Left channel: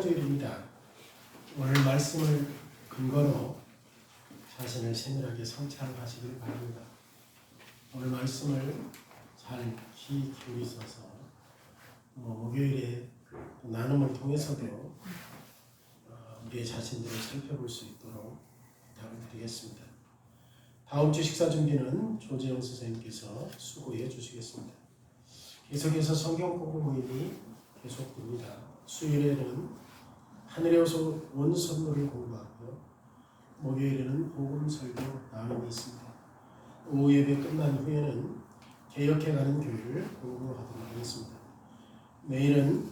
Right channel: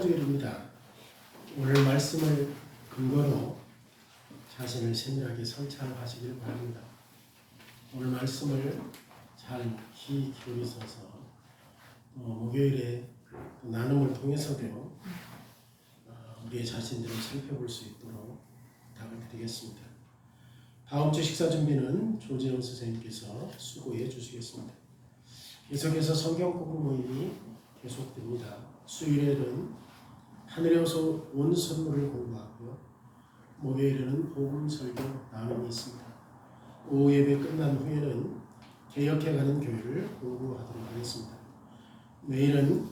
주일입니다. 오늘 말씀을 근거로 자신을 세밀하게 성찰하시길 바랍니다. 오늘 말씀을 잘 귀 기울이셔서 목요일에 나눔을 통해서도 우리의 자신들을 살펴볼 수 있도록 부탁을 드리겠습니다. 다음 주 식사 준비는 조재영 선생님께서 수고해 주시겠습니다. 계속해서 성경 공부 모임이 계속됩니다. 수요일에는 하늘에서 온 선물을 공부하고 목요일에는 복음 설교 나눔이 있습니다. 오후 예배 끝난 후에는 개혁해가는 교회를 공부하도록 하겠습니다. 내일은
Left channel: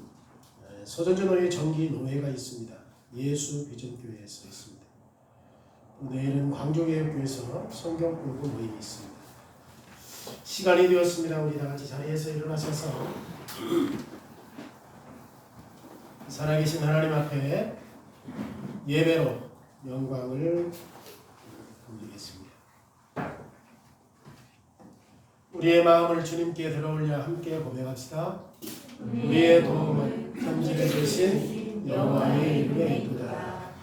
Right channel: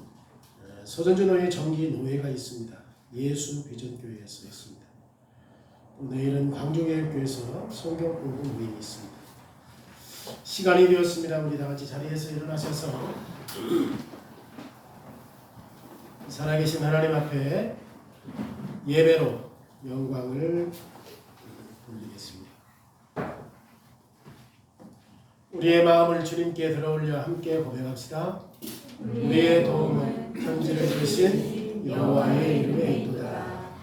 서전주 노예 정기 노예가 있습니다. 예수 비전교회에서 있습니다. 내일은 광종개혁교회에서 성경 공부 모임이 있습니다. 시간이 되었습니다. 우리 다 같이 자리에서 일어나셔서 살아계신 하나님 앞에 예배로 영광을 돌리겠습니다. 우리의 마음을 주님께 들어올려 함께 고백합시다. 우리의 도움을 편지해 주신 여호와의 이름에 있도다.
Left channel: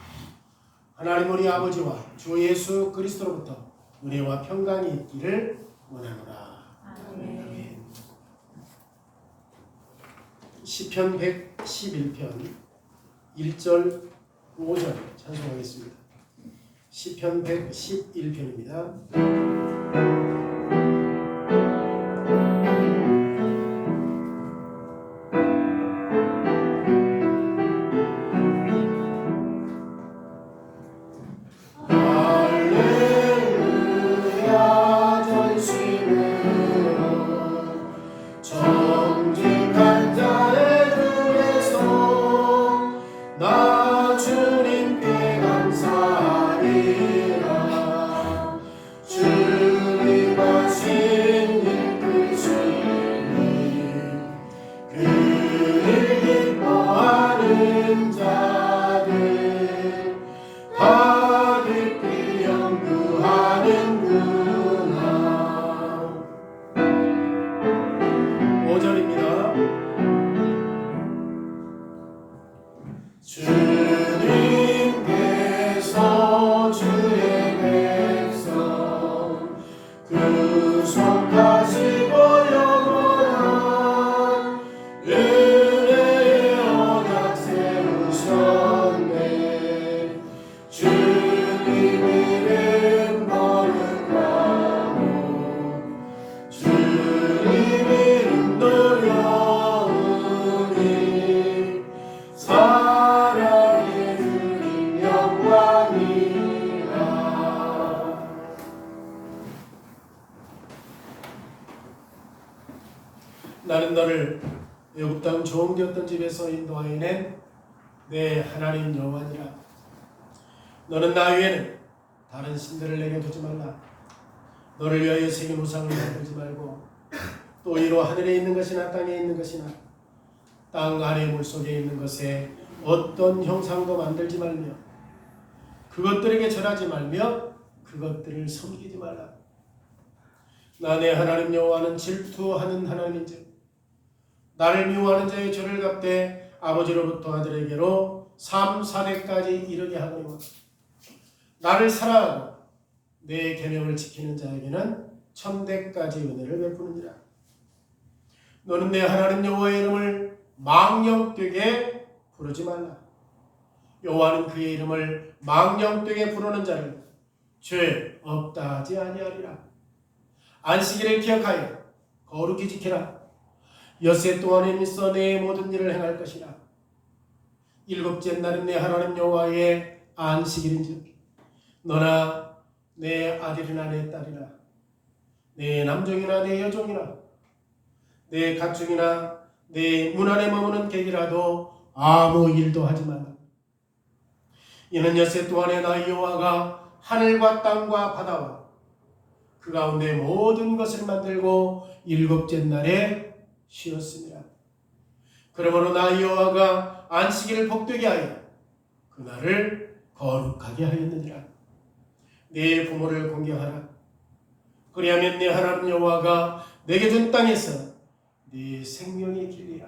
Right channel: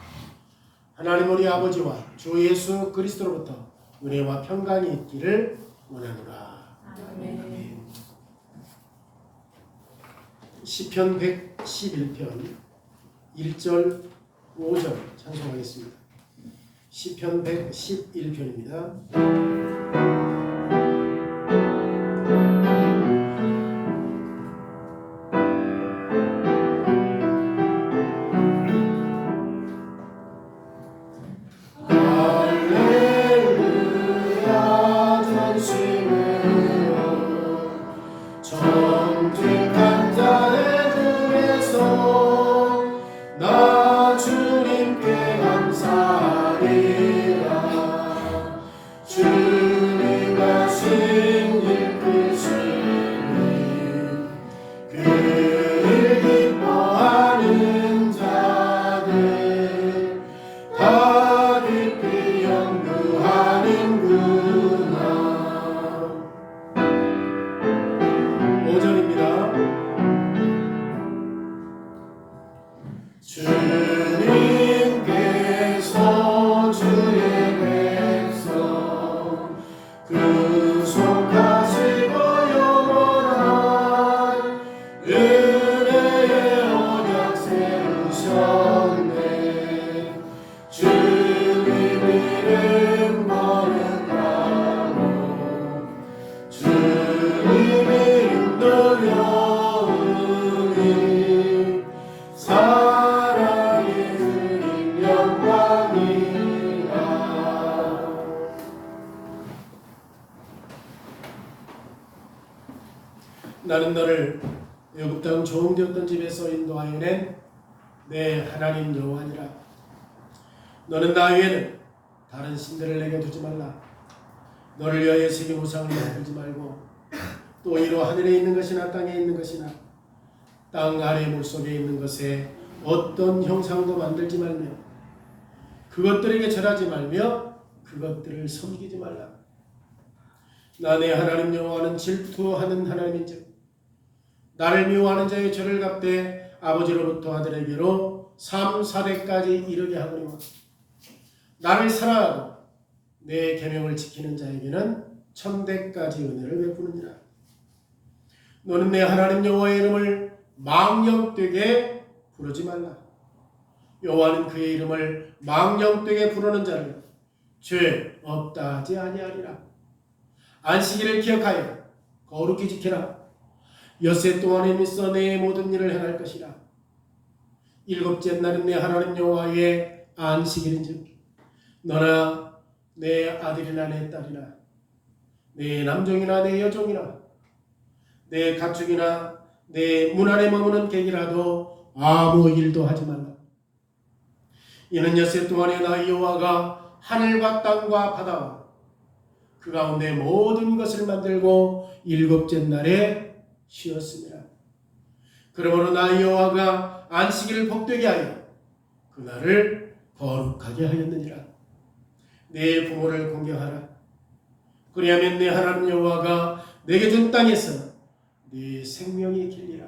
하나님 우리 아버지와 주 예수 그리스도로부터 은혜와 평강이 있기를 원하노라. 아멘. 시편 111편 1절 5절 찬송하겠습니다. 시편 111편입니다. 나는 너를 애굽 땅 종되었던 집에서 인도하여 낸 내 하나님 여호와니라. 너는 나 외에는 다른 신들을 내게 두지 말라. 너를 위하여 새긴 우상을 만들지 말고 또 이로 하늘에 있는 것이나 땅에 있는 것이나 땅 아래 물속에 있는 것에 어떤 형상도 만들지 말며 그것들에게 절하지 말며 그것들을 섬기지 말라. 나 내 하나님 여호와는 질투하는 하나님인즉 나를 미워하는 자의 죄를 갚되 아버지로부터 아들에게로 3, 4대까지 이르게 하거니와 나를 사랑하고 내 계명을 지키는 자에게는 1000대까지 은혜를 베푸느니라. 너는 내 하나님 여호와의 이름을 망령되게 부르지 말라. 여호와는 그의 이름을 망령되게 부르는 자를 죄 없다 하지 아니하리라. 안식일을 기억하여 거룩히 지키라. 엿새 동안에 있어 내 모든 일을 행할 것이라. 일곱째 날은 내 하나님 여호와의 안식일인즉 너나 내 아들이나 내 딸이나 내 남종이나 내 여종이나 내 가축이나 내 문 안에 머무는 객이라도 아무 일도 하지 말라. 이는 엿새 동안에 나 여호와가 하늘과 땅과 바다와 그 가운데 모든 것을 만들고 일곱째 날에 쉬었습니다. 그러므로 나 여호와가 안식일을 복되게 하여 그날을 거룩하게 하였느니라. 내 부모를 공경하라. 그리하면 내 하나님 여호와가 내게 준 땅에서 네 생명이 길리라.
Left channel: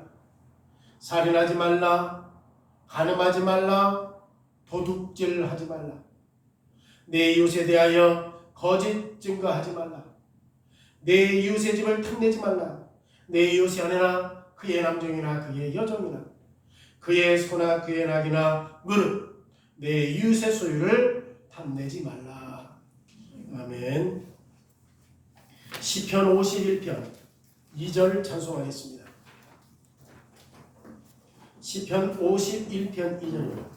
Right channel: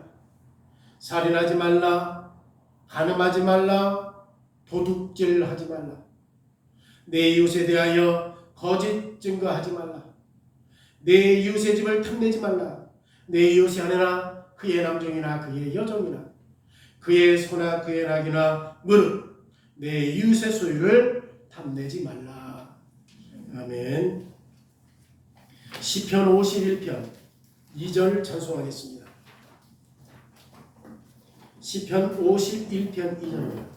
살인하지 말라. 간음하지 말라, 도둑질하지 말라, 내 이웃에 대하여 거짓 증거하지 말라, 내 이웃의 집을 탐내지 말라, 내 이웃이 아니라 그의 남종이나 그의 여종이나 그의 소나 그의 낙이나 무릇 내 이웃의 소유를 탐내지 말라. 아멘. 시편 51편 2절 찬송하겠습니다. 시편 51편 2절입니다.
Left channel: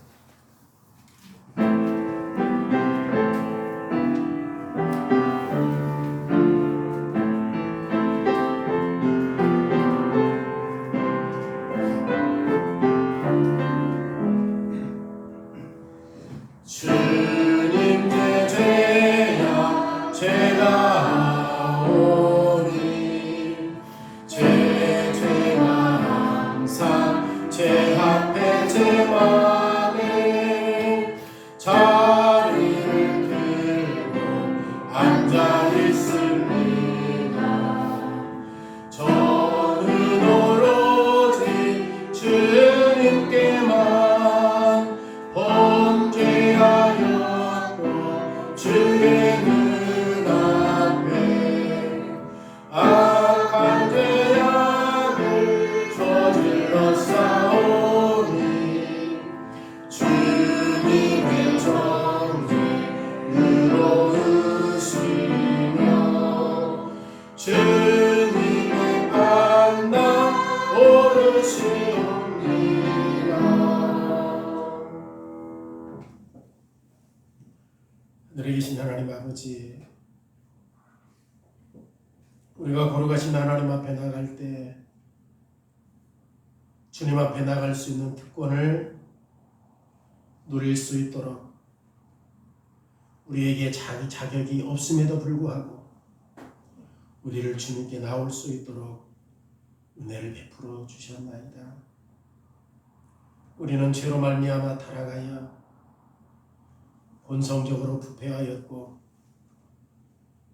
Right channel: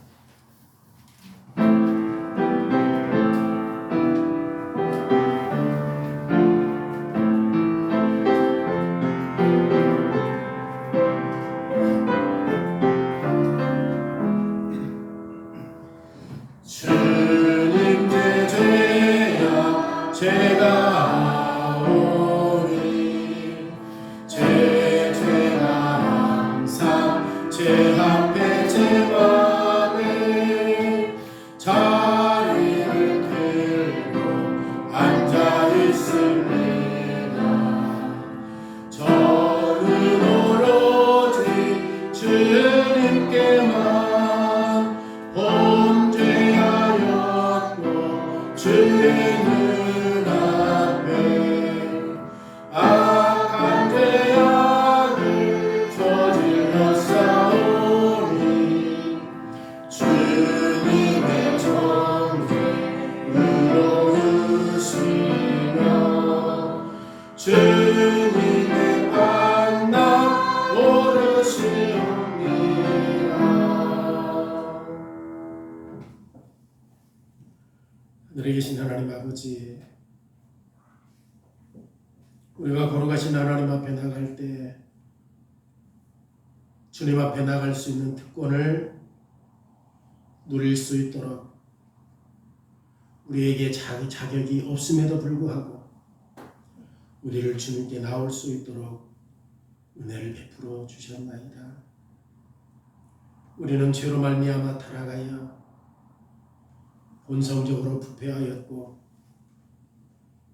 주님께 죄야 죄가 오니 죄가 항상 제 앞에 제 맘에 자리를 들고 앉아 있습니다. 저는 오로지 주님께만 범죄하였고 주의 눈앞에 악한 죄악을 저질렀사오니 주님의 정죄 의로우시며 주님의 판단 옳으시옵니다. 하늘에 계신 하나님 아버지, 우리가 걸어가신 하나님 앞에 나갈 때 주님 앞에 나갈 수 있는 특권을 누릴 수 있도록 우리에게 자격이 없음에도 불구하고 우리를 주님께 나올 수 있도록 은혜를 베풀어 주셨나이다. 우리는 죄로 말미암아 타락하여 본성적으로 부패하였고,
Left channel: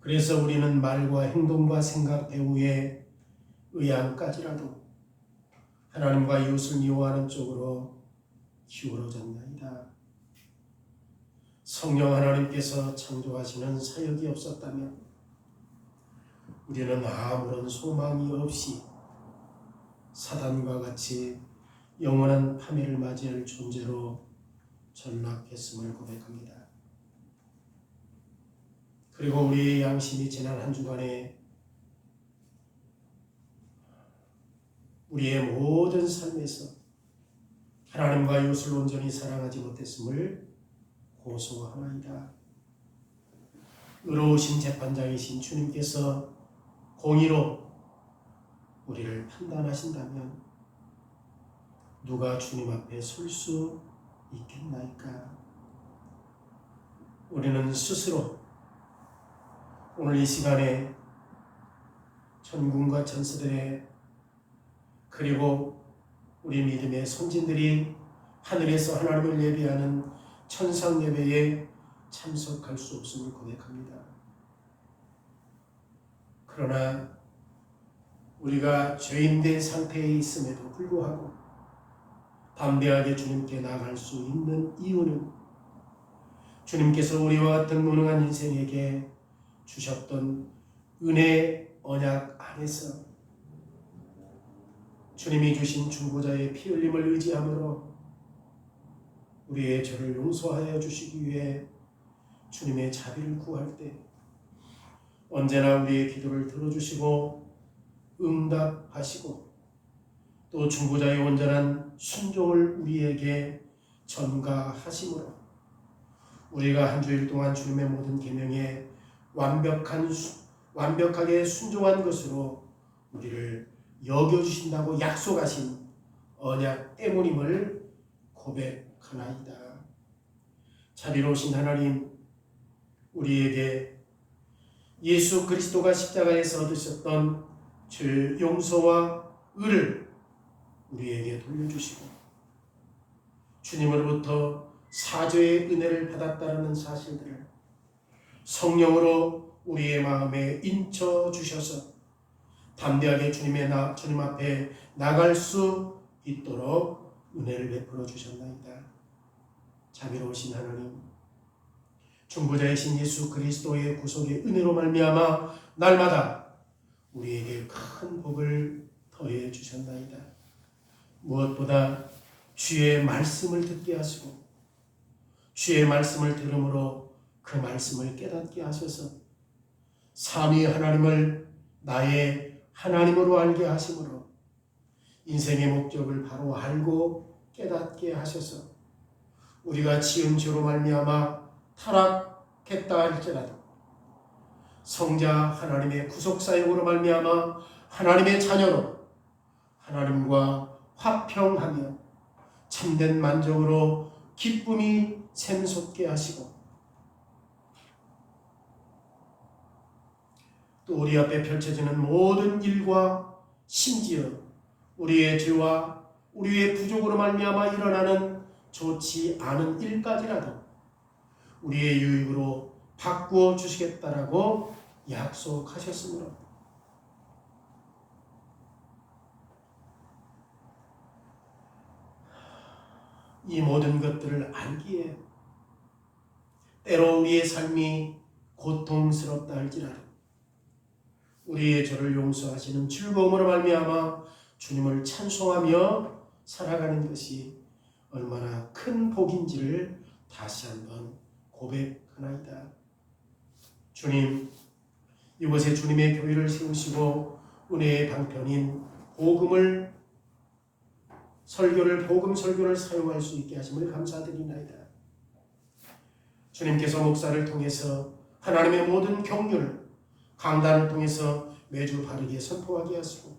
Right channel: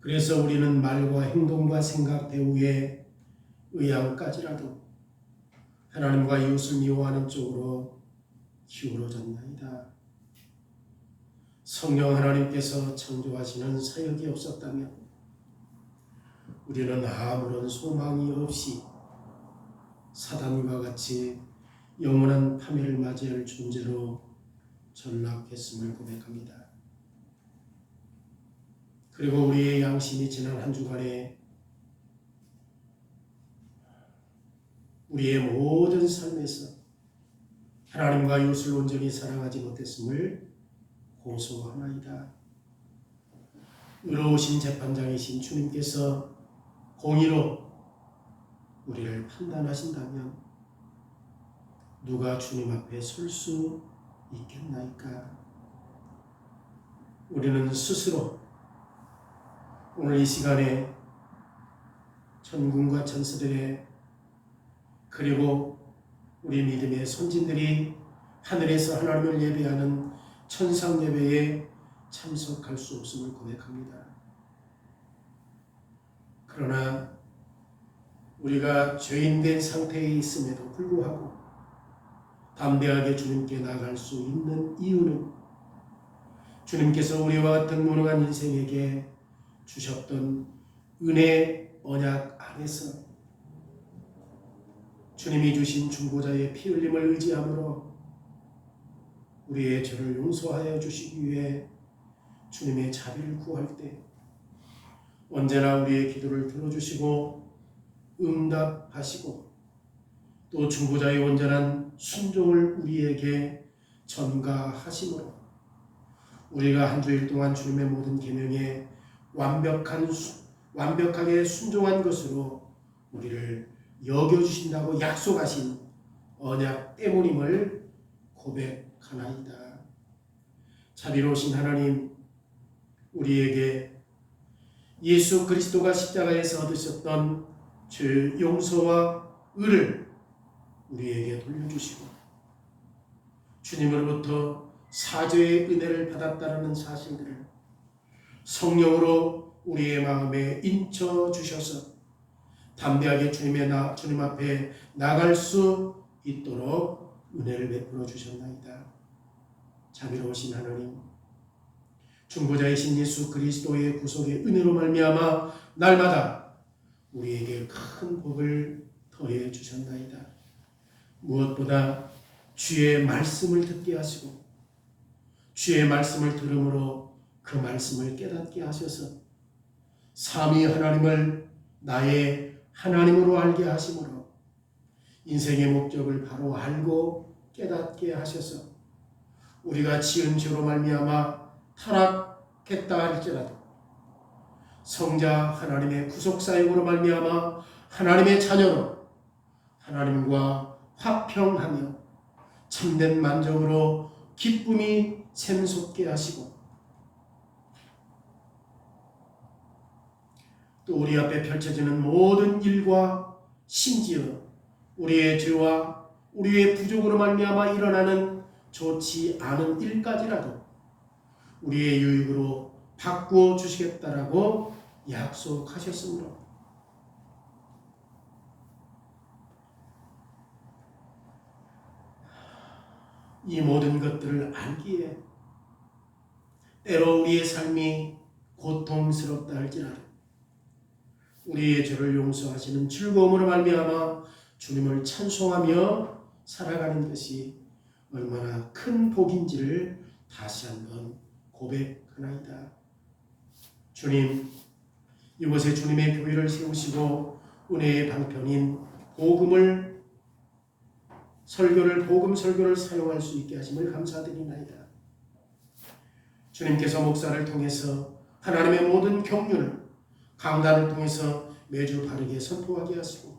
그래서 우리는 말과 행동과 생각 배후에 의향까지라도 하나님과 이웃을 미워하는 쪽으로 기울어졌나이다. 성령 하나님께서 창조하시는 사역이 없었다면 우리는 아무런 소망이 없이 사단과 같이 영원한 파멸을 맞이할 존재로 전락했음을 고백합니다. 그리고 우리의 양심이 지난 한 주간에 우리의 모든 삶에서 하나님과 이웃을 온전히 사랑하지 못했음을 고소하나이다. 의로우신 재판장이신 주님께서 공의로 우리를 판단하신다면 누가 주님 앞에 설 수 있겠나이까? 우리는 스스로 오늘 이 시간에 천군과 천사들의 그리고 우리 믿음의 선진들이 하늘에서 하나님을 예배하는 천상 예배에 참석할 수 없음을 고백합니다. 그러나 우리가 죄인된 상태에 있음에도 불구하고 담대하게 주님께 나아갈 수 있는 이유는 주님께서 우리와 같은 무능한 인생에게 주셨던 은혜 언약 안에서 주님이 주신 중보자의 피 흘림을 의지함으로 우리의 죄를 용서하여 주시기 위해 주님의 자비를 구할 때 언제나 우리의 기도를 들어주시고 응답하시고 또 중보자의 온전한 순종을 우리에게 전가하심으로 우리가 한 주일 동안 주님의 모든 계명에 완벽하게 순종한 것으로 우리를 여겨주신다고 약속하신 언약 때문임을 고백하나이다. 자비로우신 하나님, 우리에게 예수 그리스도가 십자가에서 얻으셨던 죄 용서와 의를 우리에게 돌려주시고 주님으로부터 사죄의 은혜를 받았다는 사실들을 성령으로 우리의 마음에 인쳐 주셔서 담대하게 주님 앞에 나갈 수 있도록 은혜를 베풀어 주셨나이다. 자비로우신 하나님, 중보자이신 예수 그리스도의 구속의 은혜로 말미암아 날마다 우리에게 큰 복을 더해 주셨나이다. 무엇보다 주의 말씀을 듣게 하시고 주의 말씀을 들음으로 그 말씀을 깨닫게 하셔서 삼위 하나님을 나의 하나님으로 알게 하심으로 인생의 목적을 바로 알고 깨닫게 하셔서 우리가 지은 죄로 말미암아 타락했다 할지라도 성자 하나님의 구속사역으로 말미암아 하나님의 자녀로 하나님과 화평하며 참된 만족으로 기쁨이 샘솟게 하시고 또 우리 앞에 펼쳐지는 모든 일과 심지어 우리의 죄와 우리의 부족으로 말미암아 일어나는 좋지 않은 일까지라도 우리의 유익으로 바꾸어 주시겠다라고 약속하셨으므로 이 모든 것들을 알기에 때로 우리의 삶이 고통스럽다 할지라도 우리의 죄를 용서하시는 즐거움으로 말미암아 주님을 찬송하며 살아가는 것이 얼마나 큰 복인지를 다시 한번 고백하나이다. 주님, 이곳에 주님의 교회를 세우시고 은혜의 방편인 복음 설교를 사용할 수 있게 하심을 감사드리나이다. 주님께서 목사를 통해서 하나님의 모든 경륜을 강단을 통해서 매주 바르게 선포하게 하시고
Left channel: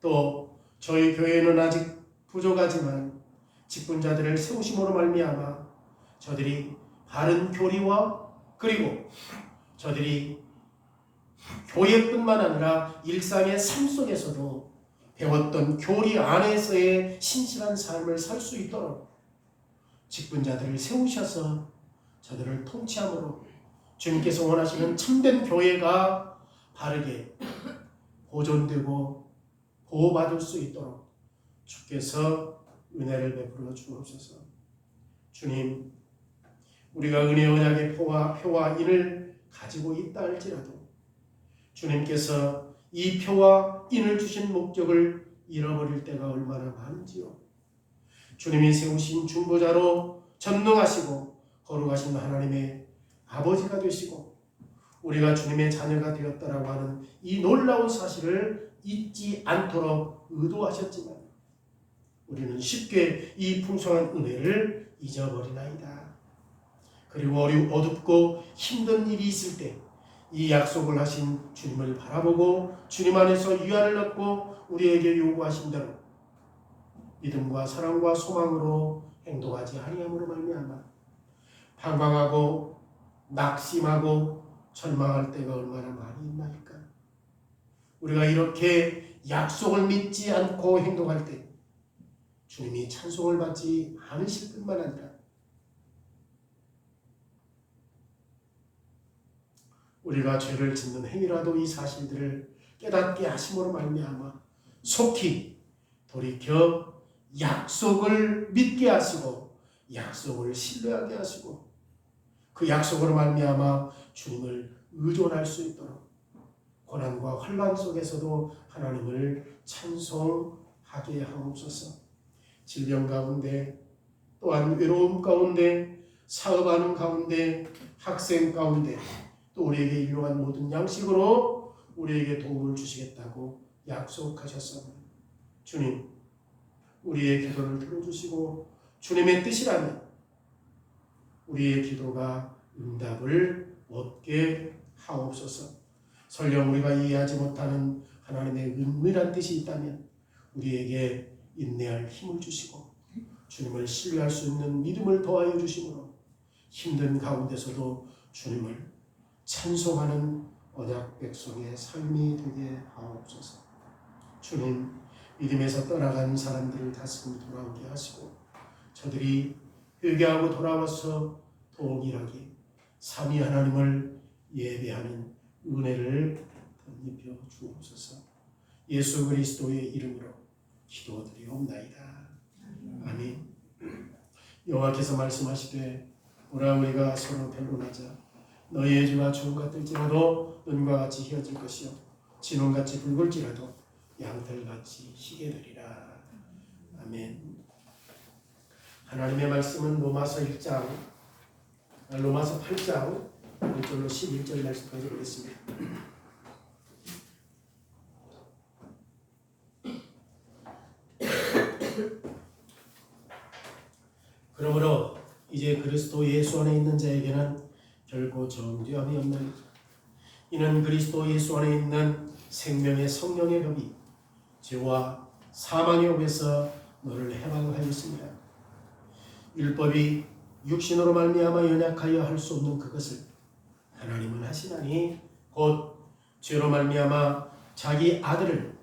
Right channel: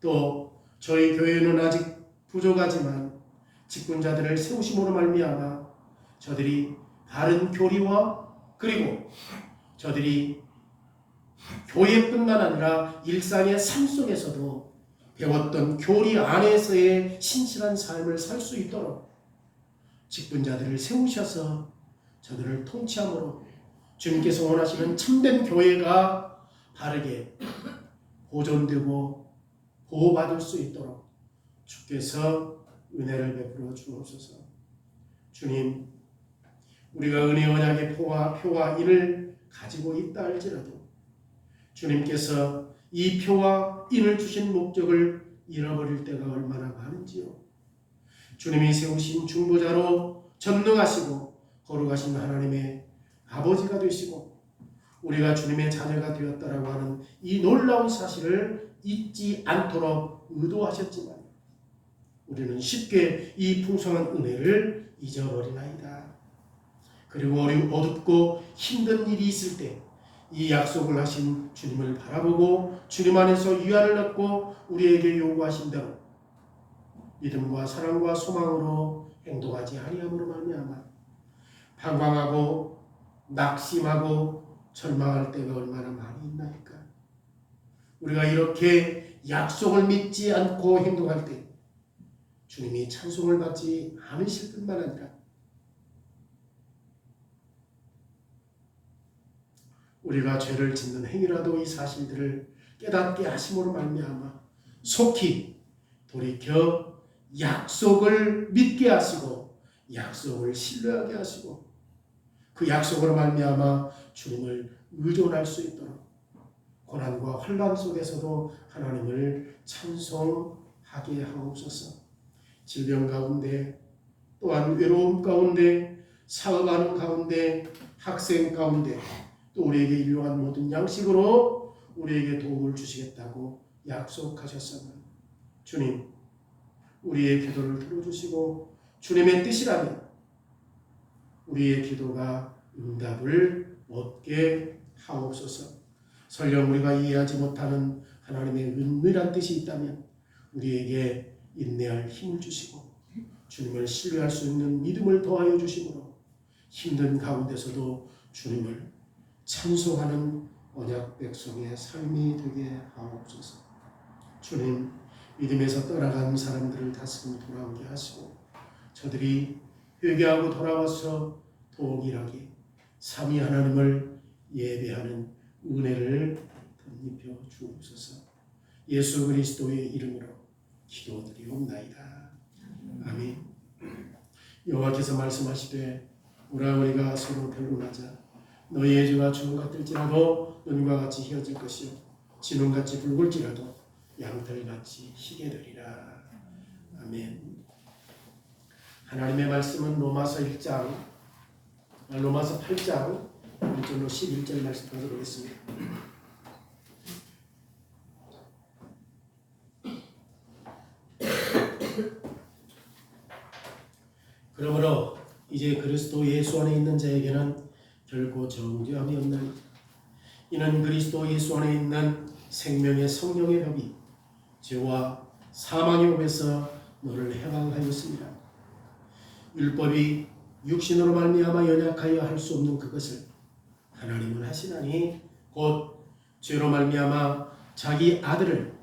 또 저희 교회는 아직 부족하지만 직분자들을 세우심으로 말미암아 저들이 바른 교리와 그리고 저들이 교회뿐만 아니라 일상의 삶 속에서도 배웠던 교리 안에서의 신실한 삶을 살 수 있도록 직분자들을 세우셔서 저들을 통치함으로 주님께서 원하시는 참된 교회가 바르게 보존되고 보호받을 수 있도록 주께서 은혜를 베풀어 주옵소서. 주님, 우리가 은혜 언약의 표와 인을 가지고 있다 할지라도 주님께서 이 표와 인을 주신 목적을 잃어버릴 때가 얼마나 많은지요. 주님이 세우신 중보자로 전능하시고 거룩하신 하나님의 아버지가 되시고 우리가 주님의 자녀가 되었다라고 하는 이 놀라운 사실을 잊지 않도록 의도하셨지만 우리는 쉽게 이 풍성한 은혜를 잊어버리나이다. 그리고 어둡고 힘든 일이 있을 때 이 약속을 하신 주님을 바라보고 주님 안에서 위안을 얻고 우리에게 요구하신 대로 믿음과 사랑과 소망으로 행동하지 아니함으로 말미암아 방황하고 낙심하고 절망할 때가 얼마나 많이 있나이까. 우리가 이렇게 약속을 믿지 않고 행동할 때 주님이 찬송을 받지 않으실 뿐만 아니라 우리가 죄를 짓는 행위라도 이 사실들을 깨닫게 하심으로 말미암아 속히 돌이켜 약속을 믿게 하시고 약속을 신뢰하게 하시고 그 약속으로 말미암아 주님을 의존할 수 있도록 고난과 환난 속에서도 하나님을 찬송하게 하옵소서. 질병 가운데 또한 외로움 가운데 사업하는 가운데 학생 가운데 또 우리에게 일용한 모든 양식으로 우리에게 도움을 주시겠다고 약속하셨습니다. 주님, 우리의 기도를 들어주시고 주님의 뜻이라면 우리의 기도가 응답을 얻게 하옵소서. 설령 우리가 이해하지 못하는 하나님의 은밀한 뜻이 있다면 우리에게 인내할 힘을 주시고 주님을 신뢰할 수 있는 믿음을 더하여 주심으로 힘든 가운데서도 주님을 찬송하는 언약 백성의 삶이 되게 하옵소서. 주님, 믿음에서 떠나간 사람들을 다시 돌아오게 하시고 저들이 회개하고 돌아와서 동일하게 삼위 하나님을 예배하는 은혜를 덧입혀 주옵소서. 예수 그리스도의 이름으로 기도드리옵나이다. 아멘. 여호와께서 말씀하시되 보라 우리가 서로 변론하자 너희의 주가 주홍 같을지라도 눈과 같이 희어질 것이요 진홍같이 붉을지라도 양털같이 희게 되리라. 아멘. 하나님의 말씀은 로마서 8장 1절로 11절 말씀까지 보겠습니다. 그러므로 이제 그리스도 예수 안에 있는 자에게는 결코 정죄함이 없나니 이는 그리스도 예수 안에 있는 생명의 성령의 법이 죄와 사망의 법에서 너를 해방하였습니다. 율법이 육신으로 말미암아 연약하여 할 수 없는 그것을 하나님은 하시나니 곧 죄로 말미암아 자기 아들을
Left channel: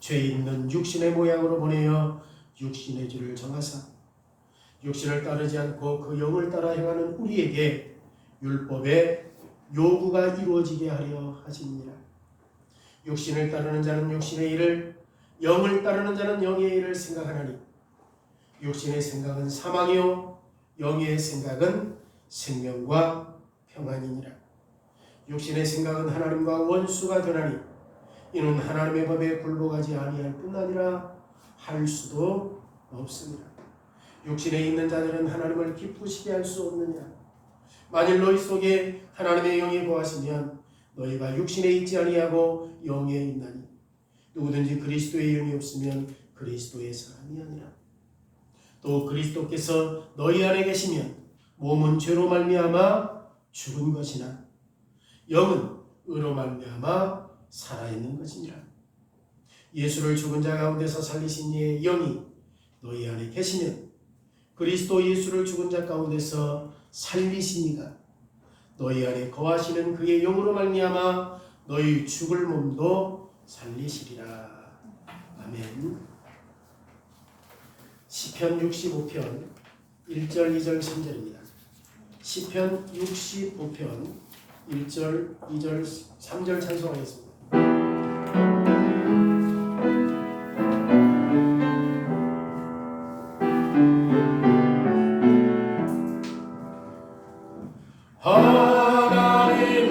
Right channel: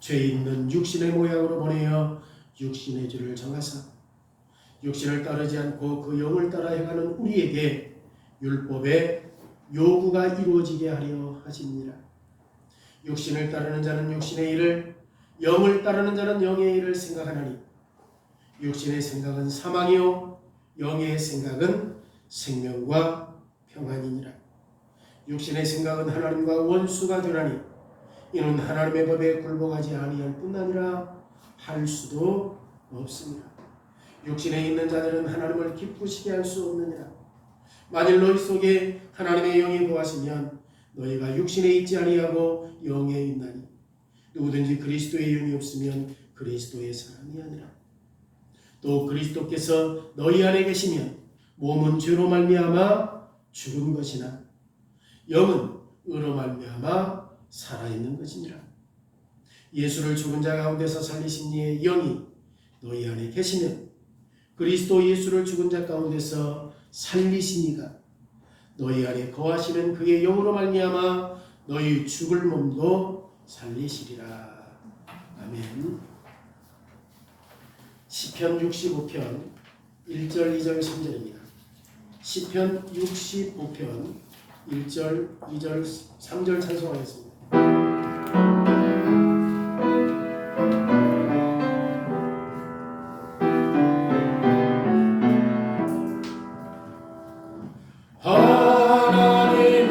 죄 있는 육신의 모양으로 보내어 육신의 죄를 정하사 육신을 따르지 않고 그 영을 따라 행하는 우리에게 율법의 요구가 이루어지게 하려 하시니라. 육신을 따르는 자는 육신의 일을, 영을 따르는 자는 영의 일을 생각하나니 육신의 생각은 사망이요 영의 생각은 생명과 평안이니라. 육신의 생각은 하나님과 원수가 되나니 이는 하나님의 법에 굴복하지 아니할 뿐 아니라 할 수도 없습니다. 육신에 있는 자들은 하나님을 기쁘시게 할 수 없느니라. 만일 너희 속에 하나님의 영이 거하시면 너희가 육신에 있지 아니하고 영에 있나니 누구든지 그리스도의 영이 없으면 그리스도의 사람이 아니라. 또 그리스도께서 너희 안에 계시면 몸은 죄로 말미암아 죽은 것이나 영은 의로 말미암아 살아있는 것이니라. 예수를 죽은 자 가운데서 살리신 이의 영이 너희 안에 계시면 그리스도 예수를 죽은 자 가운데서 살리신 이가 너희 안에 거하시는 그의 영으로 말미암아 너희 죽을 몸도 살리시리라. 아멘. 시편 65편 1절 2절 3절입니다. 시편 65편 1절 2절 3절 찬송하겠습니다.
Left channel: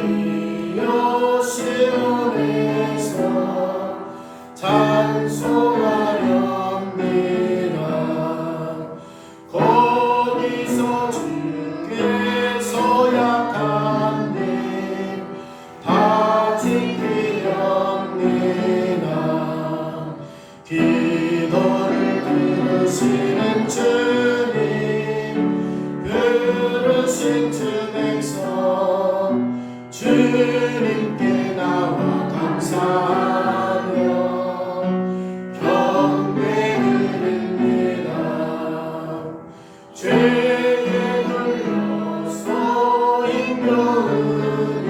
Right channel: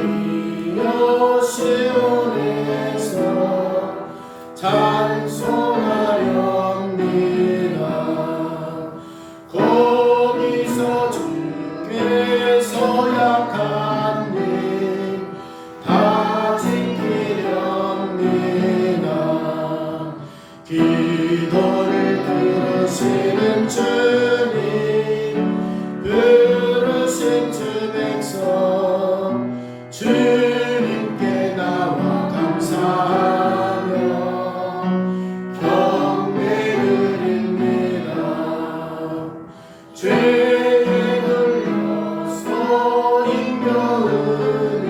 하나님이여 시온에서 찬송하렵니다. 거기서 주께서 약한 일 다 지키렵니다. 기도를 들으시는 주님 부르신 주 백성 주님께 나와 감사하며 경배 드립니다. 죄에 걸려서 인겨우니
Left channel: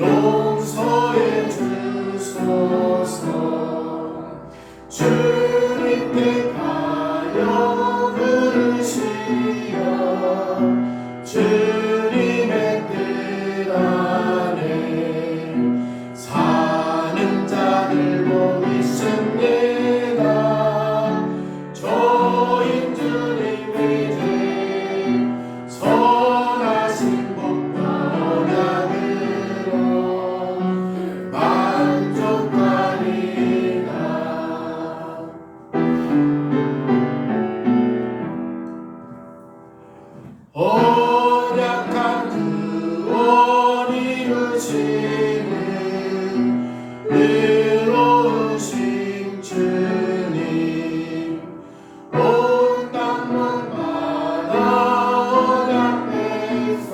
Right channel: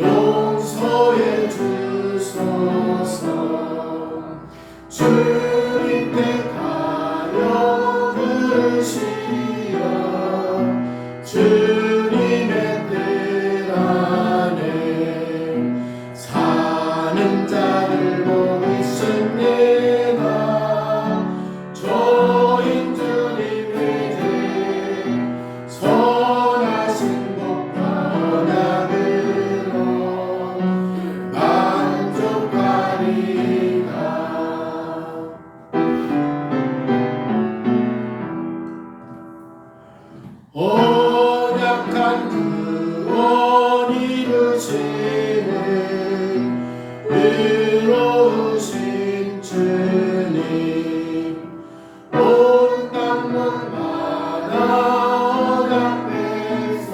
용서해 주소서. 주님께 가여 부르시어 주님의 뜻 안에 사는 자들 보이십니다. 저인 주님의 죄 선하신 복과 언약으로 만족하리이다. 언약한 구원 이루시는 의로우신 주님 온 땅문마다 언약 백성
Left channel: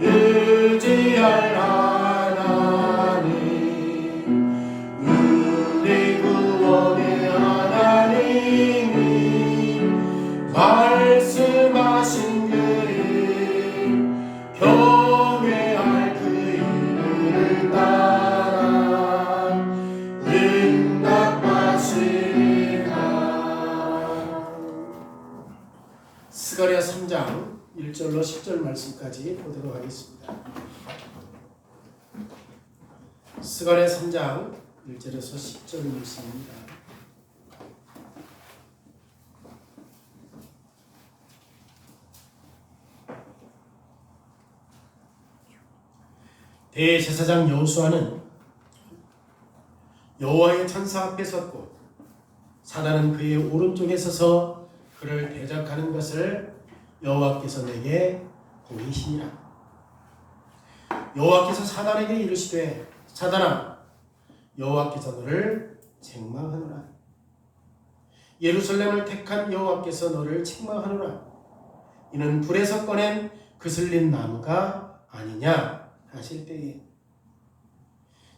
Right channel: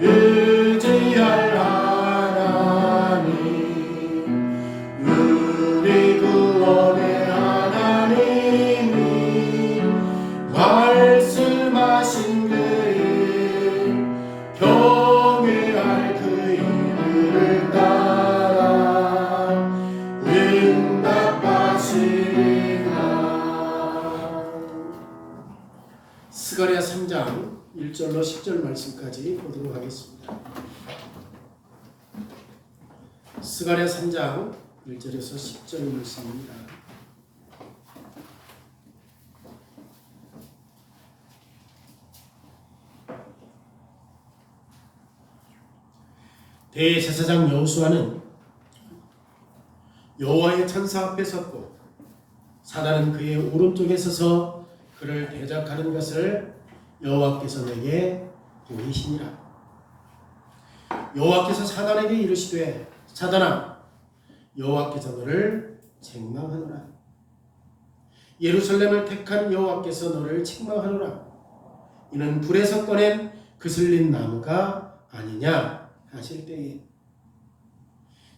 의지할 하나님 우리 구원의 하나님이 말씀하신 그일 경외할 그 이름을 따라 응답하시리라. 스가랴 3장 1절로 10절 말씀까지 보도록 하겠습니다. 스가랴 3장 1절에서 10절 말씀입니다. 대제사장 여호수아는 여호와의 천사 앞에 섰고 사단은 그의 오른쪽에 서서 그를 대적하는 것을 여호와께서 내게 보이시니라. 여호와께서 사단에게 이르시되 사단아 여호와께서 너를 책망하노라. 예루살렘을 택한 여호와께서 너를 책망하노라. 이는 불에서 꺼낸 그슬린 나무가 아니냐 하실 때에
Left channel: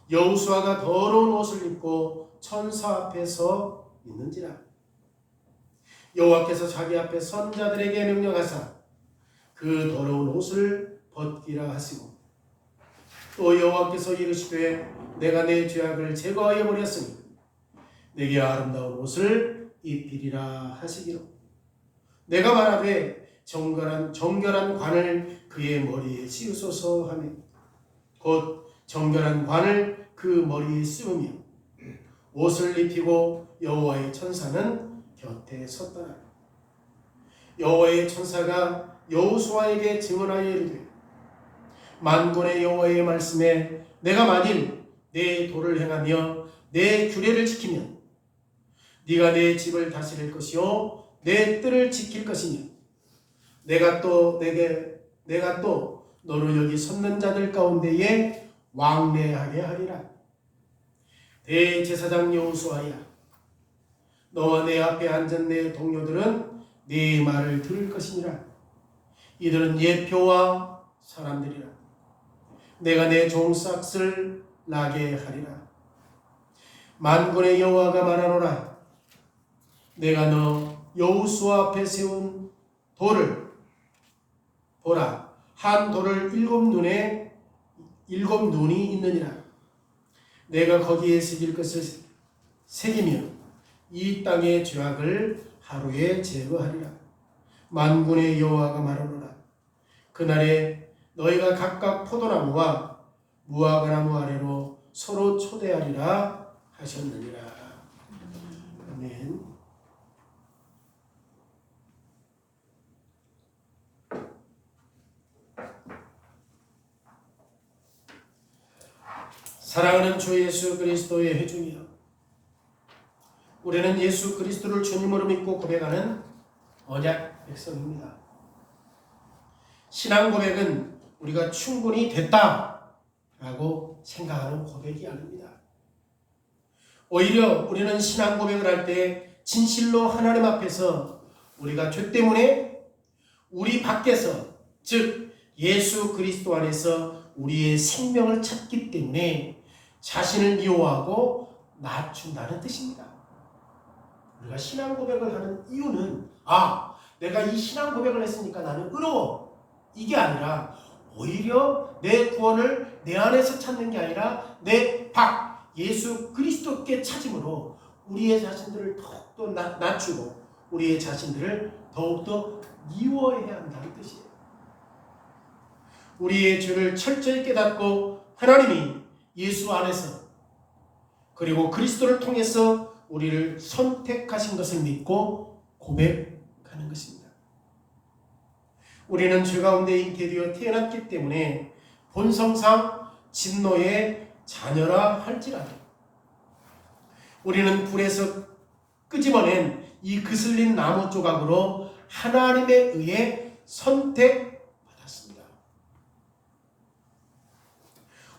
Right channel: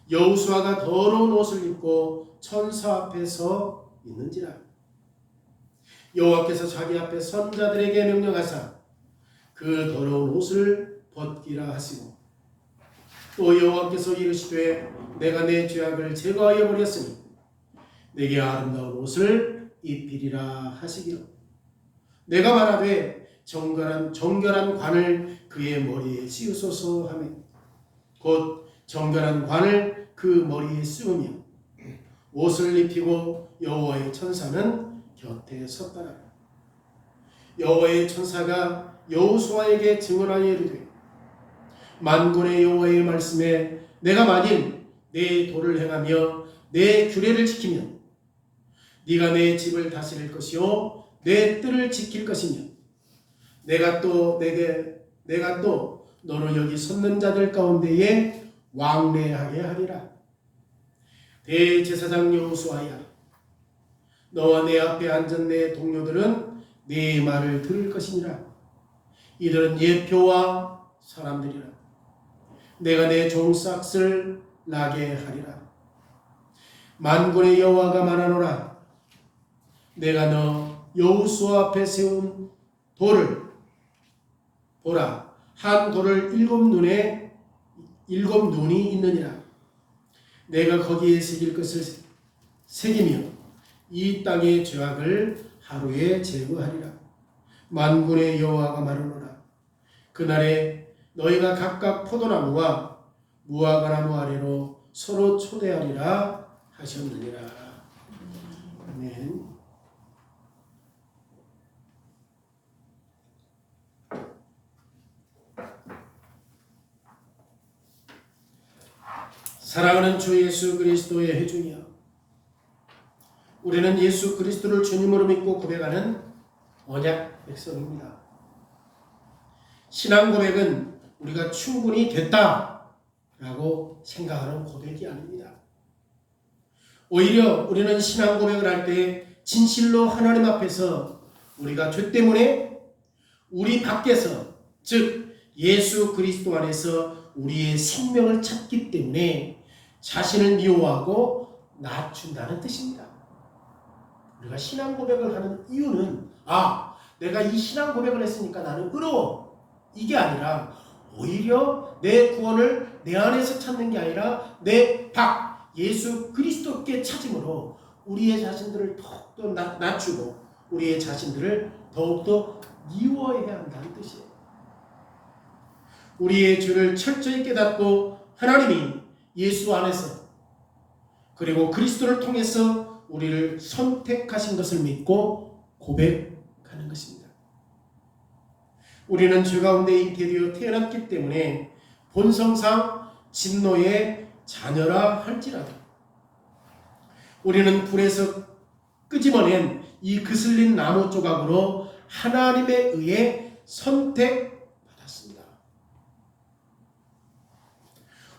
여호수아가 더러운 옷을 입고 천사 앞에 서 있는지라. 여호와께서 자기 앞에 선자들에게 명령하사 그 더러운 옷을 벗기라 하시고 또 여호와께서 이르시되 내가 내 죄악을 제거하여 버렸으니 내게 아름다운 옷을 입히리라 하시기로 내가 말하되 정결한 관을 그의 머리에 씌우소서 하며 곧 정결한 관을 그 머리에 씌우며 옷을 입히고 여호와의 천사는 곁에 섰더라. 여호와의 천사가 여호수아에게 증언하여 이르되 만군의 여호와의 말씀에 내가 만일 내 도를 행하며 내 규례를 지키면 네가 내 집을 다스릴 것이요 내 뜰을 지킬 것이며 내가 또 너로 여기 섰는 자들 가운데에 왕래하게 하리라. 대제사장 여호수아야 너와 내 앞에 앉은 내 동료들은 네 말을 들을 것이니라. 이들은 예표와 사람들이라. 내가 내 종삭을 나게 하리라. 만군의 여호와가 말하노라. 내가 너 여호수아 앞에 세운 돌을 보라. 한 돌을 일곱 눈이 있느니라. 내가 거기에 새길 것을 새기며 이 땅의 죄악을 하루에 제거하리라. 만군의 여호와가 말하노라. 그날에 너희가 각각 포도나무와 무화과나무 아래로 서로 초대하리라 하셨느니라. 아멘. 사랑하는 주 예수 그리스도의 회중이여, 우리는 예수 그리스도를 주님으로 믿고 고백하는 언약 백성입니다. 신앙 고백은 우리가 충분히 됐다라고 생각하는 고백이 아닙니다. 오히려 우리는 신앙 고백을 할 때 진실로 하나님 앞에서 우리가 죄 때문에 우리 밖에서, 즉 예수 그리스도 안에서 우리의 생명을 찾기 때문에 자신을 미워하고 낮춘다는 뜻입니다. 우리가 신앙 고백을 하는 이유는 내가 이 신앙 고백을 했으니까 나는 의로워, 이게 아니라 오히려 내 구원을 내 안에서 찾는 게 아니라 내 밖 예수 그리스도께 찾음으로 우리의 자신들을 더욱더 낮추고 우리의 자신들을 더욱더 미워해야 한다는 뜻이에요. 우리의 죄를 철저히 깨닫고 하나님이 예수 안에서 그리고 그리스도를 통해서 우리를 선택하신 것을 믿고 고백하는 것입니다. 우리는 죄 가운데 잉태되어 태어났기 때문에 본성상 진노의 자녀라 할지라도 우리는 불에서 끄집어낸 이 그슬린 나무 조각으로 하나님에 의해 선택받았습니다.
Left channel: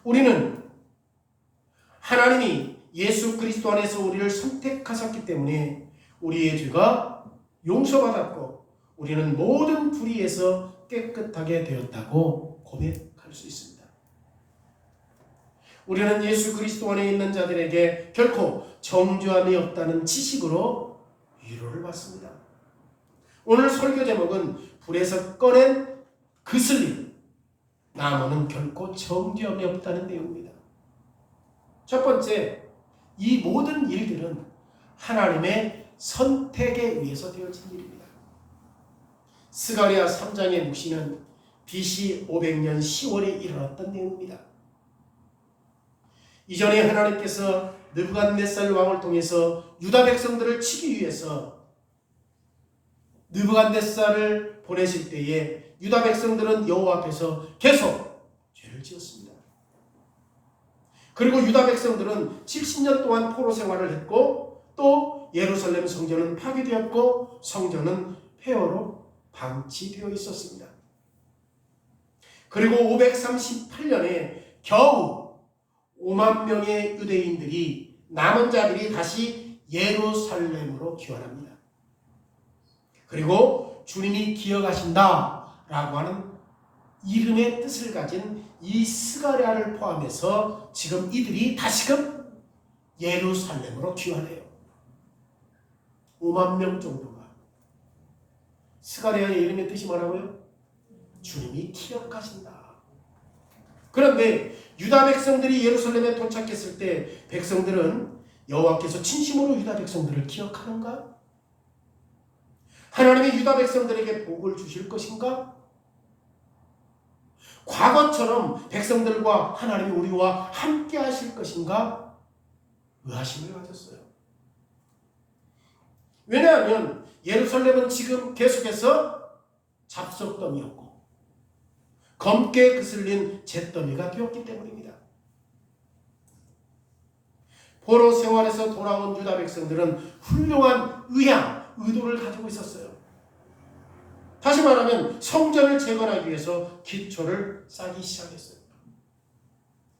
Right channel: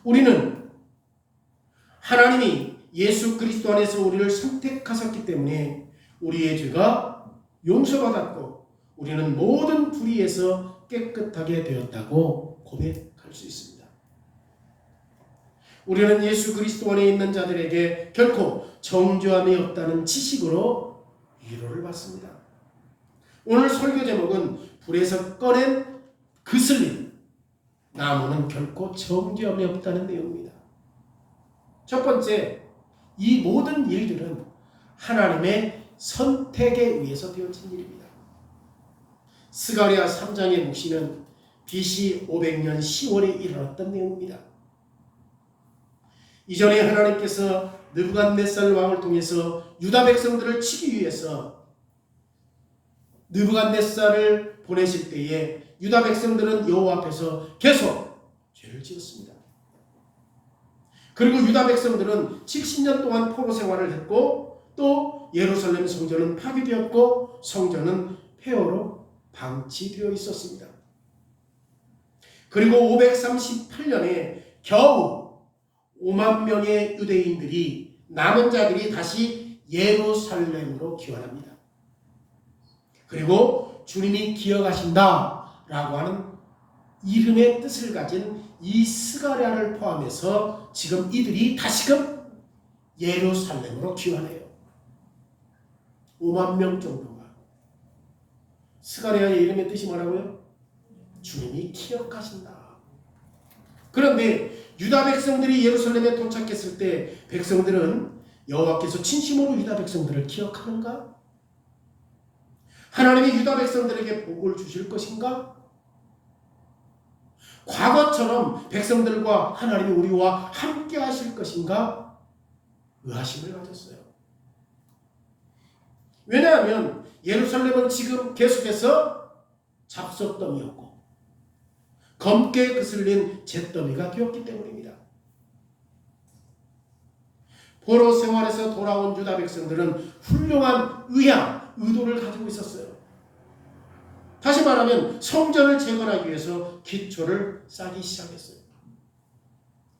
우리는 하나님이 예수 그리스도 안에서 우리를 선택하셨기 때문에 우리의 죄가 용서받았고 우리는 모든 불의에서 깨끗하게 되었다고 고백할 수 있습니다. 우리는 예수 그리스도 안에 있는 자들에게 결코 정죄함이 없다는 지식으로 위로를 받습니다. 오늘 설교 제목은 불에서 꺼낸 그슬림, 나무는 결코 정죄함이 없다는 내용입니다. 첫 번째, 이 모든 일들은 하나님의 선택에 의해서 되어진 일입니다. 스가랴 3장의 묵시는 BC 500년 10월에 일어났던 내용입니다. 이전에 하나님께서 느부갓네살 왕을 통해서 유다 백성들을 치기 위해서 느부갓네살을 보내실 때에 유다 백성들은 여호와 앞에서 계속 죄를 지었습니다. 그리고 유다 백성들은 70년 동안 포로 생활을 했고 또 예루살렘 성전은 파괴되었고 성전은 폐허로 방치되어 있었습니다. 그리고 538년에 겨우 5만 명의 유대인들이 남은 자들이 다시 예루살렘으로 귀환합니다. 그리고 주님이 기억하신다라고 하는 이름의 뜻을 가진 이 스가랴를 포함해서 지금 이들이 다시금 예루살렘으로 귀환해요. 5만 명 정도가. 스가랴의 이름의 뜻이 뭐라고요? 주님이 기억하신다. 그런데 유다 백성들이 예루살렘에 도착했을 때 백성들은 여호와께서 진심으로 유다 백성들을 기억하는가? 하나님이 유다 백성들에게 복을 주실 것인가? 과거처럼 백성들과 하나님이 우리와 함께 하실 것인가? 의아심을 가졌어요. 왜냐하면 예루살렘은 지금 계속해서 잡숫더미였고 검게 그슬린 잿더미가 되었기 때문입니다. 포로 생활에서 돌아온 유다 백성들은 훌륭한 의도를 가지고 있었어요. 다시 말하면 성전을 재건하기 위해서 기초를 쌓기 시작했어요.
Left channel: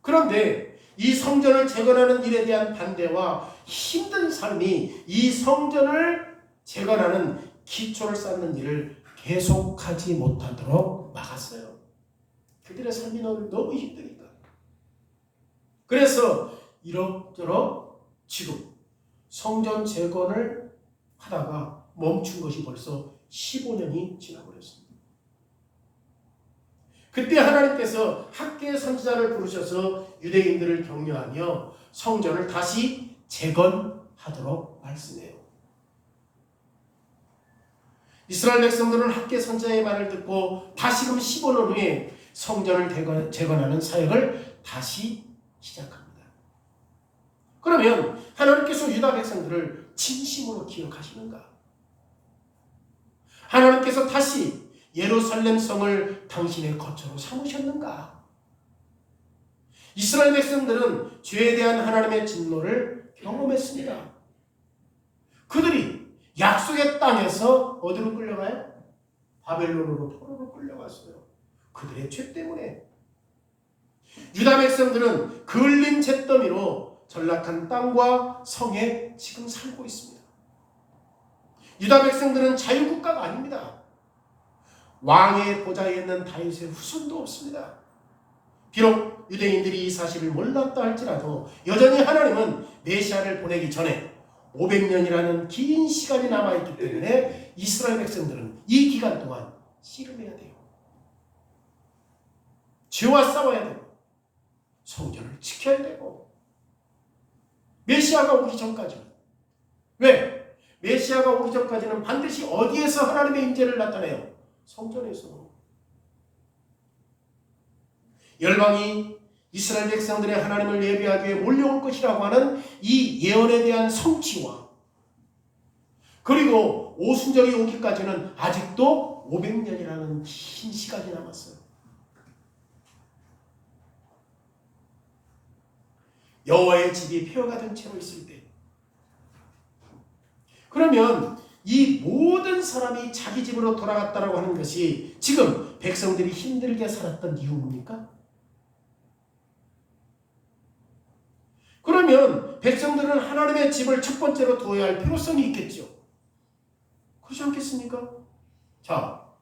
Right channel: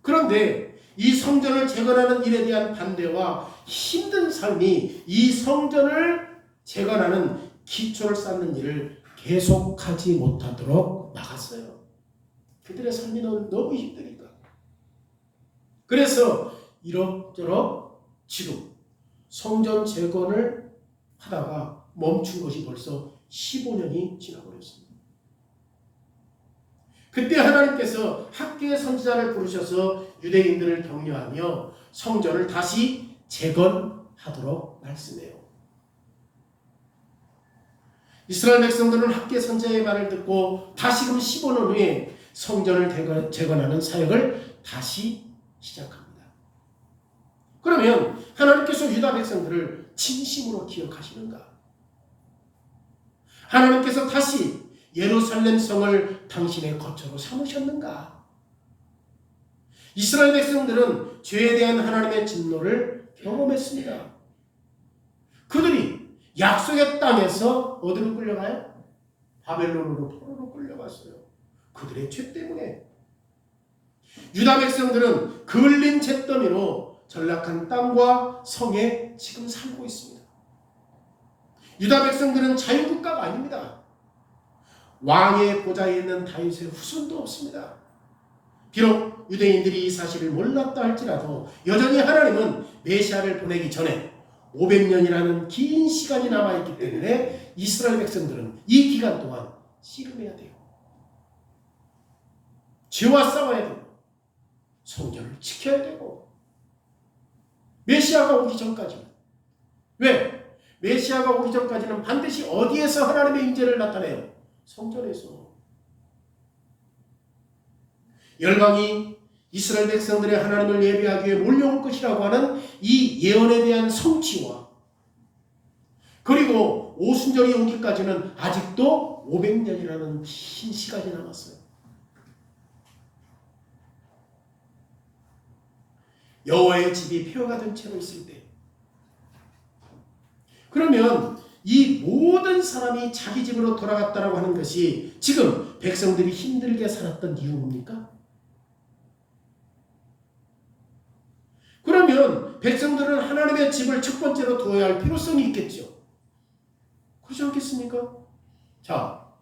그런데 이 성전을 재건하는 일에 대한 반대와 힘든 삶이 이 성전을 재건하는 기초를 쌓는 일을 계속하지 못하도록 막았어요. 그들의 삶이 너무 힘드니까. 그래서 이럭저럭 지금 성전 재건을 하다가 멈춘 것이 벌써 15년이 지나버렸습니다. 그때 하나님께서 학개의 선지자를 부르셔서 유대인들을 격려하며 성전을 다시 재건하도록 말씀해요. 이스라엘 백성들은 학개 선지자의 말을 듣고 다시금 15년 후에 성전을 재건하는 사역을 다시 시작합니다. 그러면 하나님께서 유다 백성들을 진심으로 기억하시는가? 하나님께서 다시 예루살렘 성을 당신의 거처로 삼으셨는가? 이스라엘 백성들은 죄에 대한 하나님의 진노를 경험했습니다. 그들이 약속의 땅에서 어디로 끌려가요? 바벨론으로 포로로 끌려갔어요. 그들의 죄 때문에. 유다 백성들은 그을린 잿더미로 전락한 땅과 성에 지금 살고 있습니다. 유다 백성들은 자유국가가 아닙니다. 왕의 보좌에 있는 다윗의 후손도 없습니다. 비록 유대인들이 이 사실을 몰랐다 할지라도 여전히 하나님은 메시아를 보내기 전에 500년이라는 긴 시간이 남아있기 때문에 이스라엘 백성들은 이 기간 동안 씨름해야 돼요. 죄와 싸워야 되고 성전을 지켜야 되고 메시아가 오기 전까지. 왜? 메시아가 오기 전까지는 반드시 어디에서 하나님의 임재를 나타내요? 성전에서. 열방이 이스라엘 백성들의 하나님을 예배하기 위해 몰려올 것이라고 하는 이 예언에 대한 성취와 그리고 오순절이 오기까지는 아직도 500년이라는 긴 시간이 남았어요. 여호와의 집이 폐허가 된 채로 있을 때, 그러면 이 모든 사람이 자기 집으로 돌아갔다라고 하는 것이 지금 백성들이 힘들게 살았던 이유입니까? 그러면 백성들은 하나님의 집을 첫 번째로 두어야 할 필요성이 있겠죠. 그렇지 않겠습니까? 자,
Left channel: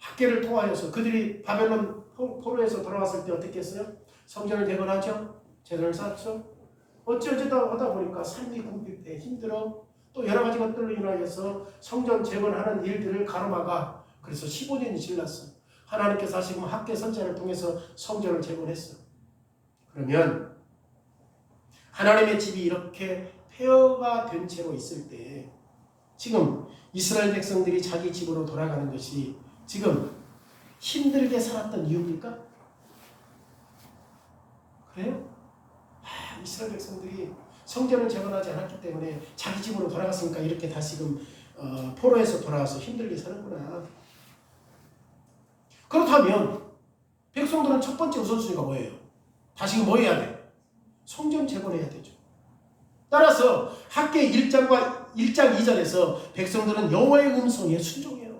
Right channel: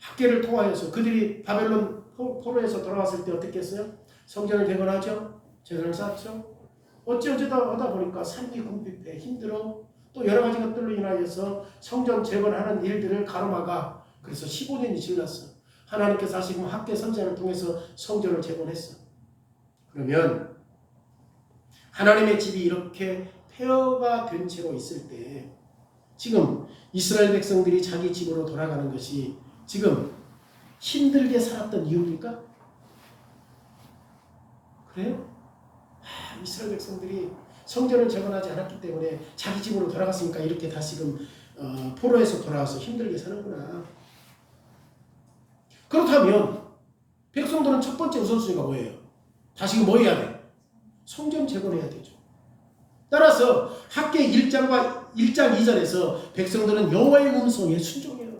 학개를 통하여서 그들이 바벨론 포로에서 돌아왔을 때 어떻게 했어요? 성전을 개건하죠. 제단을 쌓죠. 어쩌다 하다 보니까 삶이 궁핍해 힘들어. 또 여러 가지 것들로 인하여서 성전 재건하는 일들을 가로막아. 그래서 15년이 지났어. 하나님께서 하시고 학개 선지자를 통해서 성전을 재건했어. 그러면 하나님의 집이 이렇게 폐허가 된 채로 있을 때 지금 이스라엘 백성들이 자기 집으로 돌아가는 것이 지금 힘들게 살았던 이유입니까? 그래요? 이스라엘 백성들이 성전을 재건하지 않았기 때문에 자기 집으로 돌아갔으니까 이렇게 다시금 포로에서 돌아와서 힘들게 사는구나. 그렇다면 백성들은 첫 번째 우선순위가 뭐예요? 다시금 뭐 해야 돼? 성전 재건해야 되죠. 따라서 학계 1장 2절에서 백성들은 여호와의 음성에 순종해요.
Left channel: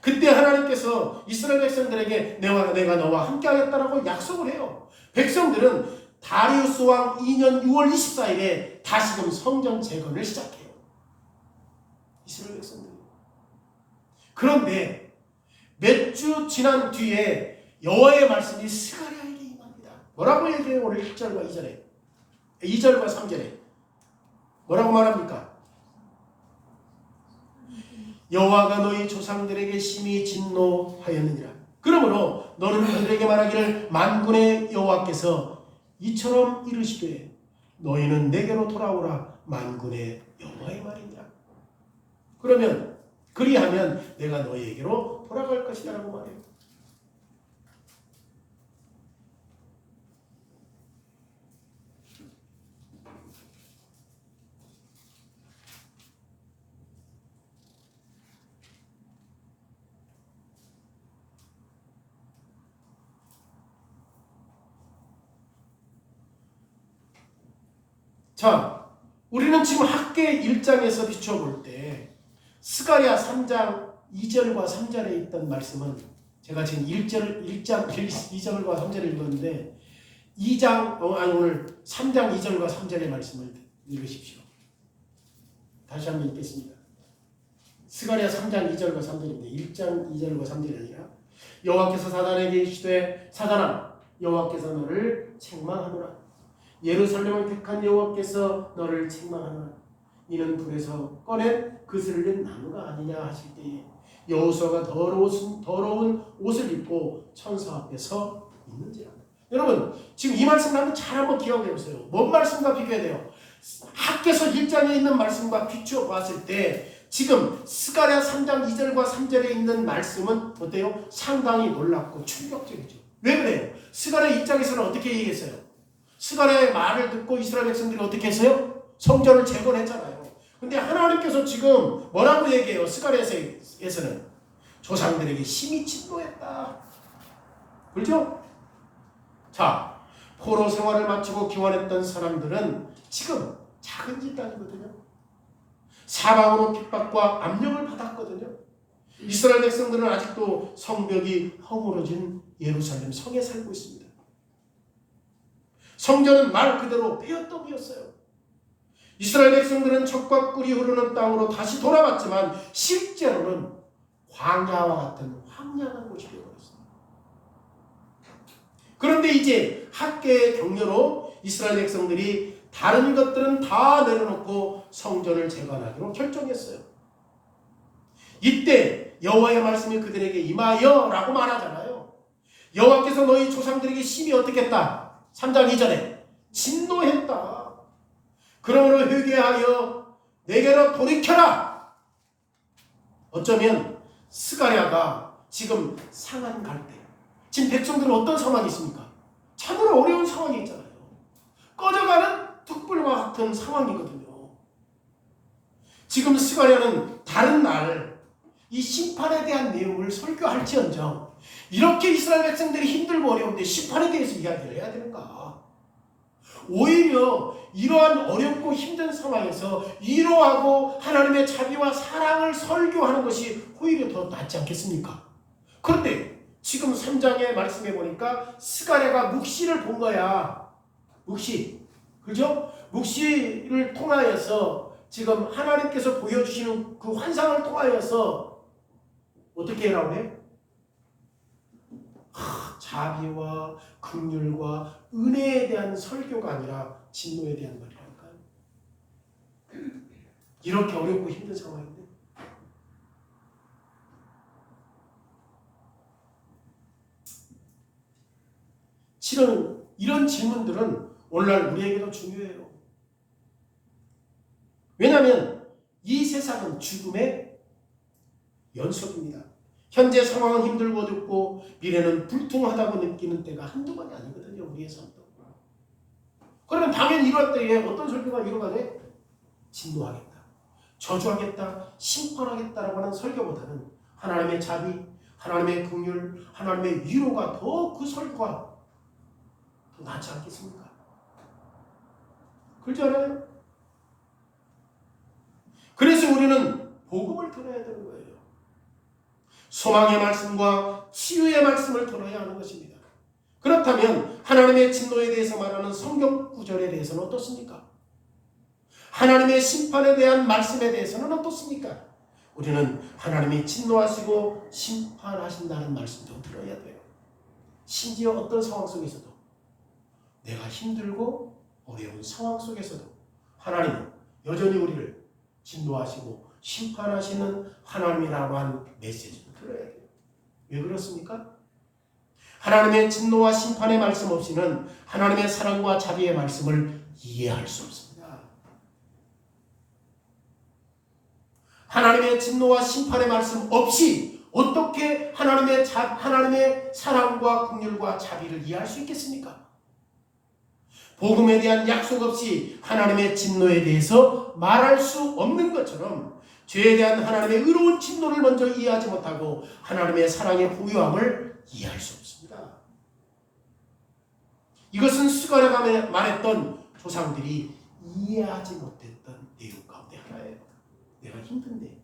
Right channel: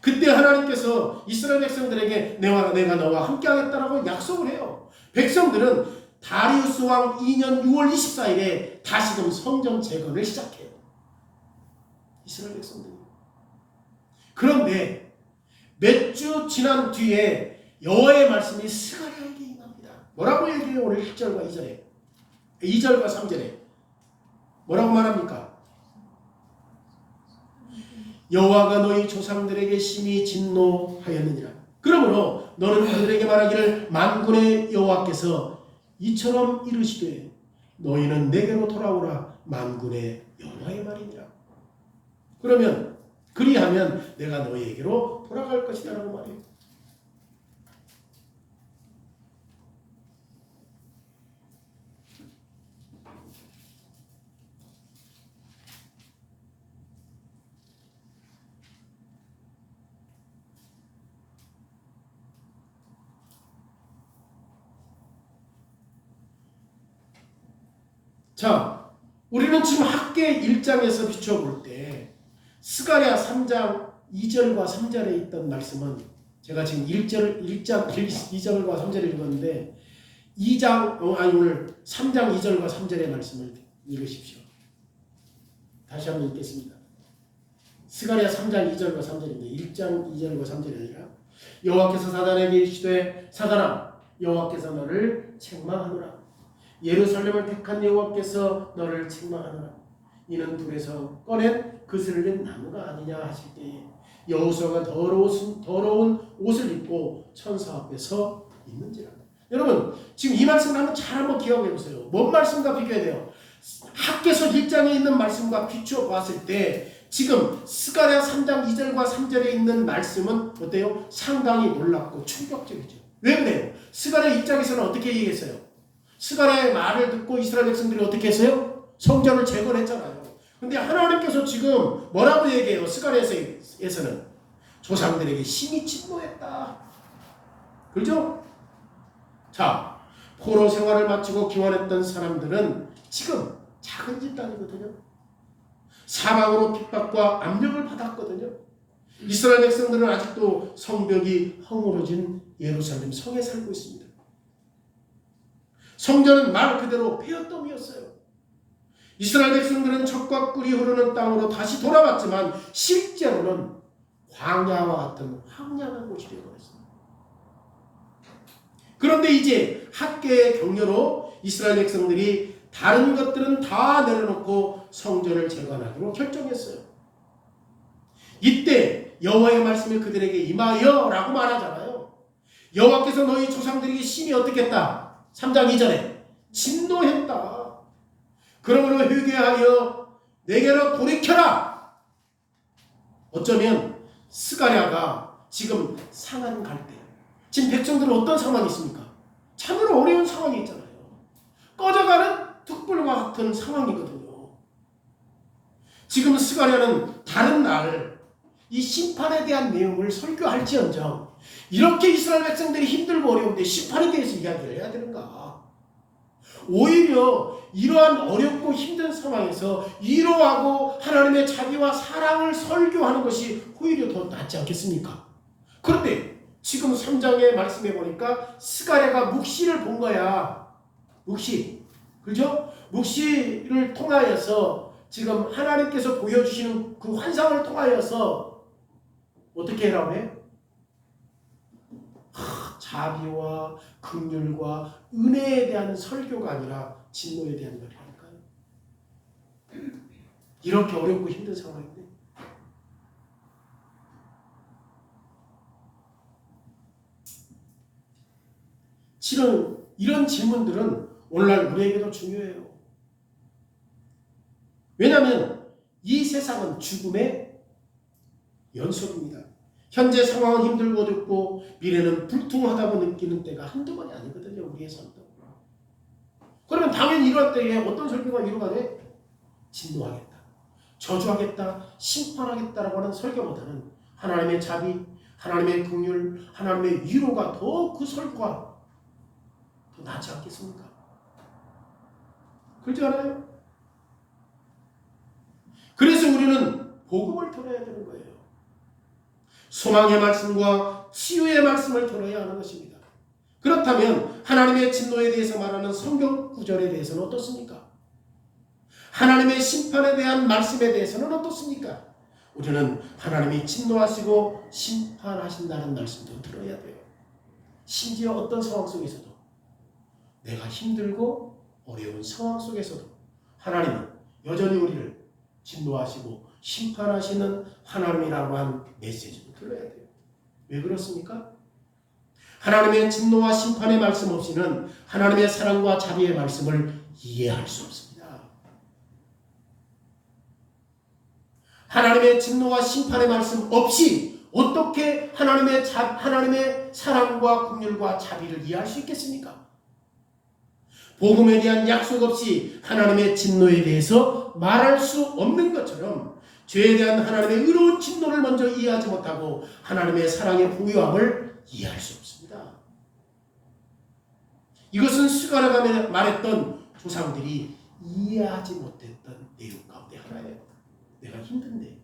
그때 하나님께서 이스라엘 백성들에게 내가 너와 함께 하겠다라고 약속을 해요. 백성들은 다리우스 왕 2년 6월 24일에 다시금 성전 재건을 시작해요. 이스라엘 백성들이. 그런데 몇 주 지난 뒤에 여호와의 말씀이 스가랴에게 임합니다. 뭐라고 얘기해요? 오늘 1절과 2절에 2절과 3절에 뭐라고 말합니까? 여호와가 너희 조상들에게 심히 진노하였느니라. 그러므로 너는 그들에게 말하기를 만군의 여호와께서 이처럼 이르시되 너희는 내게로 돌아오라 만군의 여호와의 말이니라. 그러면 그리하면 내가 너희에게로 돌아갈 것이다 라고 말해요. 자, 우리는 지금 학계 1장에서 비춰볼 때 스가랴 3장 2절과 3절에 있던 말씀은 제가 지금 1장 2절과 3절을 읽었는데 오늘 3장 2절과 3절의 말씀을 읽으십시오. 다시 한번 읽겠습니다. 스가랴 3장 2절과 3절입니다. 1장 2절과 3절이 아니라 여호와께서 사단에게 이르시되 사단아 여호와께서 너를 책망하노라. 예루살렘을 택한 여호와께서 너를 책망하노라. 이는 불에서 꺼낸 그슬린 나무가 아니냐 하실 때에 여호수아가 더러운 옷을 입고 천사 앞에 서 있는지라. 여러분 지금 이 말씀을 한번 기억해 보세요. 뭔 말씀과 비교해야 돼요? 학개서 1장에 있는 말씀과 비추어 봤을 때 지금 스가랴 3장 2절과 3절에 있는 말씀은 어때요? 상당히 놀랍고 충격적이죠. 왜 그래요? 스가랴 1장에서는 어떻게 얘기했어요? 스가랴의 말을 듣고 이스라엘 백성들이 어떻게 했어요? 성전을 재건했잖아요. 근데 하나님께서 지금 뭐라고 얘기해요? 스가랴에서는 조상들에게 심히 진노했다. 그렇죠? 자, 포로 생활을 마치고 기원했던 사람들은 지금 작은 집단이거든요. 사방으로 핍박과 압력을 받았거든요. 이스라엘 백성들은 아직도 성벽이 허물어진 예루살렘 성에 살고 있습니다. 성전은 말 그대로 폐허덤이었어요. 이스라엘 백성들은 젖과 꿀이 흐르는 땅으로 다시 돌아왔지만 실제로는 광야와 같은 황량한 곳이 되어버렸습니다. 그런데 이제 학개의 격려로 이스라엘 백성들이 다른 것들은 다 내려놓고 성전을 재건하기로 결정했어요. 이때 여호와의 말씀이 그들에게 임하여 라고 말하잖아요. 여호와께서 너희 조상들에게 심히 어떻게 했다? 3장 2절에 진노했다. 그러므로 회개하여 내게로 돌이켜라. 어쩌면 스가랴가 지금 상한 갈대. 지금 백성들은 어떤 상황이 있습니까? 참으로 어려운 상황이 있잖아요. 꺼져가는 툭불과 같은 상황이거든요. 지금 스가랴는 다른 날 이 심판에 대한 내용을 설교할지언정 이렇게 이스라엘 백성들이 힘들고 어려운데 심판에 대해서 이야기를 해야 되는가? 오히려 이러한 어렵고 힘든 상황에서 위로하고 하나님의 자비와 사랑을 설교하는 것이 오히려 더 낫지 않겠습니까? 그런데 지금 3장에 말씀해 보니까 스가랴가 묵시를 본 거야. 묵시. 그죠? 묵시를 통하여서 지금 하나님께서 보여주시는 그 환상을 통하여서 어떻게 해라고 해? 자비와 긍휼과 은혜에 대한 설교가 아니라 진노에 대한 말이라니까요. 이렇게 어렵고 힘든 상황인데 실은 이런 질문들은 오늘날 우리에게도 중요해요. 왜냐하면 이 세상은 죽음의 연속입니다. 현재 상황은 힘들고 어렵고 미래는 불투하다고 느끼는 때가 한두 번이 아니거든요. 우리의 삶도. 그러면 당연히 이럴 때에 어떤 설교가 위로가 돼? 진노하겠다, 저주하겠다, 심판하겠다라고 하는 설교보다는 하나님의 자비, 하나님의 긍휼, 하나님의 위로가 더 그 설교가 더 더 낫지 않겠습니까? 그렇지 않아요? 그래서 우리는 복음을 들어야 되는 거예요. 소망의 말씀과 치유의 말씀을 들어야 하는 것입니다. 그렇다면 하나님의 진노에 대해서 말하는 성경 구절에 대해서는 어떻습니까? 하나님의 심판에 대한 말씀에 대해서는 어떻습니까? 우리는 하나님이 진노하시고 심판하신다는 말씀도 들어야 돼요. 심지어 어떤 상황 속에서도, 내가 힘들고 어려운 상황 속에서도 하나님은 여전히 우리를 진노하시고 심판하시는 하나님이라고 한 메시지를 들어야 돼요. 왜 그렇습니까? 하나님의 진노와 심판의 말씀 없이는 하나님의 사랑과 자비의 말씀을 이해할 수 없습니다. 하나님의 진노와 심판의 말씀 없이 어떻게 하나님의 사랑과 긍휼과 자비를 이해할 수 있겠습니까? 복음에 대한 약속 없이 하나님의 진노에 대해서 말할 수 없는 것처럼 죄에 대한 하나님의 의로운 진노를 먼저 이해하지 못하고 하나님의 사랑의 부유함을 이해할 수 없습니다. 이것은 스가랴가 말했던 조상들이 이해하지 못했던 내용 가운데 하나예요. 내가 힘든데,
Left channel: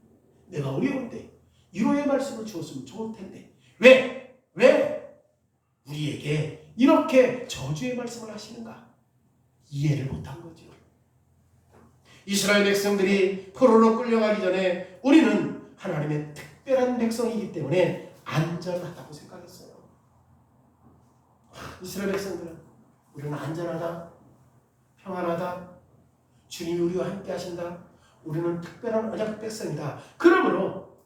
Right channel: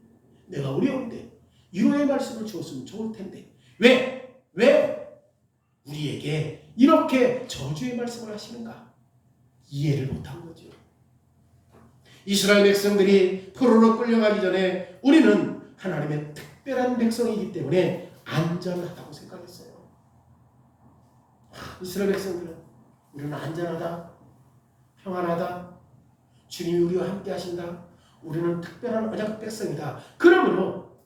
내가 어려운데 위로의 말씀을 주었으면 좋을 텐데 왜 우리에게 이렇게 저주의 말씀을 하시는가? 이해를 못한 거죠. 이스라엘 백성들이 포로로 끌려가기 전에 우리는 하나님의 특별한 백성이기 때문에 안전하다고 생각했어요. 이스라엘 백성들은 우리는 안전하다, 평안하다, 주님이 우리와 함께 하신다, 우리는 특별한 언약 백성이다. 그러므로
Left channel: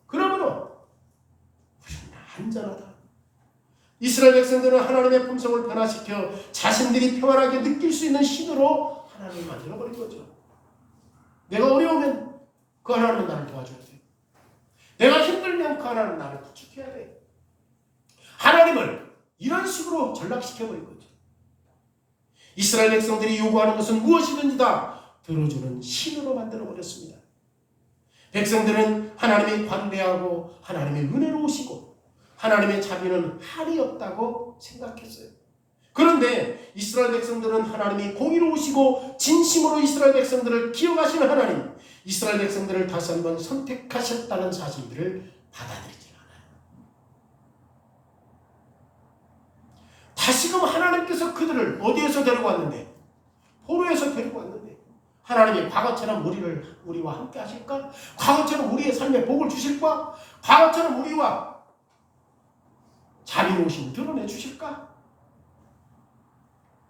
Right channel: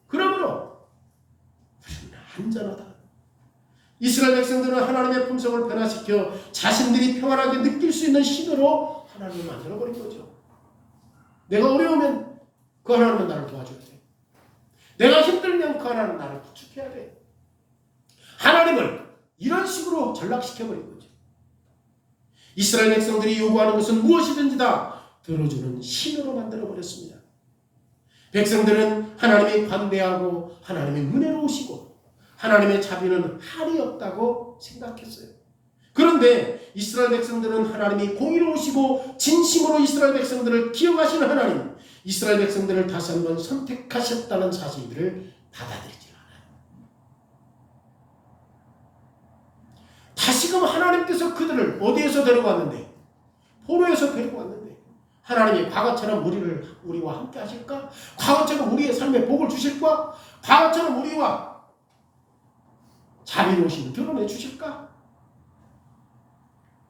우리는 안전하다. 이스라엘 백성들은 하나님의 품성을 변화시켜 자신들이 평안하게 느낄 수 있는 신으로 하나님을 만들어버린 거죠. 내가 어려우면 그 하나님은 나를 도와줘야 돼. 내가 힘들면 그 하나님은 나를 부축해야 돼. 하나님을 이런 식으로 전락시켜버린 거죠. 이스라엘 백성들이 요구하는 것은 무엇이든지 다 들어주는 신으로 만들어버렸습니다. 백성들은 하나님이 관대하고 하나님의 은혜로우시고 하나님의 자비는 한이 없다고 생각했어요. 그런데 이스라엘 백성들은 하나님이 공의로우시고 진심으로 이스라엘 백성들을 기억하시는 하나님, 이스라엘 백성들을 다시 한번 선택하셨다는 사실들을 받아들이지 않아요. 다시금 하나님께서 그들을 어디에서 데리고 왔는데? 포로에서 데리고 왔는데 하나님이 과거처럼 우리와 함께 하실까? 과거처럼 우리의 삶에 복을 주실까? 과거처럼 우리와 자비로우심을 드러내 주실까?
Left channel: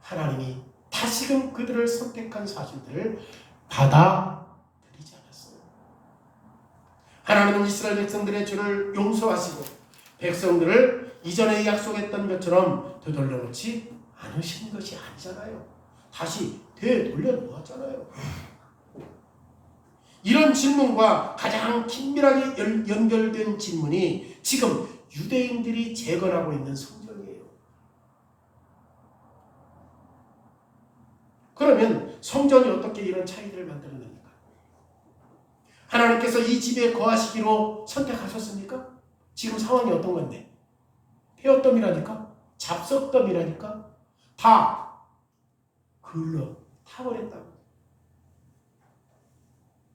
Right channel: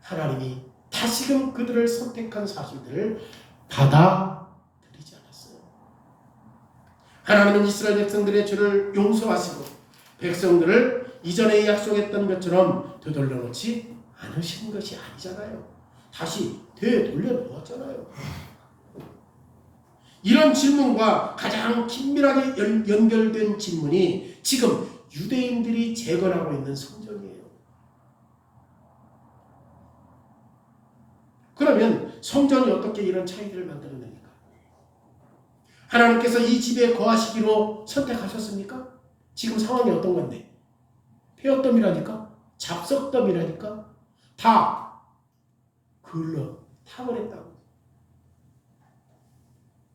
하나님이 다시금 그들을 선택한 사실들을 받아들이지 않았어요. 하나님은 이스라엘 백성들의 죄를 용서하시고 백성들을 이전에 약속했던 것처럼 되돌려 놓지 않으시는 것이 아니잖아요. 다시 되돌려 놓았잖아요. 이런 질문과 가장 긴밀하게 연결된 질문이 지금 유대인들이 재건하고 있는 성전이에요. 그러면 성전이 어떻게 이런 차이들을 만들어냅니까? 하나님께서 이 집에 거하시기로 선택하셨습니까? 지금 상황이 어떤 건데? 폐허덤이라니까? 잡석덤이라니까? 다 글러 타버렸다고.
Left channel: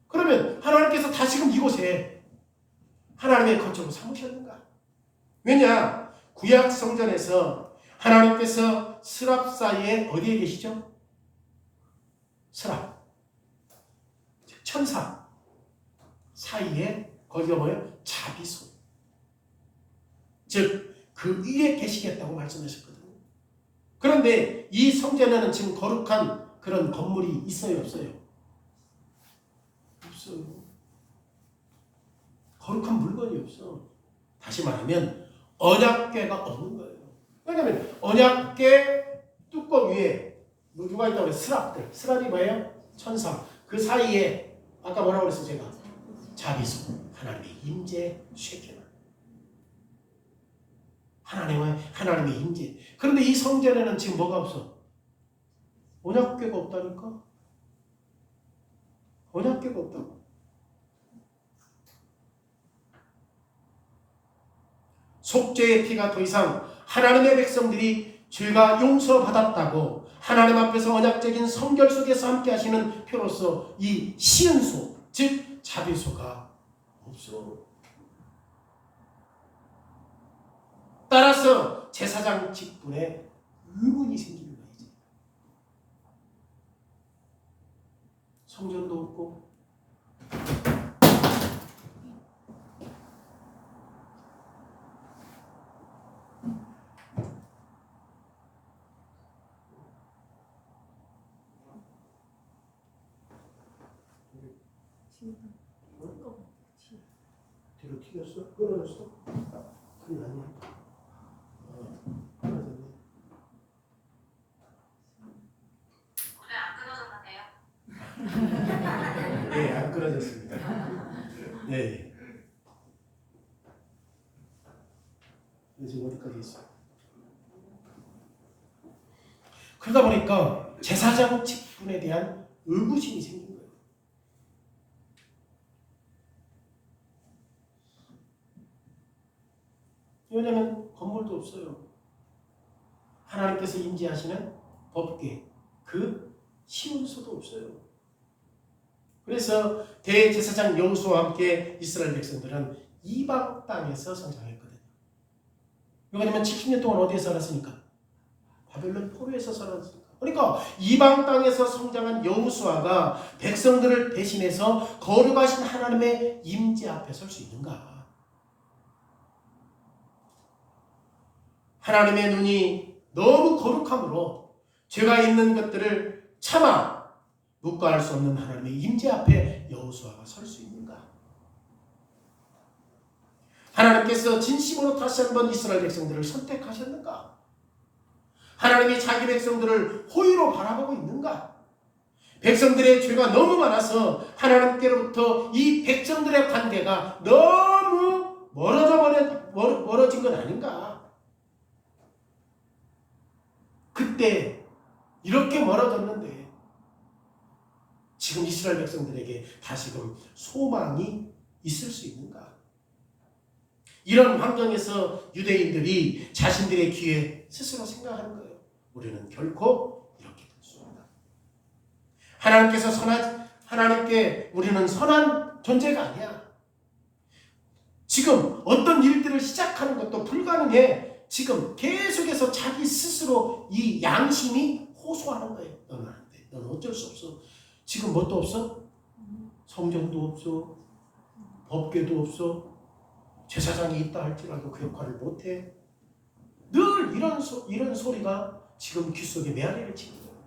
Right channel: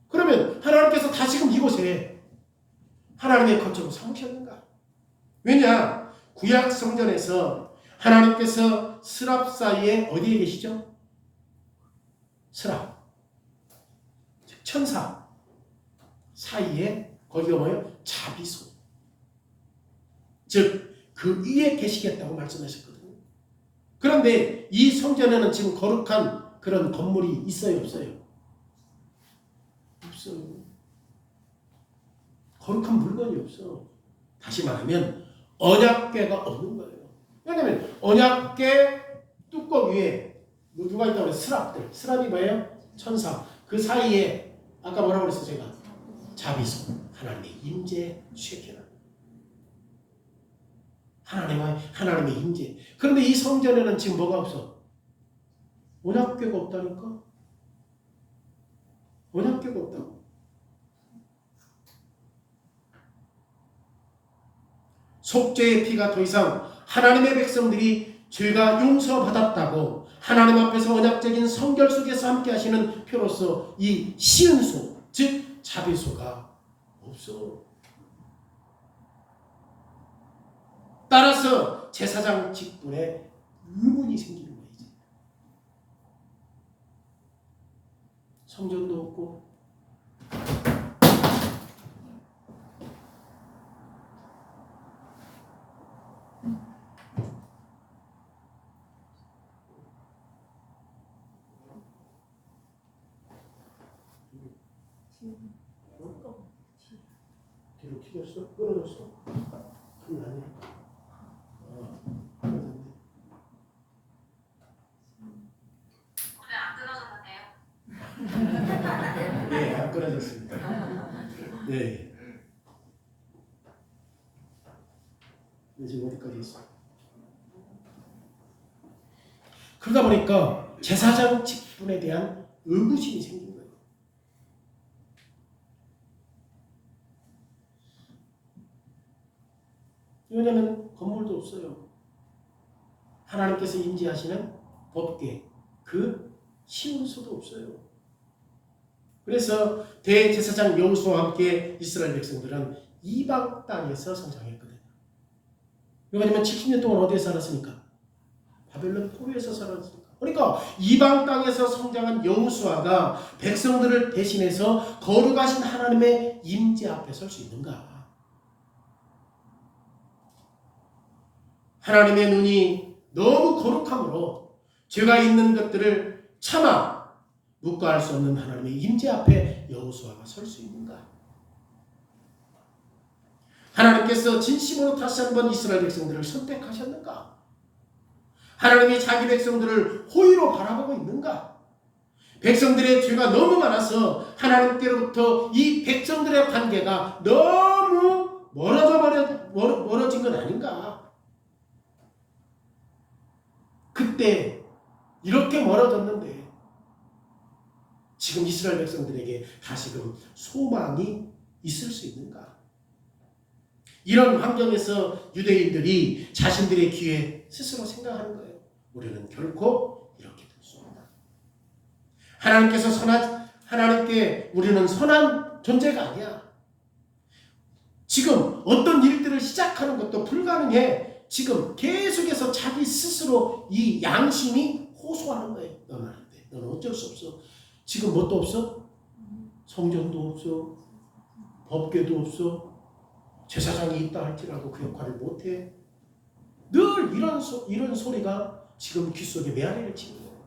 그러면 하나님께서 다시금 이곳에 하나님의 거처로 삼으셨는가? 왜냐? 구약 성전에서 하나님께서 스랍 사이에 어디에 계시죠? 스랍, 즉 천사 사이에 거기가 뭐예요? 자비소. 즉 그 위에 계시겠다고 말씀하셨거든요. 그런데 이 성전에는 지금 거룩한 그런 건물이 있어요, 없어요? 없어요. 거룩한 물건이 없어. 다시 말하면 언약궤가 없는 거예요. 왜냐하면 언약궤 뚜껑 위에 누가 있다고 그래요? 스랍들. 스랍이 뭐예요? 천사. 그 사이에 아까 뭐라고 그랬어요? 제가 자비소. 하나님의 임재 쉐키나. 하나님의 임재. 그런데 이 성전에는 지금 뭐가 없어? 언약궤가 없다니까? 언약궤가 없다고. 속죄의 피가 더 이상 하나님의 백성들이 죄가 용서받았다고 하나님 앞에서 언약적인 성결 속에서 함께 하시는 표로서 이 시은소, 즉 자비소가 없어. 따라서 제사장 직분에 의문이 생기는 거예요. 성전도 없고 뒤로 튀겼어? 끊어졌어? 그게 아니야. 네, 안 끊어졌습니다. 네. 지금 어디까지 있어? 그러다 보니까 제사장 직분에 대한 의구심이 생긴 거예요. 왜냐하면 건물도 없어요. 하나님께서 임재하시는 법궤, 그 시온소도 없어요. 그래서 대제사장 여호수아와 함께 이스라엘 백성들은 이방 땅에서 성장했거든요. 왜냐하면 70년 동안 어디에 살았으니까? 바벨론 포로에서 살았으니까. 그러니까 이방 땅에서 성장한 여호수아가 백성들을 대신해서 거룩하신 하나님의 임재 앞에 설 수 있는가? 하나님의 눈이 너무 거룩함으로 죄가 있는 것들을 참아 묵과할 수 없는 하나님의 임재 앞에 여호수아가 설 수 있는가? 하나님께서 진심으로 다시 한번 이스라엘 백성들을 선택하셨는가? 하나님이 자기 백성들을 호의로 바라보고 있는가? 백성들의 죄가 너무 많아서 하나님께로부터 이 백성들의 관계가 너무 멀어진 건 아닌가? 그때 이렇게 멀어졌는데 지금 이스라엘 백성들에게 다시금 소망이 있을 수 있는가? 이런 환경에서 유대인들이 자신들의 귀에 스스로 생각하는 거예요. 우리는 결코 이렇게 될 수 없다. 하나님께 우리는 선한 존재가 아니야. 지금 어떤 일들을 시작하는 것도 불가능해. 지금 계속해서 자기 스스로 이 양심이 호소하는 거예요. 너는 안 돼. 너는 어쩔 수 없어. 지금 뭣도 없어? 성전도 없어. 법궤도 없어. 제사장이 있다 할지라도 그 역할을 못해. 늘 이런 소리가 지금 귓속에 메아리를 치는 거예요.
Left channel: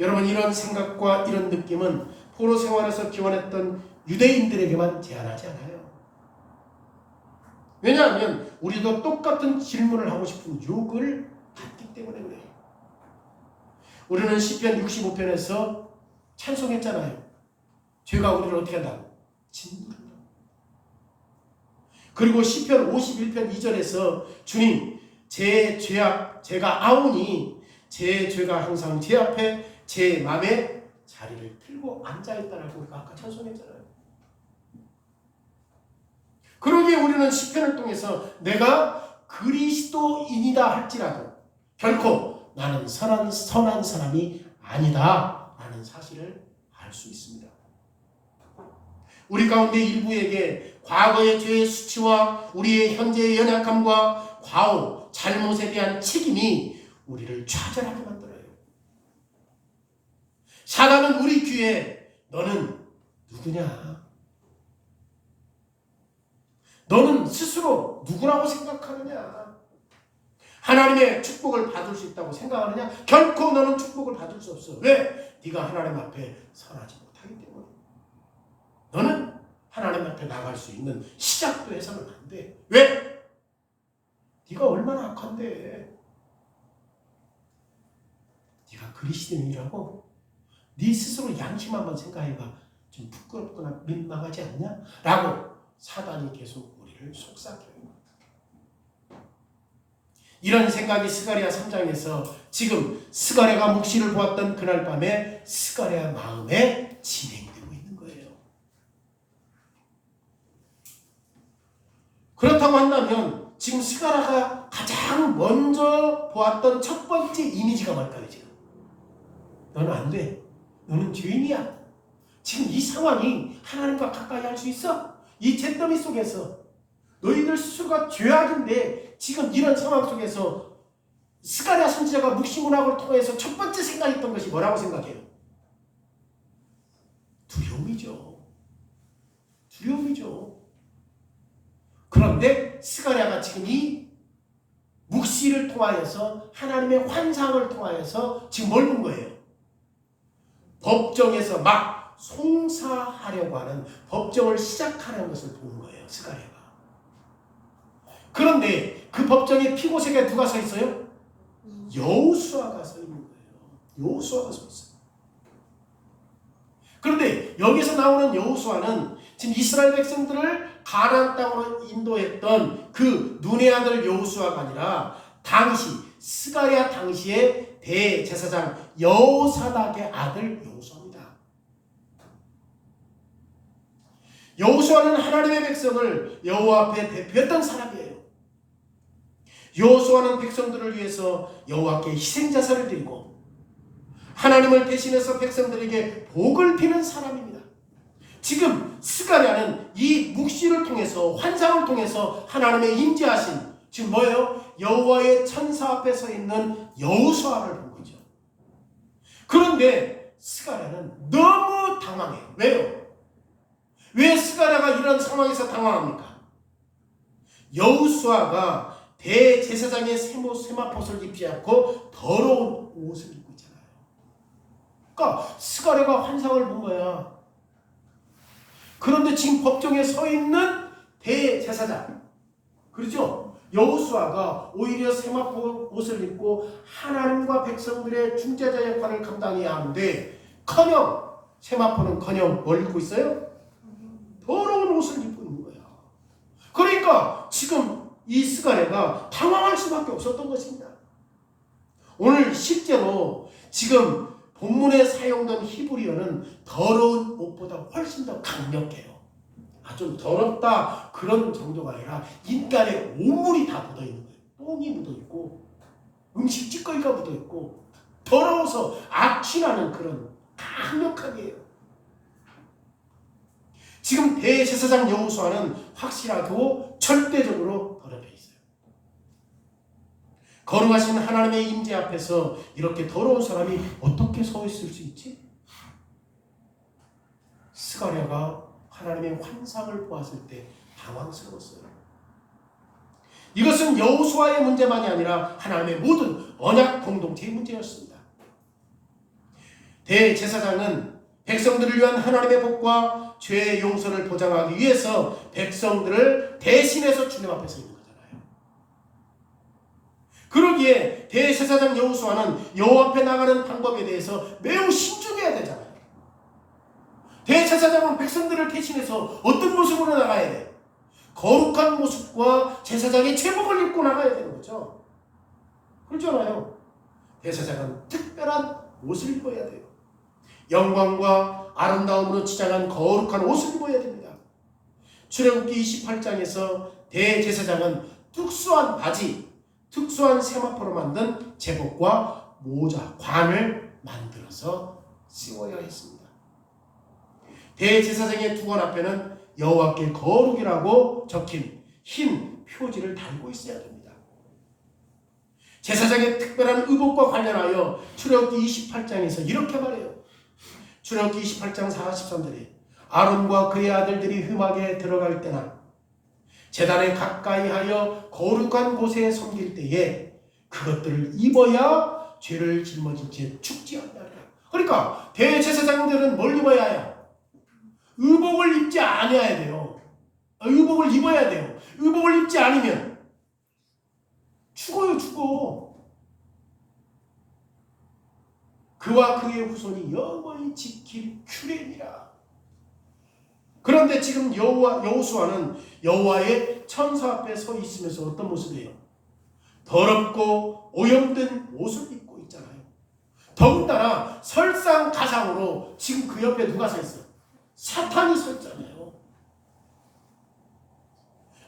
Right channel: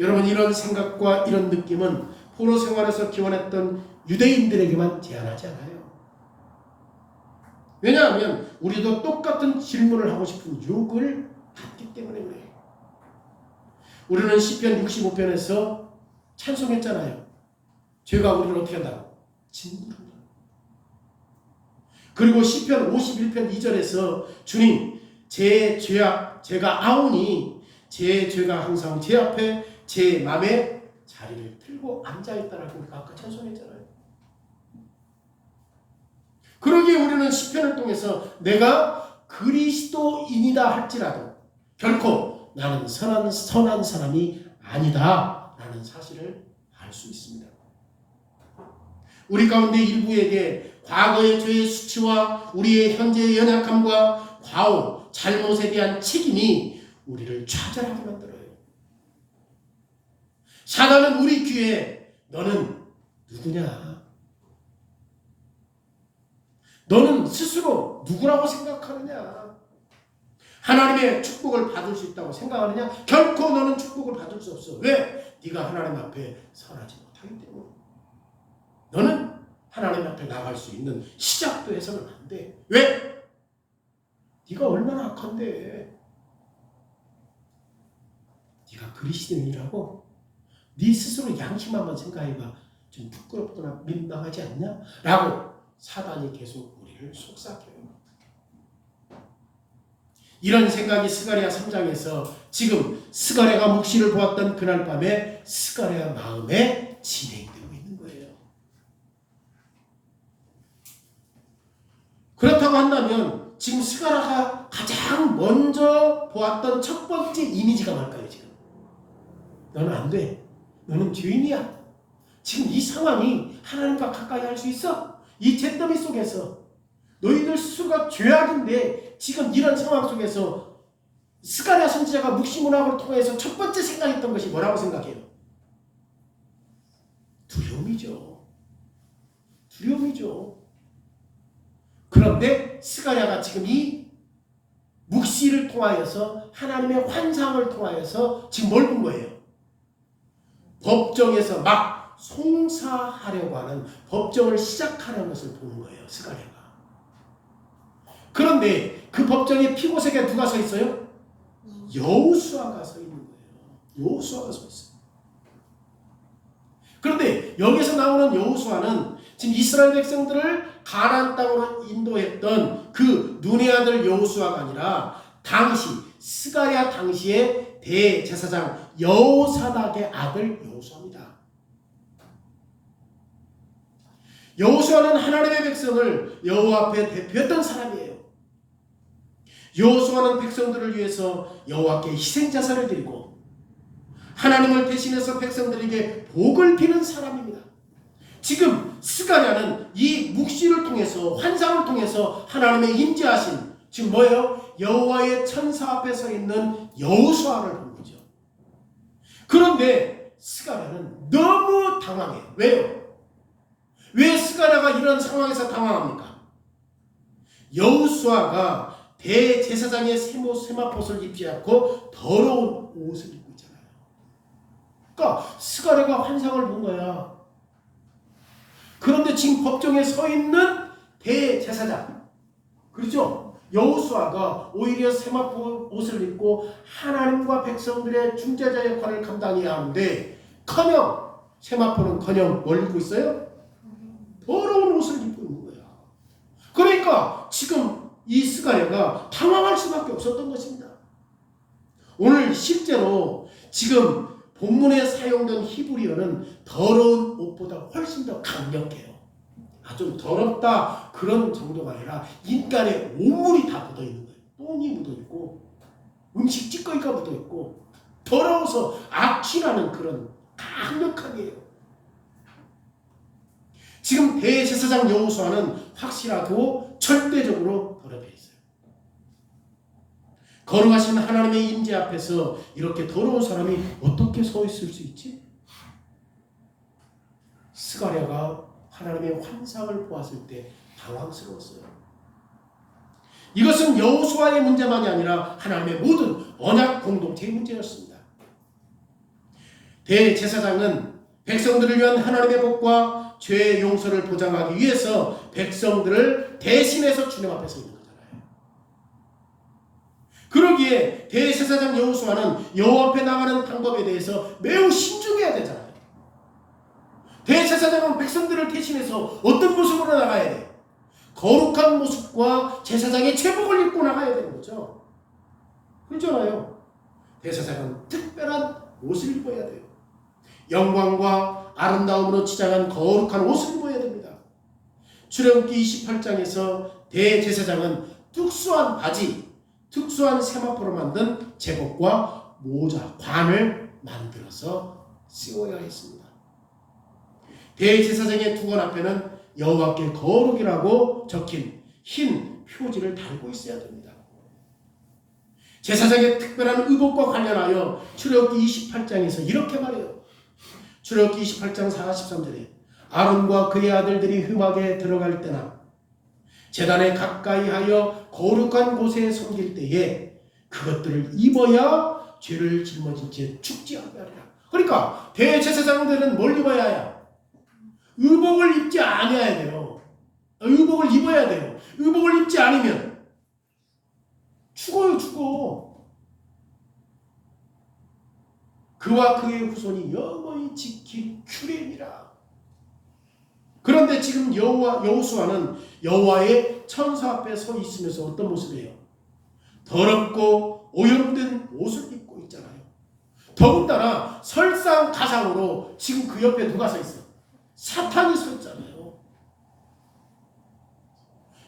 여러분, 이런 생각과 이런 느낌은 포로 생활에서 기원했던 유대인들에게만 제한하지 않아요. 왜냐하면 우리도 똑같은 질문을 하고 싶은 욕을 받기 때문에 그래요. 우리는 시편 65편에서 찬송했잖아요. 죄가 우리를 어떻게 한다고? 짓누른다. 그리고 시편 51편 2절에서 주님, 제가 아오니 제 죄가 항상 제 앞에 제 맘에 자리를 틀고 앉아있다라고 우리가 아까 찬송했잖아요. 그러기에 우리는 시편을 통해서 내가 그리스도인이다 할지라도 결코 나는 선한 사람이 아니다 라는 사실을 알 수 있습니다. 우리 가운데 일부에게 과거의 죄의 수치와 우리의 현재의 연약함과 과오, 잘못에 대한 책임이 우리를 좌절하게 만들어요. 사단은 우리 귀에 너는 누구냐? 너는 스스로 누구라고 생각하느냐? 하나님의 축복을 받을 수 있다고 생각하느냐? 결코 너는 축복을 받을 수 없어. 왜? 네가 하나님 앞에 선하지 못하기 때문에. 너는 하나님 앞에 나갈 수 있는 시작도 해서는 안 돼. 왜? 네가 얼마나 악한데. 네가 그리스도인이라고 네 스스로 양심 한번 생각해봐. 좀 부끄럽거나 민망하지 않냐? 라고 사단이 계속 우리를 속삭여요. 이런 생각이 스가랴 3장에서 지금 스가랴가 묵시를 보았던 그날 밤에 스가랴 마음에 진행되고 있는 거예요. 그렇다고 한다면 지금 스가랴가 가장 먼저 보았던 첫 번째 이미지가 뭘까요? 지금 너는 안 돼. 너는 죄인이야. 지금 이 상황이 하나님과 가까이 할 수 있어? 이 잿더미 속에서 너희들 스스로가 죄악인데 지금 이런 상황 속에서 스가랴 선지자가 묵시문학을 통해서 첫 번째 생각했던 것이 뭐라고 생각해요? 두려움이죠. 두려움이죠. 그런데 스가랴가 지금 이 묵시를 통하여서 하나님의 환상을 통하여서 지금 뭘 본 거예요? 법정에서 막 송사하려고 하는 법정을 시작하는 것을 보는 거예요. 스가랴가. 그런데 그 법정의 피고색에 누가 서 있어요? 여호수아가 서 있는 거예요. 여호수아가 서 있어요. 그런데 여기서 나오는 여호수아는 지금 이스라엘 백성들을 가나안 땅으로 인도했던 그 눈의 아들 여호수아가 아니라 당시 스가랴 당시의 대제사장 여호사닥의 아들 여호수아입니다. 여호수아는 하나님의 백성을 여호와 앞에 대표했던 사람이에요. 여호수아는 백성들을 위해서 여호와께 희생제사를 드리고 하나님을 대신해서 백성들에게 복을 비는 사람입니다. 지금 스가랴는 이 묵시를 통해서 환상을 통해서 하나님의 임재하신 지금 뭐예요? 여호와의 천사 앞에 서 있는 여호수아를 본 거죠. 그런데 스가랴는 너무 당황해요. 왜요? 왜 스가랴가 이런 상황에서 당황합니까? 여호수아가 대제사장의 세마포를 입지 않고 더러운 옷을 입고 있잖아요. 그러니까 스가랴가 환상을 본 거야. 그런데 지금 법정에 서 있는 대제사장, 그렇죠? 여호수아가 오히려 세마포 옷을 입고 하나님과 백성들의 중재자 역할을 감당해야 하는데 커녕 세마포는커녕 뭘 입고 있어요? 더러운 옷을 입고 있는 거야. 그러니까 지금 이 스가랴가 당황할 수밖에 없었던 것입니다. 오늘 실제로 지금 본문에 사용된 히브리어는 더러운 옷보다 훨씬 더 강력해요. 아주 더럽다 그런 정도가 아니라 인간의 온물이 다 묻어있는 거예요. 똥이 묻어있고 음식 찌꺼기가 묻어있고 더러워서 악취나는 그런 강력하게 해요. 지금 대제사장 여호수아는 확실하고 절대적으로 더럽혀 있어요. 거룩하신 하나님의 임재 앞에서 이렇게 더러운 사람이 어떻게 서 있을 수 있지? 스가랴가 하나님의 환상을 보았을 때 당황스러웠어요. 이것은 여호수아의 문제만이 아니라 하나님의 모든 언약 공동체의 문제였습니다. 대제사장은 백성들을 위한 하나님의 복과 죄의 용서를 보장하기 위해서 백성들을 대신해서 주님 앞에 서 있는 거잖아요. 그러기에 대제사장 여호수아는 여호와 앞에 나가는 방법에 대해서 매우 신중해야 되잖아요. 대제사장은 백성들을 대신해서 어떤 모습으로 나가야 돼요? 거룩한 모습과 제사장의 제복을 입고 나가야 되는 거죠. 그렇잖아요. 대제사장은 특별한 옷을 입어야 돼요. 영광과 아름다움으로 치장한 거룩한 옷을 입어야 됩니다. 출애굽기 28장에서 대제사장은 특수한 바지, 특수한 세마포로 만든 제복과 모자, 관을 만들어서 씌워야 했습니다. 대제사장의 두건 앞에는 여호와께 거룩이라고 적힌 흰 표지를 달고 있어야 됩니다. 제사장의 특별한 의복과 관련하여 출애굽기 28장에서 이렇게 말해요. 출애굽기 28장 43절에 아론과 그의 아들들이 흠악에 들어갈 때나 제단에 가까이 하여 거룩한 곳에 섬길 때에 그것들을 입어야 죄를 짊어진 채 죽지 않으리라. 그러니까 대제사장들은 뭘 입어야 해요? 의복을 입지 않아야 돼요. 의복을 입어야 돼요. 의복을 입지 않으면 죽어요. 죽어. 그와 그의 후손이 영원히 지킬 규례니라. 그런데 지금 여호수아는 여호와의 천사 앞에 서 있으면서 어떤 모습이에요? 더럽고 오염된 옷을 입고 있잖아요. 더군다나 설상가상으로 지금 그 옆에 누가 서 있어요? 사탄이 서 있잖아요.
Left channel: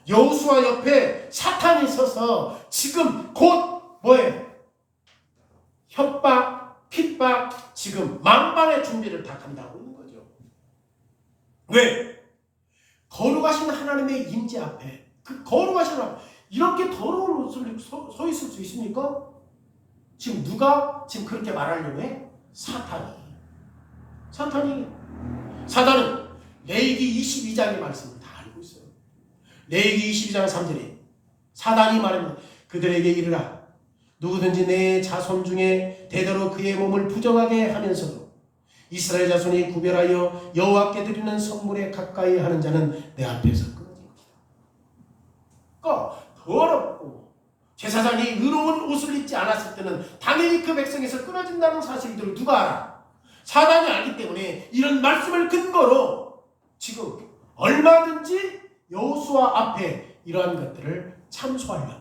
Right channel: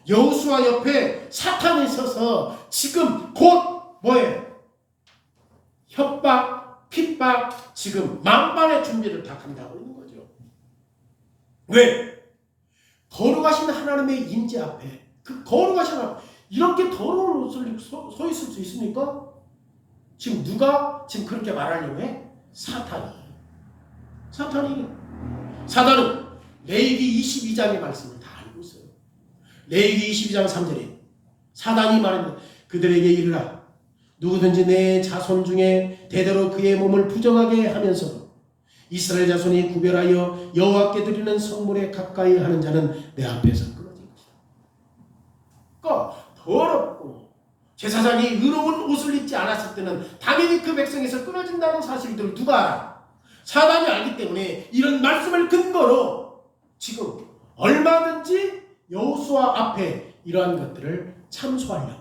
여호수아 옆에 사탄이 서서 지금 곧 뭐예요? 협박, 핍박, 지금 만반의 준비를 다 한다고 있는 거죠. 왜? 거룩하신 하나님의 임재 앞에, 그 거룩하신 하나님, 이렇게 더러운 옷을 서 있을 수 있습니까? 지금 누가 지금 그렇게 말하려고 해? 사탄이. 사단은 레위기 22장의 말씀을 다 알고 있어요. 레위기 22장 3절에 사단이 말합니다. 그들에게 이르라. 누구든지 내 자손 중에 대대로 그의 몸을 부정하게 하면서도 이스라엘 자손이 구별하여 여호와께 드리는 성물에 가까이 하는 자는 내 앞에서 끊어질 것이다. 그러니까 더럽고 제사장이 의로운 옷을 입지 않았을 때는 당연히 그 백성에서 끊어진다는 사실들을 누가 알아? 사단이 알기 때문에 이런 말씀을 근거로 지금 얼마든지 여호수아 앞에 이러한 것들을 참소하려고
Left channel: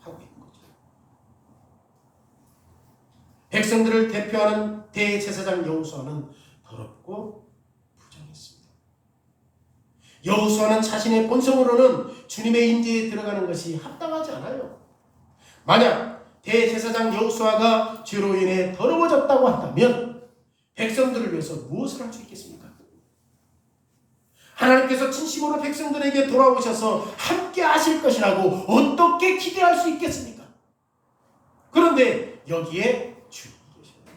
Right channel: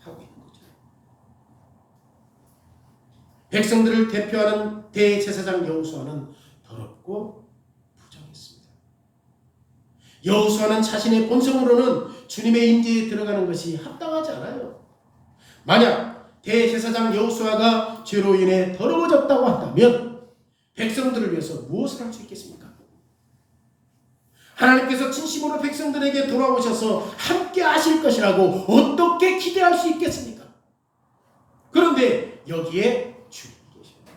하고 있는 거죠. 백성들을 대표하는 대제사장 여호수아는 더럽고 부정했습니다. 여호수아는 자신의 본성으로는 주님의 임재에 들어가는 것이 합당하지 않아요. 만약 대제사장 여호수아가 죄로 인해 더러워졌다고 한다면 백성들을 위해서 무엇을 할 수 있겠습니까? 하나님께서 진심으로 백성들에게 돌아오셔서 함께 하실 것이라고 어떻게 기대할 수 있겠습니까? 그런데 여기에 주님이 계십니다.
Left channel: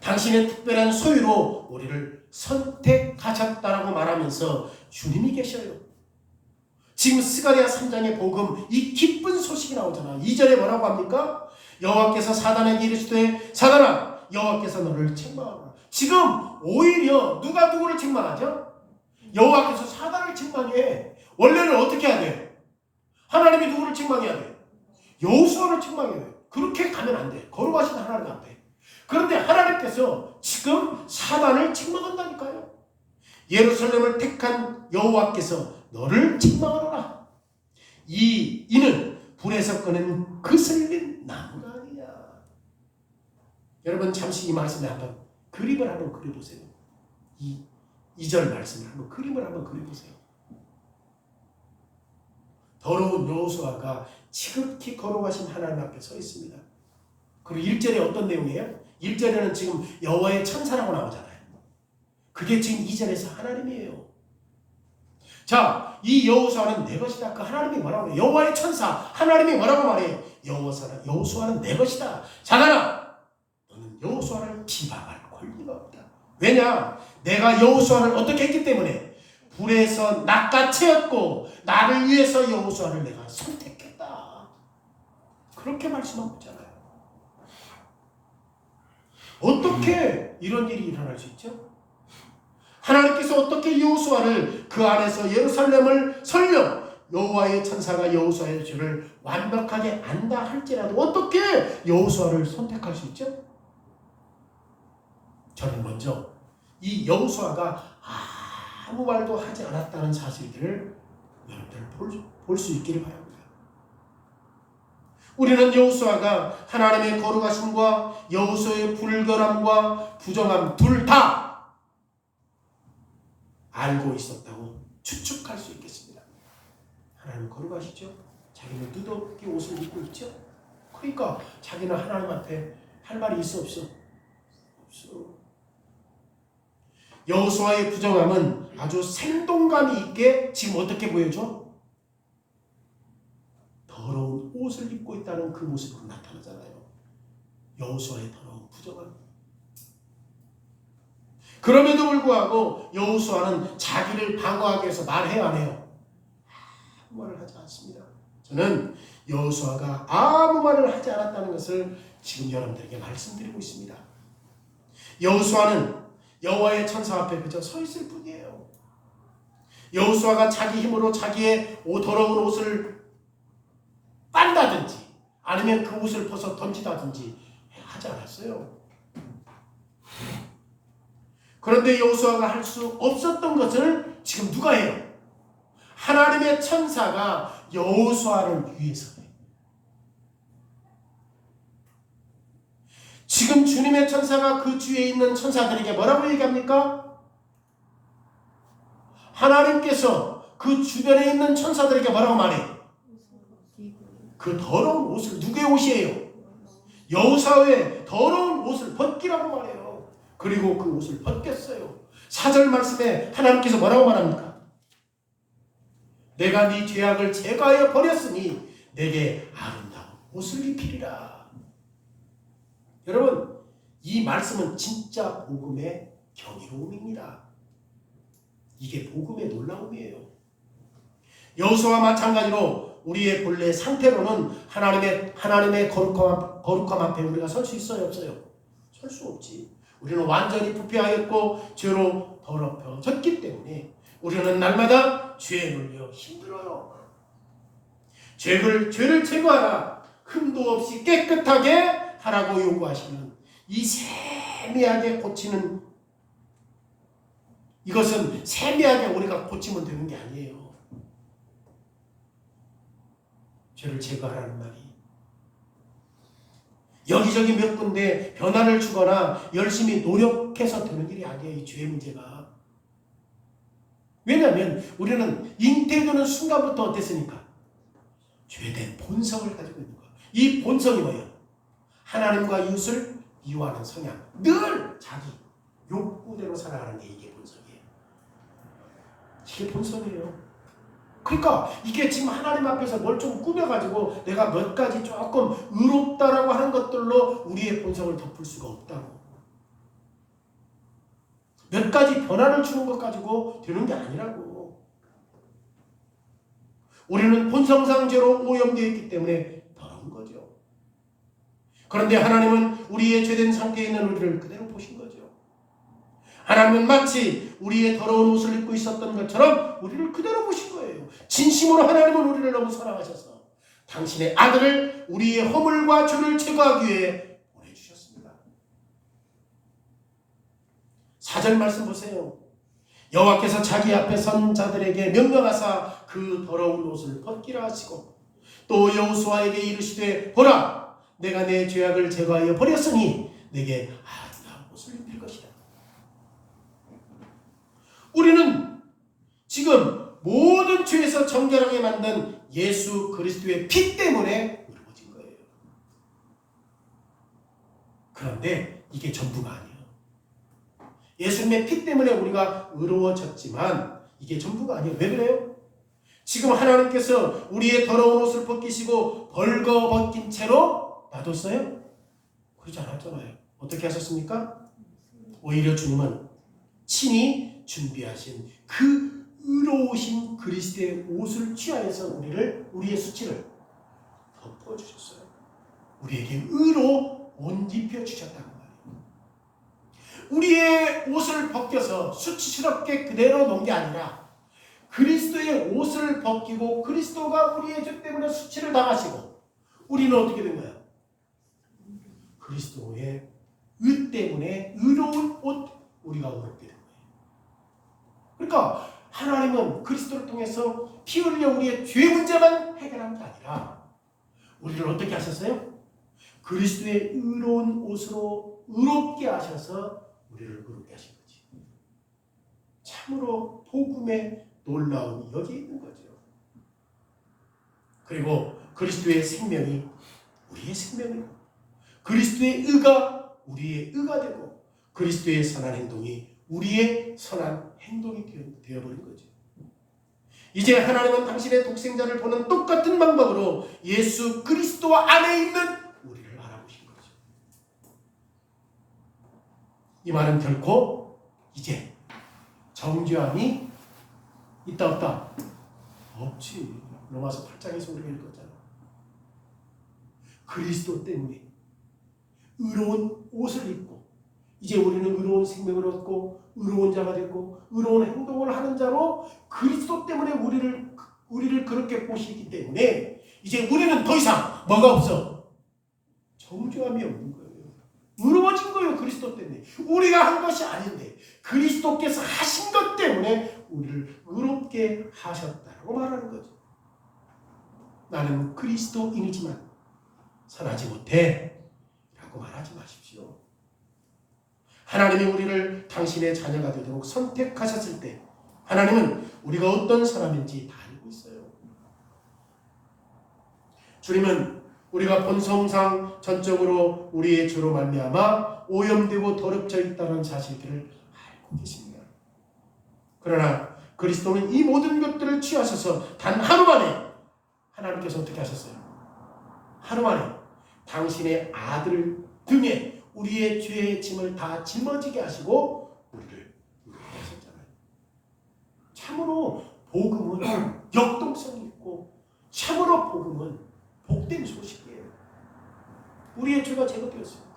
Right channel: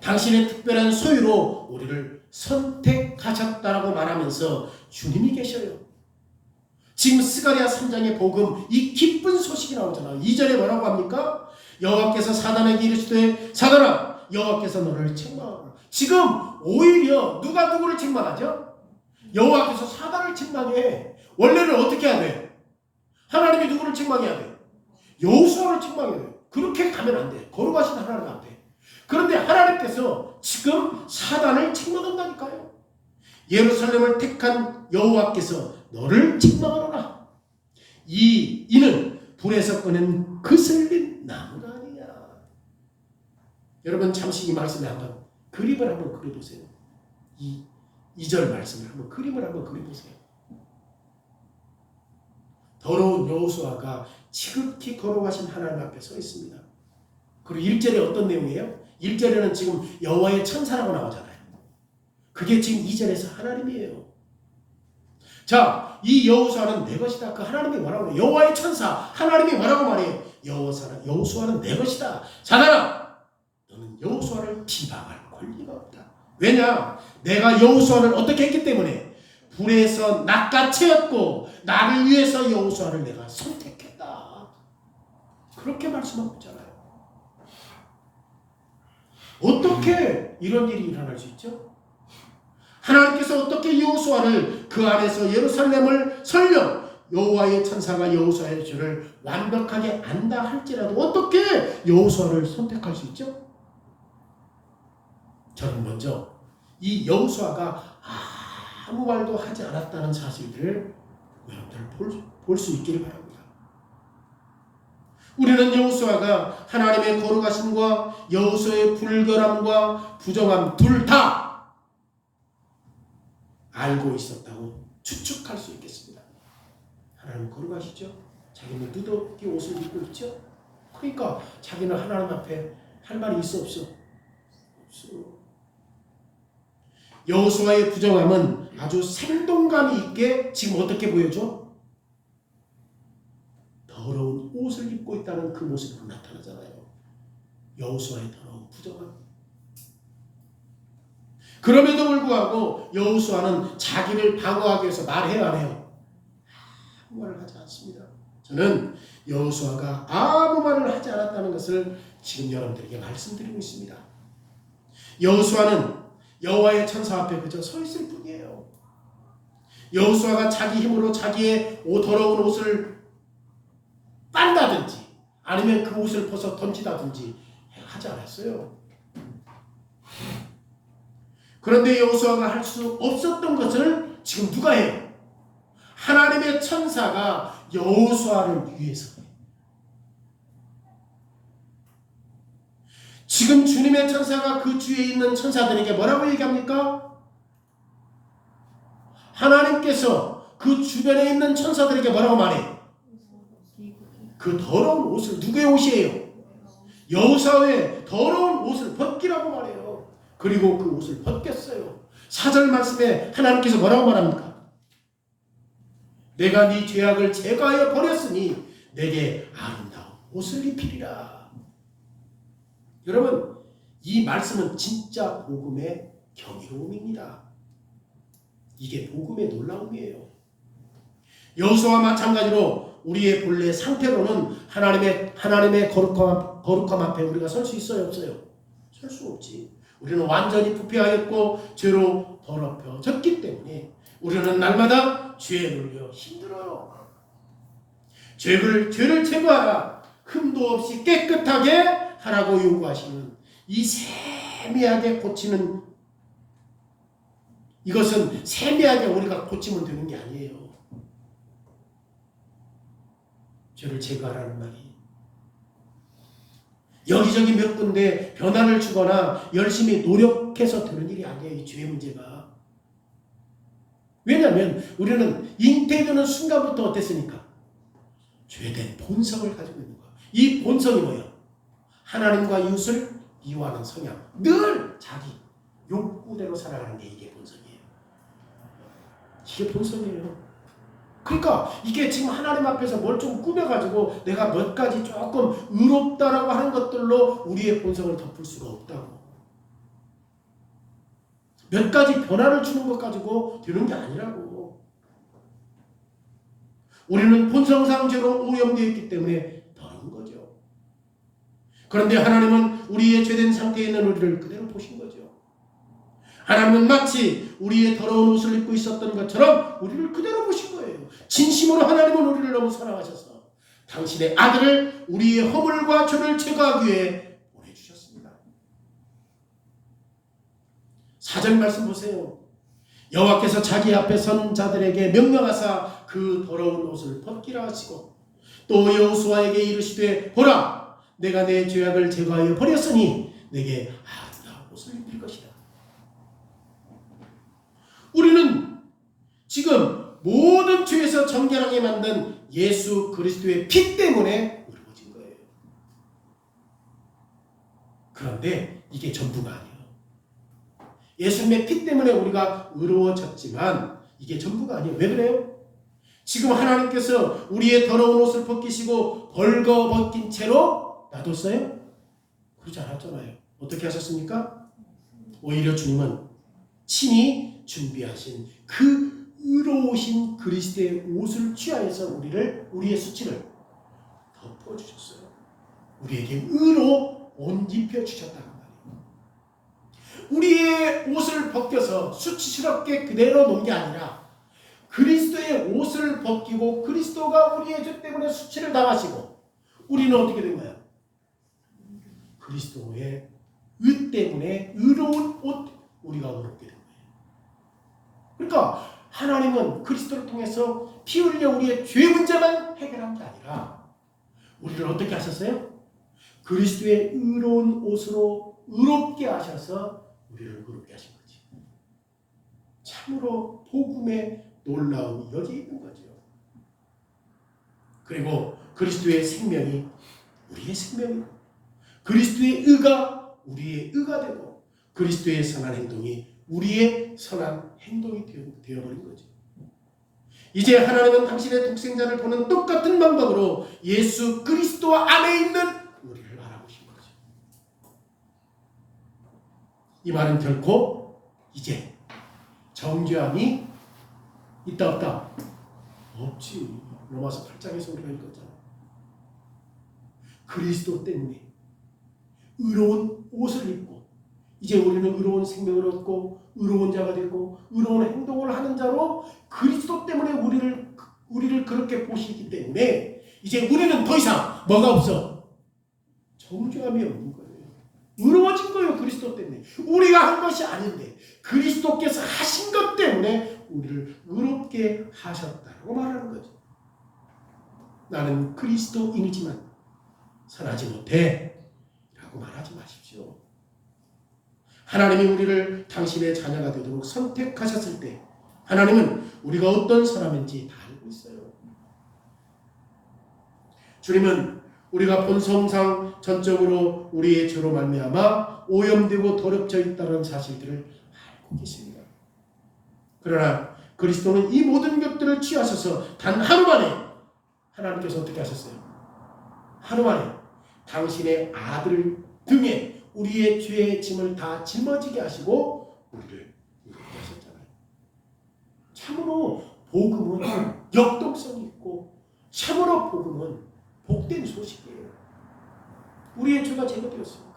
당신은 특별한 소유로 우리를 선택하셨다라고 말하면서 주님이 계셔요. 지금 스가랴 3장의 복음, 이 기쁜 소식이 나오잖아요. 2절에 뭐라고 합니까? 여호와께서 사단에게 이르시되 사단아 여호와께서 너를 책망하라. 지금 오히려 누가 누구를 책망하죠? 여호와께서 사단을 책망해. 원래는 어떻게 해야 돼? 하나님이 누구를 책망해야 돼? 여호수아를 책망해야 돼. 그렇게 가면 안 돼. 거룩하신 하나님 안 돼. 그런데 하나님께서 지금 사단을 책망한다니까요. 예루살렘을 택한 여호와께서 너를 책망하노라. 이는 불에서 꺼낸 그슬린 나무가 아니냐. 여러분 잠시 이 말씀에 한번 그림을 한번 그려보세요. 이 2절 말씀을 한번 그림을 한번 그려보세요. 더러운 여호수아가 지극히 거룩하신 하나님 앞에 서 있습니다. 그리고 1절에 어떤 내용이에요? 1절에는 지금 여호와의 천사라고 나오잖아요. 그게 지금 2절에서 하나님이에요. 자, 이 여호수아는 내 것이다. 그 하나님이 뭐라고 해요? 여호와의 천사 하나님이 뭐라고 말해요? 여호수아는 내 것이다. 사단아, 너는 여호수아를 비방할 권리가 없다. 왜냐? 내가 여호수아를 어떻게 했기 때문에 불에서 낚아채었고 나를 위해서 여호수아를 내가 선택했다. 그렇게 말씀하고 있잖아요. 어떻게 이런 일이 일어날 수 있죠? 하나님께서 어떻게 여호수아를 그 안에서 예루살렘을 설령 여호와의 천사가 여호수아의 죄를 완벽하게 안다 할지라도 어떻게 여호수아를 선택할 수 있죠? 저는 먼저 이 여호수아가 아무 말도 하지 않았다는 사실들을 여러분들 볼 수 있기를 바랍니다. 우리는 여호수아가 하나님의 거룩하심과 여호수아의 불결함과 부정함 둘 다 알고 있었다고 추측할 수 있겠습니다. 하나님 거룩하시죠? 자기는 누더기 옷을 입고 있죠? 그러니까 자기는 하나님 앞에 할 말이 있어 없어? 없어. 여호수아의 부정함은 아주 생동감이 있게 지금 어떻게 보여줘? 더러운 옷을 입고 있다는 그 모습으로 나타나잖아요. 여호수아의 더러운 부정함. 그럼에도 불구하고 여호수아는 자기를 방어하기 위해서 말해요 안 해요? 아무 말을 하지 않습니다. 저는 여호수아가 아무 말을 하지 않았다는 것을 지금 여러분들에게 말씀드리고 있습니다. 여호수아는 여호와의 천사 앞에 그저 서 있을 뿐이에요. 여호수아가 자기 힘으로 자기의 더러운 옷을 빤다든지 아니면 그 옷을 벗어 던지다든지 하지 않았어요. 그런데 여호수아가 할 수 없었던 것을 지금 누가 해요? 하나님의 천사가 여호수아를 위해서 해요. 지금 주님의 천사가 그 주위에 있는 천사들에게 뭐라고 얘기합니까? 하나님께서 그 주변에 있는 천사들에게 뭐라고 말해? 그 더러운 옷을, 누구의 옷이에요? 여호사의 더러운 옷을 벗기라고 말해요. 그리고 그 옷을 벗겼어요. 4절 말씀에 하나님께서 뭐라고 말합니까? 내가 네 죄악을 제거하여 버렸으니 내게 아름다운 옷을 입히리라. 여러분, 이 말씀은 진짜 복음의 경이로움입니다. 이게 복음의 놀라움이에요. 여호수아와 마찬가지로 우리의 본래 상태로는 하나님의 거룩함 앞에 우리가 설 수 있어요, 없어요? 설 수 없지. 우리는 완전히 부패하였고 죄로 더럽혀졌기 때문에 우리는 날마다 죄에 눌려 힘들어요. 죄를 제거하라. 흠도 없이 깨끗하게 하라고 요구하시는 이 세미하게 고치는, 이것은 세미하게 우리가 고치면 되는 게 아니에요. 죄를 제거하라는 말이 여기저기 몇 군데 변화를 주거나 열심히 노력해서 되는 일이 아니에요. 이 죄 문제가. 왜냐하면 우리는 잉태되는 순간부터 어땠습니까? 죄된 본성을 가지고 있는 거예요. 이 본성이 뭐예요? 하나님과 이웃을 미워하는 성향. 늘 자기 욕구대로 살아가는 게 이게 본성이에요. 이게 본성이에요. 그러니까 이게 지금 하나님 앞에서 뭘 좀 꾸며가지고 내가 몇 가지 조금 의롭다라고 하는 것들로 우리의 본성을 덮을 수가 없다고. 몇 가지 변화를 주는 것 가지고 되는 게 아니라고. 우리는 본성상 죄로 오염되어 있기 때문에 더러운 거죠. 그런데 하나님은 우리의 죄된 상태에 있는 우리를 그대로 보신 거죠. 하나님은 마치 우리의 더러운 옷을 입고 있었던 것처럼 우리를 그대로 보신 거예요. 진심으로 하나님은 우리를 너무 사랑하셔서 당신의 아들을 우리의 허물과 죄를 제거하기 위해 보내주셨습니다. 4절 말씀 보세요. 여호와께서 자기 앞에 선 자들에게 명령하사 그 더러운 옷을 벗기라 하시고 또 여호수아에게 이르시되 보라 내가 내 죄악을 제거하여 버렸으니 내게 아름다운 옷을 입힐 것이다. 우리는 지금 모든 죄에서 정결하게 만든 예수 그리스도의 피 때문에 의로워진 거예요. 그런데 이게 전부가 아니에요. 예수님의 피 때문에 우리가 의로워졌지만 이게 전부가 아니에요. 왜 그래요? 지금 하나님께서 우리의 더러운 옷을 벗기시고 벌거벗긴 채로 놔뒀어요? 그러지 않았잖아요. 어떻게 하셨습니까? 오히려 주님은 친히 준비하신 그 의로우신 그리스도의 옷을 취하여서 우리의 수치를 덮어주셨어요. 우리에게 의로 옷 입혀주셨다는 말이에요. 우리의 옷을 벗겨서 수치스럽게 그대로 놓은 게 아니라 그리스도의 옷을 벗기고 그리스도가 우리의 죄 때문에 수치를 당하시고 우리는 어떻게 된 거예요? 그리스도의 의 때문에 의로운 옷, 우리가 의롭게 된 거예요. 그러니까 하나님은 그리스도를 통해서 피 흘려 우리의 죄 문제만 해결한 게 아니라 우리를 어떻게 하셨어요? 그리스도의 의로운 옷으로 의롭게 하셔서 우리를 의롭게 하신 거지. 참으로 복음의 놀라움이 여기 있는 거죠. 그리고 그리스도의 생명이 우리의 생명이고 그리스도의 의가 우리의 의가 되고 그리스도의 선한 행동이 우리의 선한 행동이 되어버린 거죠. 이제 하나님은 당신의 독생자를 보는 똑같은 방법으로 예수 그리스도 안에 있는 우리를 알아보신 거죠. 이 말은 결코 이제 정죄함이 있다 없다? 없지. 로마서 8장에서 우리가 읽었잖아. 그리스도 때문에 의로운 옷을 입고 이제 우리는 의로운 생명을 얻고 의로운 자가 되고 의로운 행동을 하는 자로 그리스도 때문에 우리를 그렇게 보시기 때문에 이제 우리는 더 이상 뭐가 없어? 정죄함이 없는 거예요. 의로워진 거예요. 그리스도 때문에. 우리가 한 것이 아닌데 그리스도께서 하신 것 때문에 우리를 의롭게 하셨다고 말하는 거죠. 나는 그리스도인이지만 선하지 못해 라고 말하지 마십시오. 하나님이 우리를 당신의 자녀가 되도록 선택하셨을 때 하나님은 우리가 어떤 사람인지 다 알고 있어요. 주님은 우리가 본성상 전적으로 우리의 죄로 말미암아 오염되고 더럽혀져 있다는 사실들을 알고 계십니다. 그러나 그리스도는 이 모든 것들을 취하셔서 단 하루 만에 하나님께서 어떻게 하셨어요? 하루 만에 당신의 아들 등에 우리의 죄의 짐을 다 짊어지게 하시고 우리를 의롭하셨잖아요. 참으로 복음은 역동성이 있고 참으로 복음은 복된 소식이에요. 우리의 죄가 제거되었습니다.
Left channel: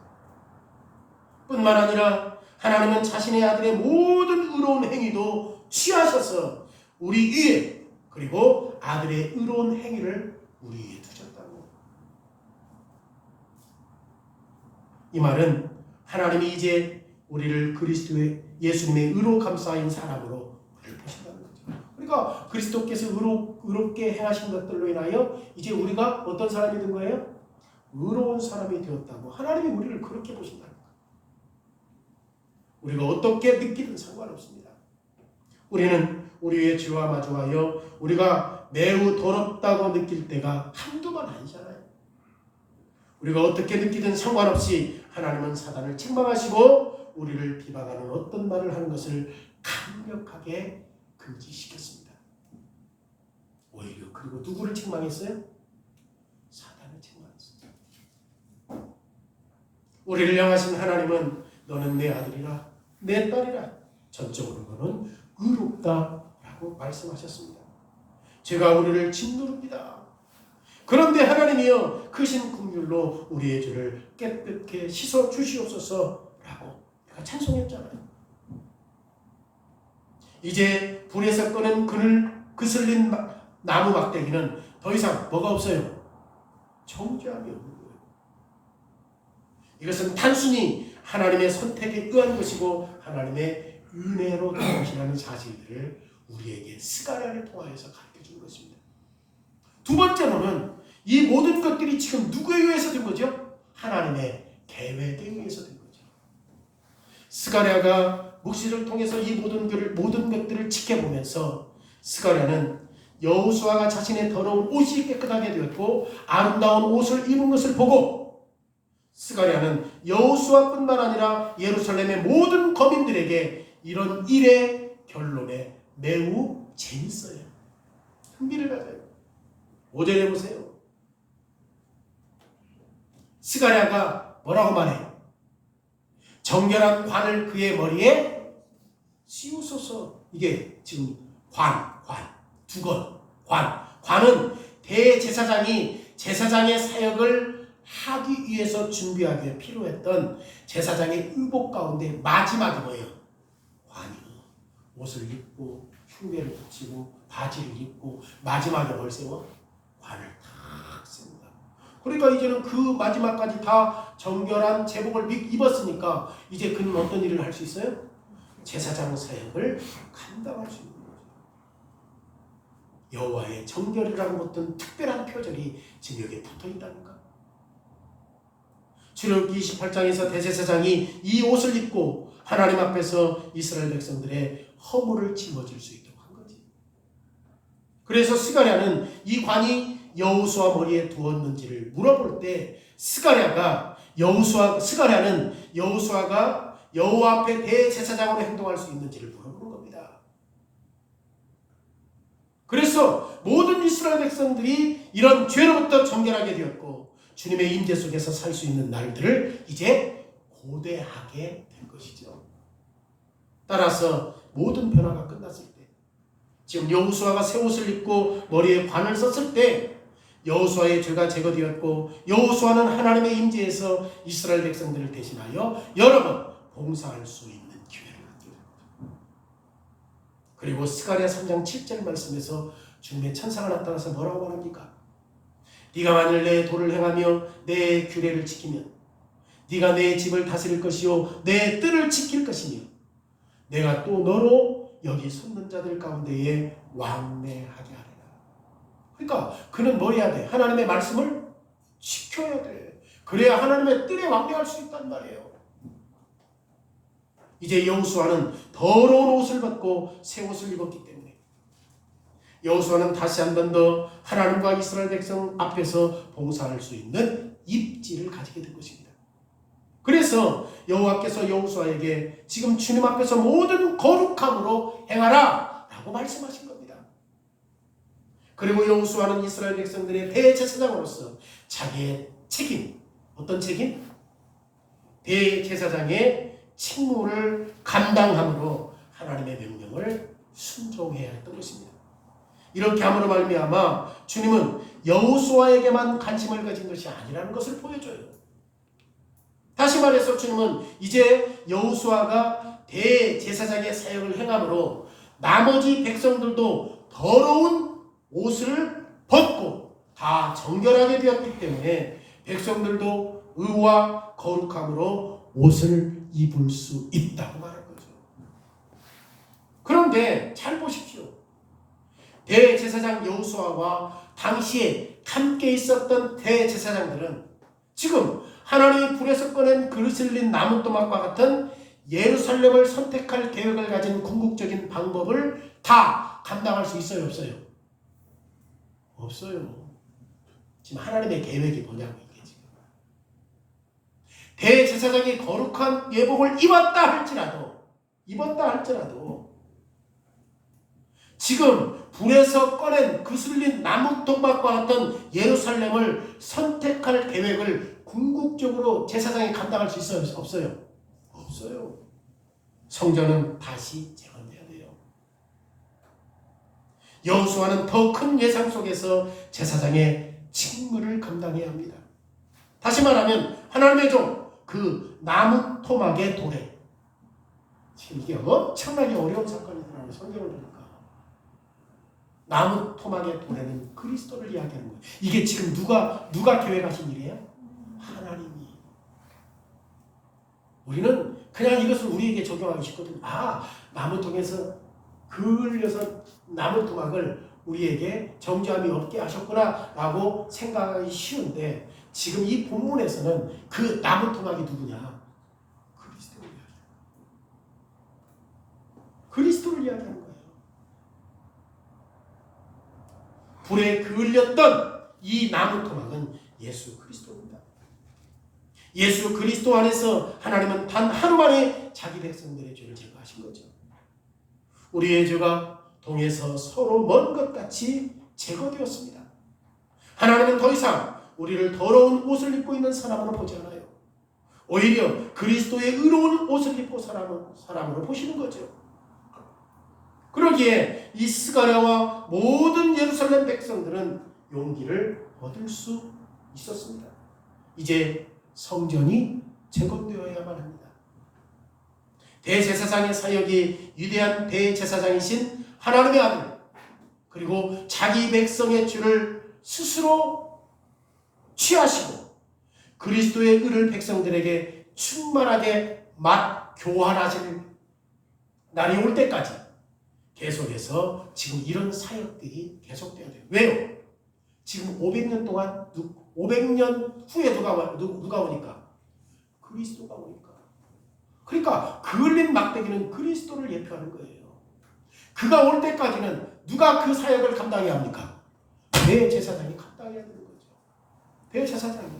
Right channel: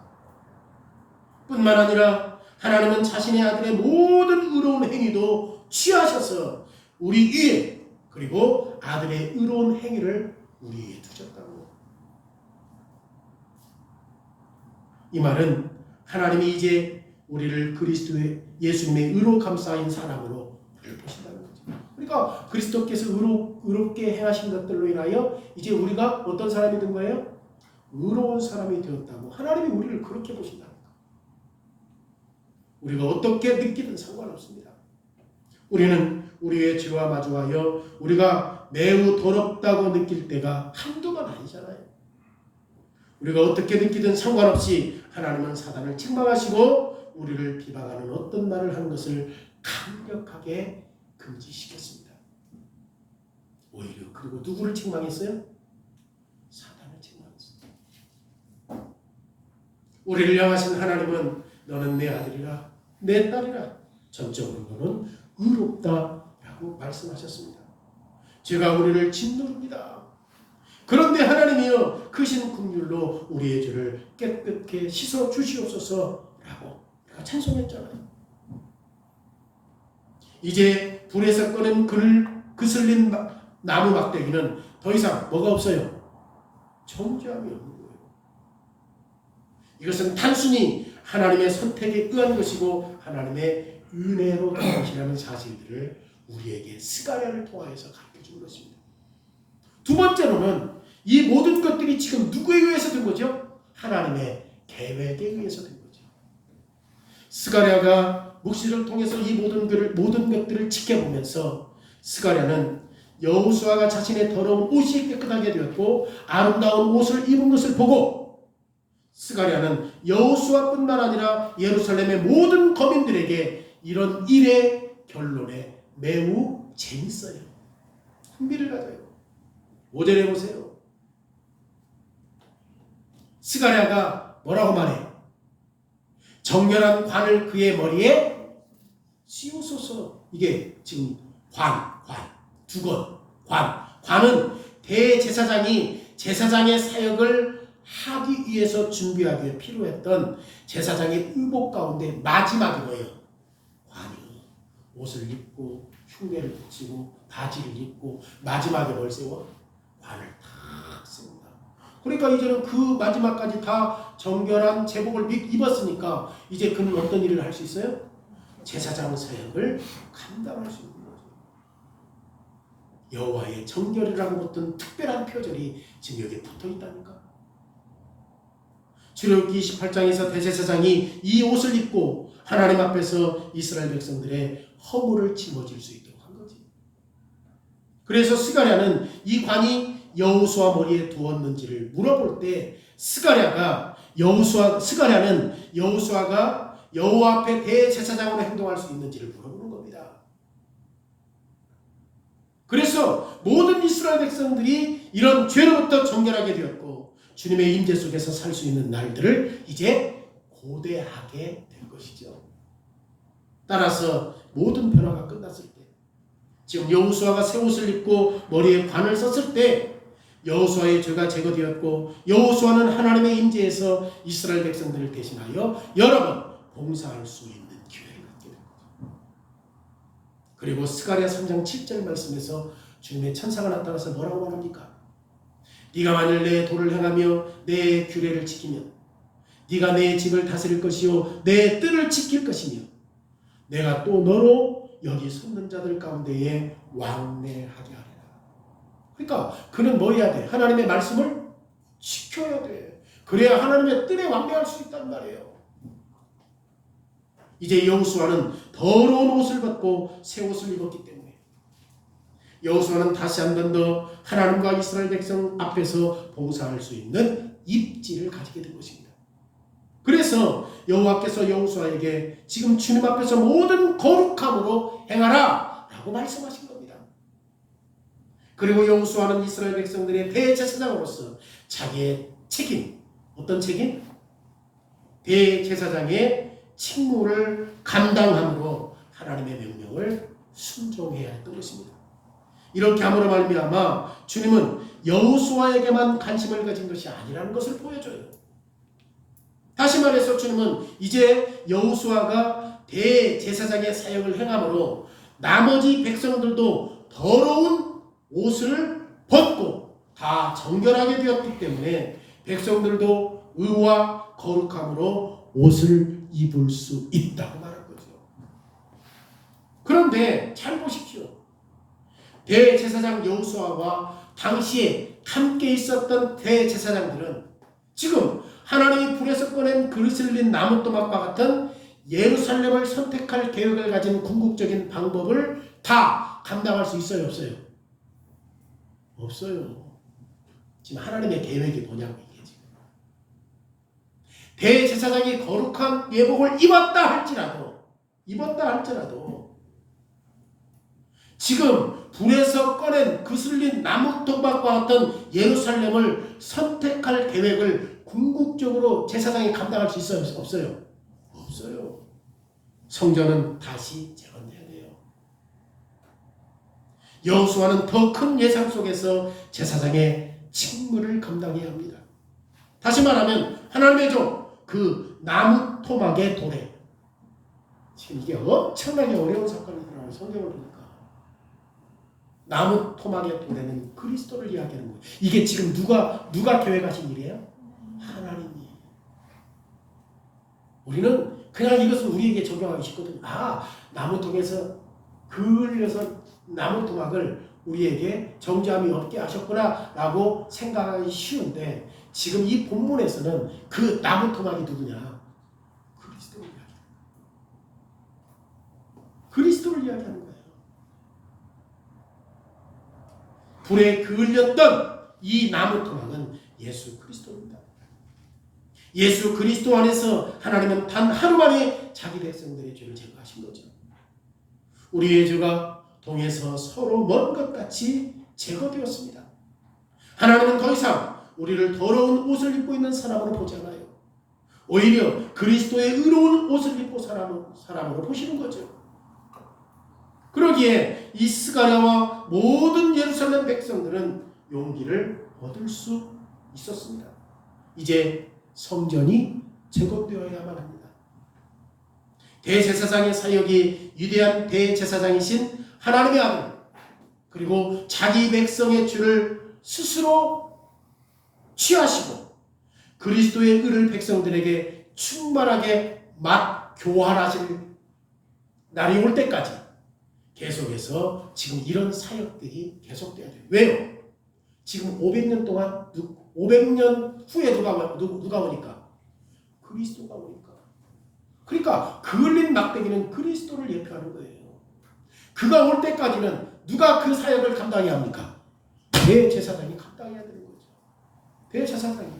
뿐만 아니라 하나님은 자신의 아들의 모든 의로운 행위도 취하셔서 우리 위에 그리고 아들의 의로운 행위를 우리 위에 두셨다고. 이 말은 하나님이 이제 우리를 그리스도의 예수님의 의로 감싸인 사람으로 우리를 보신다는 거죠. 그러니까 그리스도께서 의롭게 행하신 것들로 인하여 이제 우리가 어떤 사람이 된 거예요? 의로운 사람이 되었다고. 하나님이 우리를 그렇게 보신다는 거예요. 우리가 어떻게 느끼든 상관없습니다. 우리는 우리의 죄와 마주하여 우리가 매우 더럽다고 느낄 때가 한두번 아니잖아요. 우리가 어떻게 느끼든 상관없이 하나님은 사단을 책망하시고 우리를 비방하는 어떤 말을 하는 것을 강력하게 금지시켰습니다. 오히려 그리고 누구를 책망했어요? 사단을 책망했습니다. 우리를 향하신 하나님은 너는 내 아들이라 내 딸이라 전적으로는 의롭다라고 말씀하셨습니다. 제가 우리를 짓누릅니다. 그런데 하나님이여 크신 긍휼로 우리의 죄를 깨끗게 씻어 주시옵소서라고 우리가 찬송했잖아요. 이제 불에서 꺼낸 그슬린 나무 막대기는 더 이상 뭐가 없어요? 정죄함이 없는 거예요. 이것은 단순히 하나님의 선택에 의한 것이고 하나님의 은혜로 된 것이라는 사실들을 우리에게 스가랴를 통하여서 가르쳐준 것입니다. 두 번째로는 이 모든 것들이 지금 누구에 의해서 된 거죠? 하나님의 계획에 의해서 된 거죠. 스가랴가 묵시를 통해서 이 모든 것들을 지켜보면서 스가랴는 여호수아가 자신의 더러운 옷이 깨끗하게 되었고 아름다운 옷을 입은 것을 보고 스가랴는 여호수아뿐만 아니라 예루살렘의 모든 거민들에게 이런 일의 결론에 매우 재밌어요. 흥미를 가져요. 5절에 보세요. 스가랴가 뭐라고 말해? 정결한 관을 그의 머리에 씌우소서. 이게 지금 관은 대제사장이 제사장의 사역을 하기 위해서 준비하기 위해 필요했던 제사장의 의복 가운데 마지막이 뭐예요? 관이에요. 옷을 입고 흉내를 붙이고 바지를 입고 마지막에 뭘 세워? 관을 탁 씁니다. 그러니까 이제는 그 마지막까지 다 정결한 제복을 입었으니까 이제 그는 어떤 일을 할 수 있어요? 제사장 사역을 감당할 수 있는 거죠. 여호와의 정결이라는 어떤 특별한 표절이 지금 여기에 붙어 있다는가? 출애굽기 28장에서 대제사장이 이 옷을 입고 하나님 앞에서 이스라엘 백성들의 허물을 짊어질 수 있도록 한 거지. 그래서 스가랴는 이 관이 여호수아 머리에 두었는지를 물어볼 때 스가랴는 여호수아가 여호와 앞에 대제사장으로 행동할 수 있는지를 물어보는 겁니다. 그래서 모든 이스라엘 백성들이 이런 죄로부터 정결하게 되었고 주님의 임재 속에서 살 수 있는 날들을 이제 고대하게 된 것이죠. 따라서 모든 변화가 끝났을 때 지금 여호수아가 새 옷을 입고 머리에 관을 썼을 때 여호수아의 죄가 제거되었고 여호수아는 하나님의 임재에서 이스라엘 백성들을 대신하여 여러 번 봉사할 수 있는 기회를 갖게 됩니다. 그리고 스가랴 3장 7절 말씀에서 주님의 천사가 나타나서 뭐라고 말합니까? 네가 만일 내 도를 행하며 내 규례를 지키면 네가 내 집을 다스릴 것이요 내 뜰을 지킬 것이며 내가 또 너로 여기 섰는 자들 가운데에 왕래하게 하리라. 그러니까 그는 뭐 해야 돼? 하나님의 말씀을 지켜야 돼. 그래야 하나님의 뜰에 왕래할 수 있단 말이에요. 이제 여호수아는 더러운 옷을 벗고 새 옷을 입었기 때문에 여호수아는 다시 한 번 더 하나님과 이스라엘 백성 앞에서 봉사할 수 있는 입지를 가지게 된 것입니다. 그래서 여호와께서 여호수아에게 지금 주님 앞에서 모든 거룩함으로 행하라 라고 말씀하신 겁니다. 그리고 여호수아는 이스라엘 백성들의 대제사장으로서 자기의 책임, 어떤 책임? 대제사장의 직무를 감당함으로 하나님의 명령을 순종해야 했던 것입니다. 이렇게 함으로 말미암아 주님은 여호수아에게만 관심을 가진 것이 아니라는 것을 보여줘요. 다시 말해서 주님은 이제 여호수아가 대제사장의 사역을 행함으로 나머지 백성들도 더러운 옷을 벗고 다 정결하게 되었기 때문에 백성들도 의와 거룩함으로 옷을 입을 수 있다고 말한 거죠. 그런데 잘 보십시오. 대제사장 여호수아와 당시에 함께 있었던 대제사장들은 지금 하나님이 불에서 꺼낸 그릇을 린 나무토막과 같은 예루살렘을 선택할 계획을 가진 궁극적인 방법을 다 감당할 수 있어요, 없어요? 없어요. 지금 하나님의 계획이 뭐냐고 이게 지금. 대제사장이 거룩한 예복을 입었다 할지라도 지금 불에서 꺼낸 그슬린 나무토막과 같은 예루살렘을 선택할 계획을 궁극적으로 제사장이 감당할 수 있어요, 없어요? 없어요. 성전은 다시 재건돼야 돼요. 여호수아는 더 큰 예상 속에서 제사장의 직무를 감당해야 합니다. 다시 말하면 하나님의 종, 그 나무 토막의 도래. 지금 이게 엄청나게 어려운 사건이더라고요. 성경을 보니까. 나무 토막의 도래는 그리스도를 이야기하는 거예요. 이게 지금 누가 계획하신 일이에요? 하나님이. 우리는 그냥 이것을 우리에게 적용하기 쉽거든. 나무통에서 그을려서 나무토막을 우리에게 정죄함이 없게 하셨구나 라고 생각하기 쉬운데 지금 이 본문에서는 그 나무토막이 누구냐? 그리스도를 이야기하는 거예요. 그리스도를 이야기하는 거예요. 불에 그을렸던 이 나무토막은 예수 그리스도입니다. 예수 그리스도 안에서 하나님은 단 하루 만에 자기 백성들의 죄를 제거하신 거죠. 우리의 죄가 동에서 서로 먼 것 같이 제거되었습니다. 하나님은 더 이상 우리를 더러운 옷을 입고 있는 사람으로 보지 않아요. 오히려 그리스도의 의로운 옷을 입고 사람으로 보시는 거죠. 그러기에 이 스가랴와 모든 예루살렘 백성들은 용기를 얻을 수 있었습니다. 이제 성전이 재건되어야만 합니다. 대제사장의 사역이 위대한 대제사장이신 하나님의 아들, 그리고 자기 백성의 죄를 스스로 취하시고 그리스도의 의를 백성들에게 충만하게 교환하실 날이 올 때까지 계속해서 지금 이런 사역들이 계속돼야 돼요. 왜요? 지금 500년 동안 500년 후에 누가 오니까? 그리스도가 오니까. 그러니까 그을린 막대기는 그리스도를 예표하는 거예요. 그가 올 때까지는 누가 그 사역을 감당해야 합니까? 대제사장이 감당해야 되는 거죠. 대제사장이.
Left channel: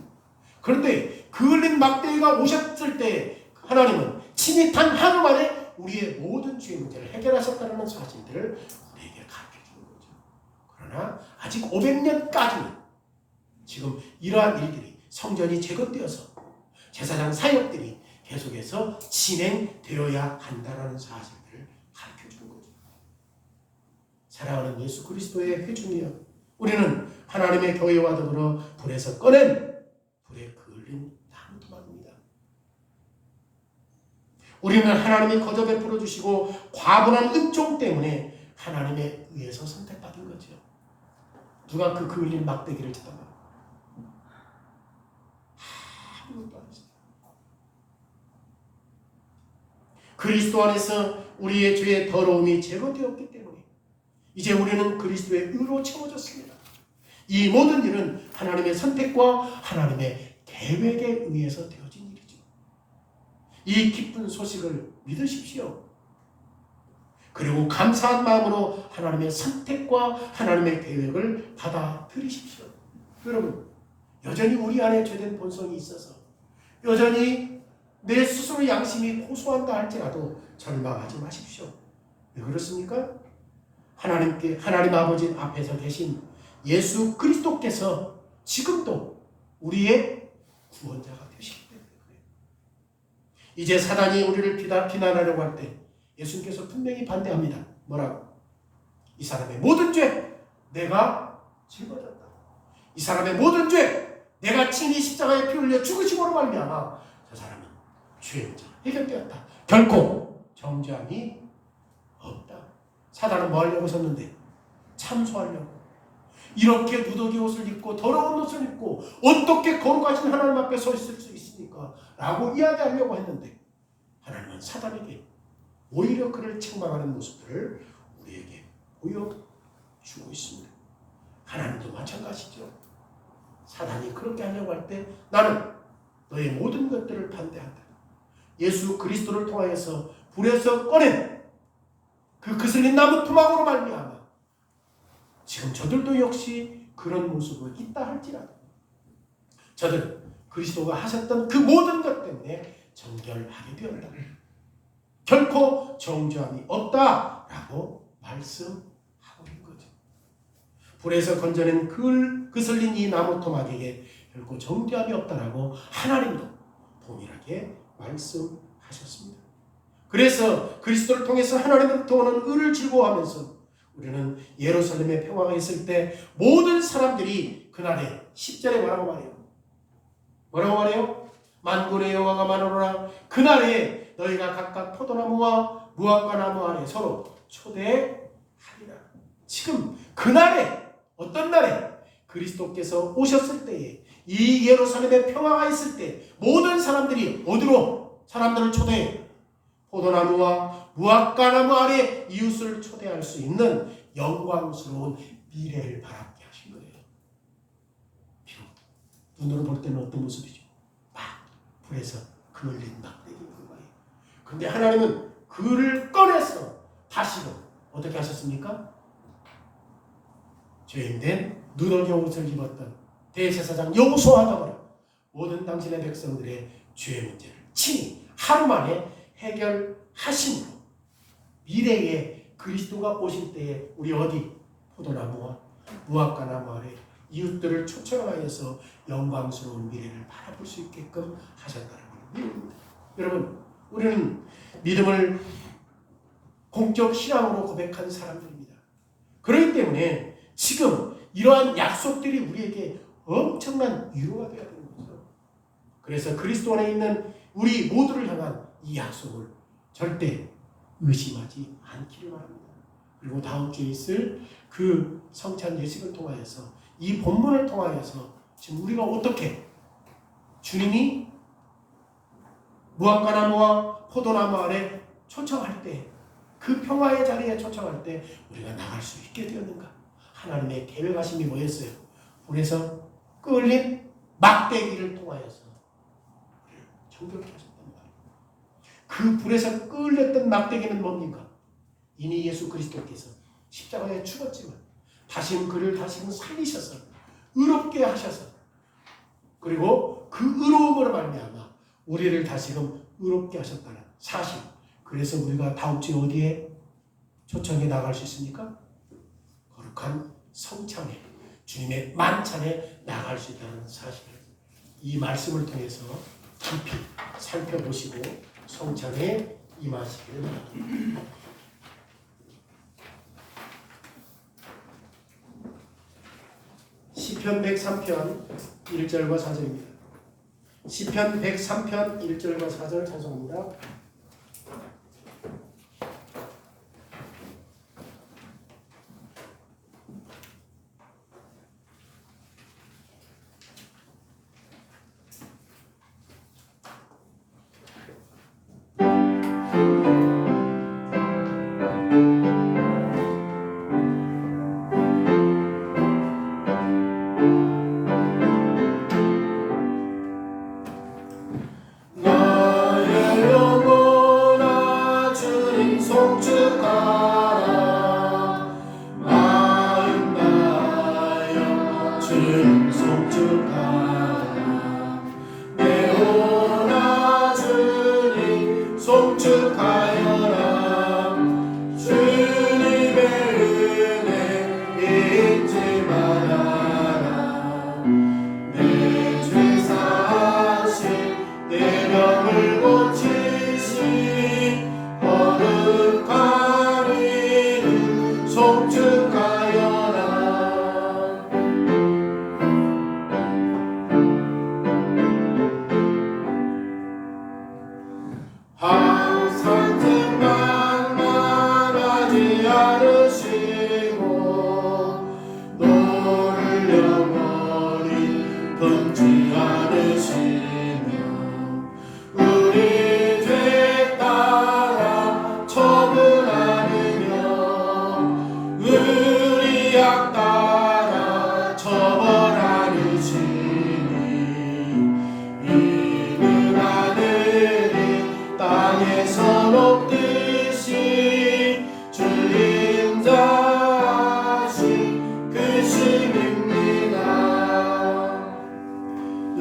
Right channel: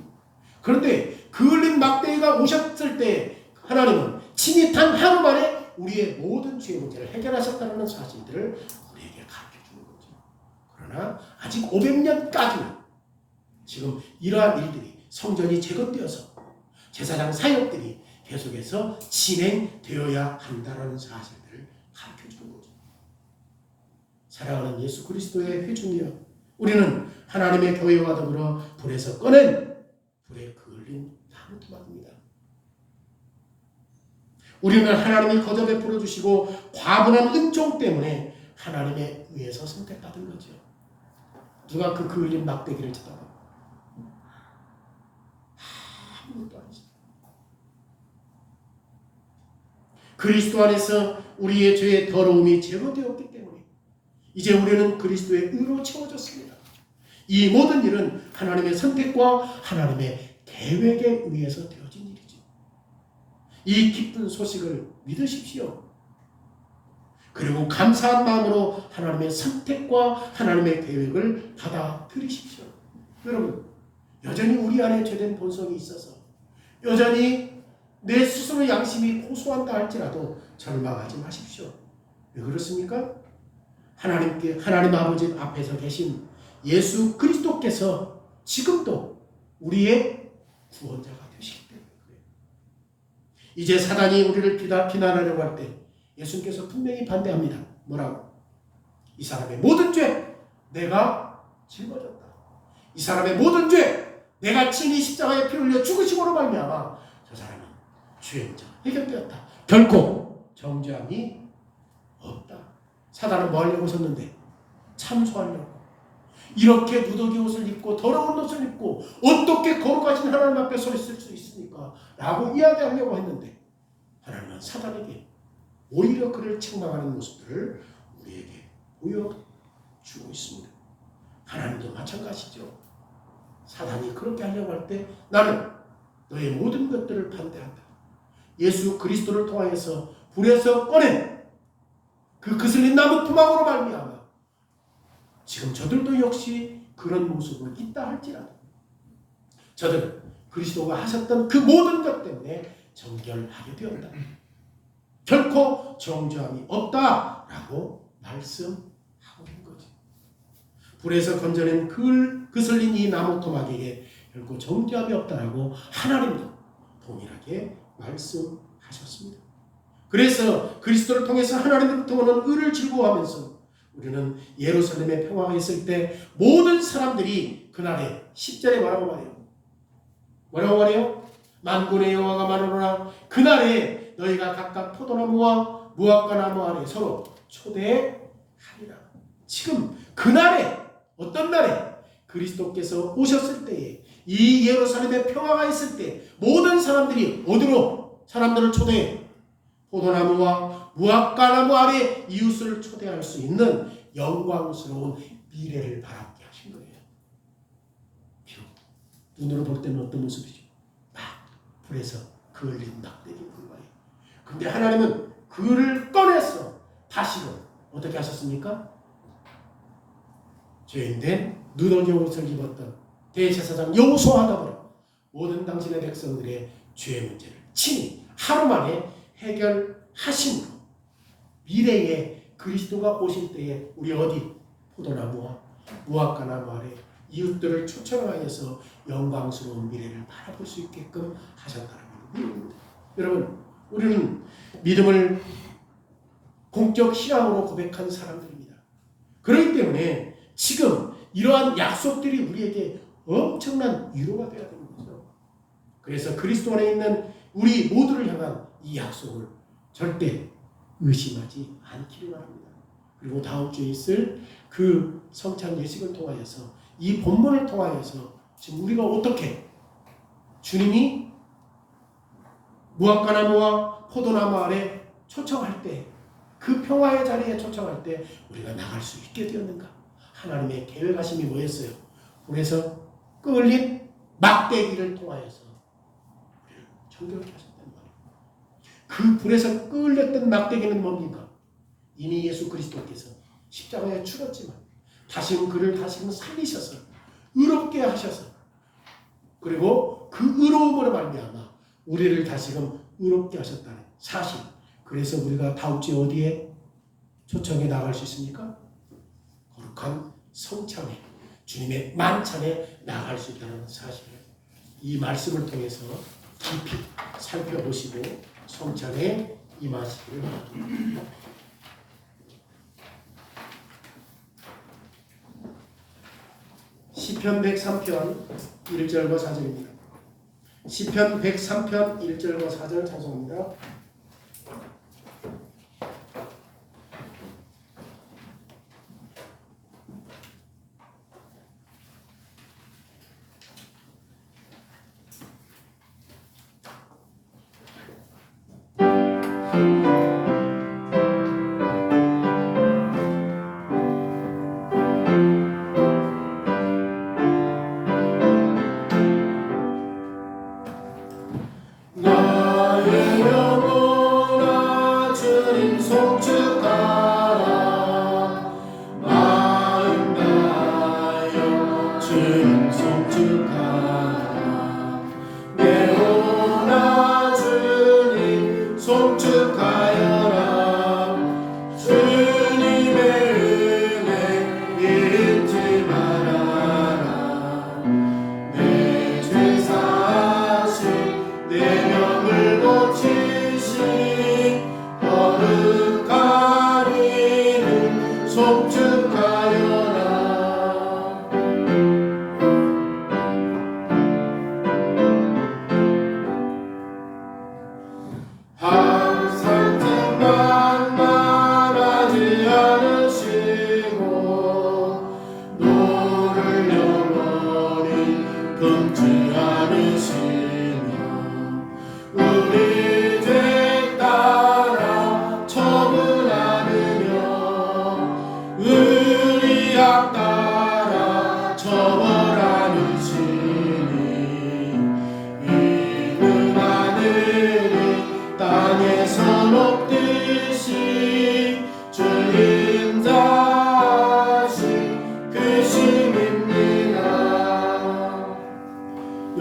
그런데 그을린 막대기가 오셨을 때 하나님은 친히 단 하루 만에 우리의 모든 죄의 문제를 해결하셨다는 사실들을 우리에게 가르쳐주는 거죠. 그러나 아직 500년까지는 지금 이러한 일들이 성전이 재건되어서 제사장 사역들이 계속해서 진행되어야 한다는 사실들을 가르쳐주는 거죠. 사랑하는 예수 그리스도의 회중이여, 우리는 하나님의 교회와 더불어 불에서 꺼낸 불에 그을린 나무토막입니다. 우리는 하나님이 거저 베풀어 주시고 과분한 은총 때문에 하나님의 의해서 선택받은 거죠. 누가 그 그을린 막대기를 잡아가? 아무것도 아니죠. 그리스도 안에서 우리의 죄의 더러움이 제거되었기 때문에 이제 우리는 그리스도의 의로 채워졌습니다. 이 모든 일은 하나님의 선택과 하나님의 계획에 의해서 되어진 일이죠. 이 기쁜 소식을 믿으십시오. 그리고 감사한 마음으로 하나님의 선택과 하나님의 계획을 받아들이십시오. 여러분, 여전히 우리 안에 죄된 본성이 있어서 여전히 내 스스로 양심이 고소한다 할지라도 절망하지 마십시오. 왜 그렇습니까? 하나님 아버지 앞에서 계신 예수 그리스도께서 지금도 우리의 구원자가 되시기 때문에 그래요. 이제 사단이 우리를 비난하려고 할 때 예수님께서 분명히 반대합니다. 뭐라고? 이 사람의 모든 죄 내가 짊어졌다. 이 사람의 모든 죄 내가 친히 십자가에 피 흘려 죽으심으로 말미암아 저 사람은 죄의 문제가 해결되었다. 결코 정죄함이 없다. 사단은 뭐 하려고 섰는데? 참소하려고. 이렇게 누더기 옷을 입고 더러운 옷을 입고 어떻게 거룩하신 하나님 앞에 서 있을 수 있습니까? 라고 이야기하려고 했는데 하나님은 사단에게 오히려 그를 책망하는 모습들을 우리에게 보여주고 있습니다. 하나님도 마찬가지죠. 사단이 그렇게 하려고 할 때 나는 너의 모든 것들을 반대한다. 예수 그리스도를 통하여서 불에서 꺼낸 그 그슬린 나무 토막으로 말미암아 지금 저들도 역시 그런 모습은 있다 할지라도 저들은 그리스도가 하셨던 그 모든 것 때문에 정결하게 되었다. 결코 정죄함이 없다라고 말씀하고 있는 거죠. 불에서 건져낸 그슬린 이 나무 토막에게 결코 정죄함이 없다라고 하나님도 동일하게 말씀하셨습니다. 그래서 그리스도를 통해서 하나님으로부터 오는 의를 즐거워하면서 우리는 예루살렘에 평화가 있을 때 모든 사람들이 그날에 10절에 뭐라고 말해요? 뭐라고 말해요? 만군의 여호와가 말하노라 그날에 너희가 각각 포도나무와 무화과 나무 아래 서로 초대하리라. 지금 그날에 어떤 날에? 그리스도께서 오셨을 때에 이 예루살렘에 평화가 있을 때 모든 사람들이 어디로 사람들을 초대해? 포도나무와 무화과나무 아래 이웃을 초대할 수 있는 영광스러운 미래를 바라보게 하신 거예요. 비록 눈으로 볼 때는 어떤 모습이죠? 막 불에서 그을린 낙대기인 거예요. 근데 하나님은 그를 꺼내서 다시금 어떻게 하셨습니까? 죄인된 누더기 옷을 입었던 대제사장 여호수아가 버려 모든 당신의 백성들의 죄의 문제를 친히 하루 만에 해결하심으로 미래에 그리스도가 오실 때에 우리 어디 포도나무와 무화과 나무 아래 이웃들을 초청하여서 영광스러운 미래를 바라볼 수 있게끔 하셨다는 겁니다. 여러분, 우리는 믿음을 공적 신앙으로 고백한 사람들입니다. 그렇기 때문에 지금 이러한 약속들이 우리에게 엄청난 위로가 되어야 되는 거죠. 그래서 그리스도 안에 있는 우리 모두를 향한 이 약속을 절대 의심하지 않기를 바랍니다. 그리고 다음 주에 있을 그 성찬 예식을 통하여서 이 본문을 통하여서 지금 우리가 어떻게 주님이 무화과나무와 포도나무 아래 초청할 때 그 평화의 자리에 초청할 때 우리가 나갈 수 있게 되었는가? 하나님의 계획하심이 뭐였어요? 불에서 끌린 막대기를 통하여서 정결케 하셨단 말이에요. 그 불에서 끌렸던 막대기는 뭡니까? 이미 예수 그리스도께서 십자가에 죽었지만 다시금 그를 다시금 살리셔서 의롭게 하셔서 그리고 그 의로움으로 말미암아 우리를 다시금 의롭게 하셨다는 사실. 그래서 우리가 다음 주에 어디에 초청해 나갈 수 있습니까? 거룩한 성찬에 주님의 만찬에 나갈 수 있다는 사실을 이 말씀을 통해서 깊이 살펴보시고 성찬에 임하시기를 바랍니다. 시편 103편 1절과 4절입니다. 시편 103편 1절과 4절 찬송합니다. 나의 영혼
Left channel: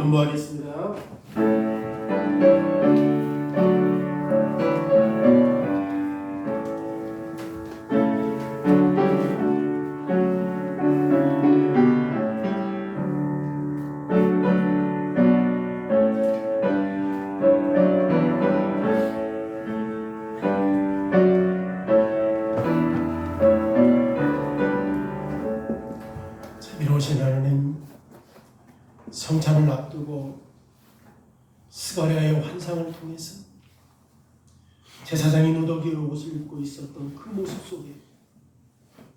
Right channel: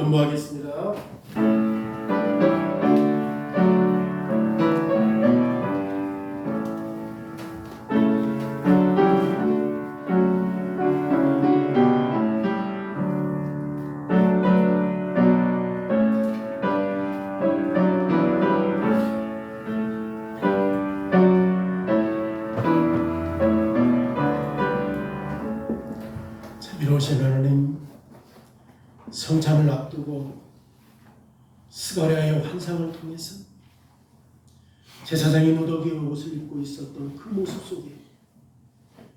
연보하겠습니다. 자비로우신 하나님, 성찬을 앞두고 스가랴의 환상을 통해서 제사장이 누더기의 옷을 입고 있었던 그 모습 속에,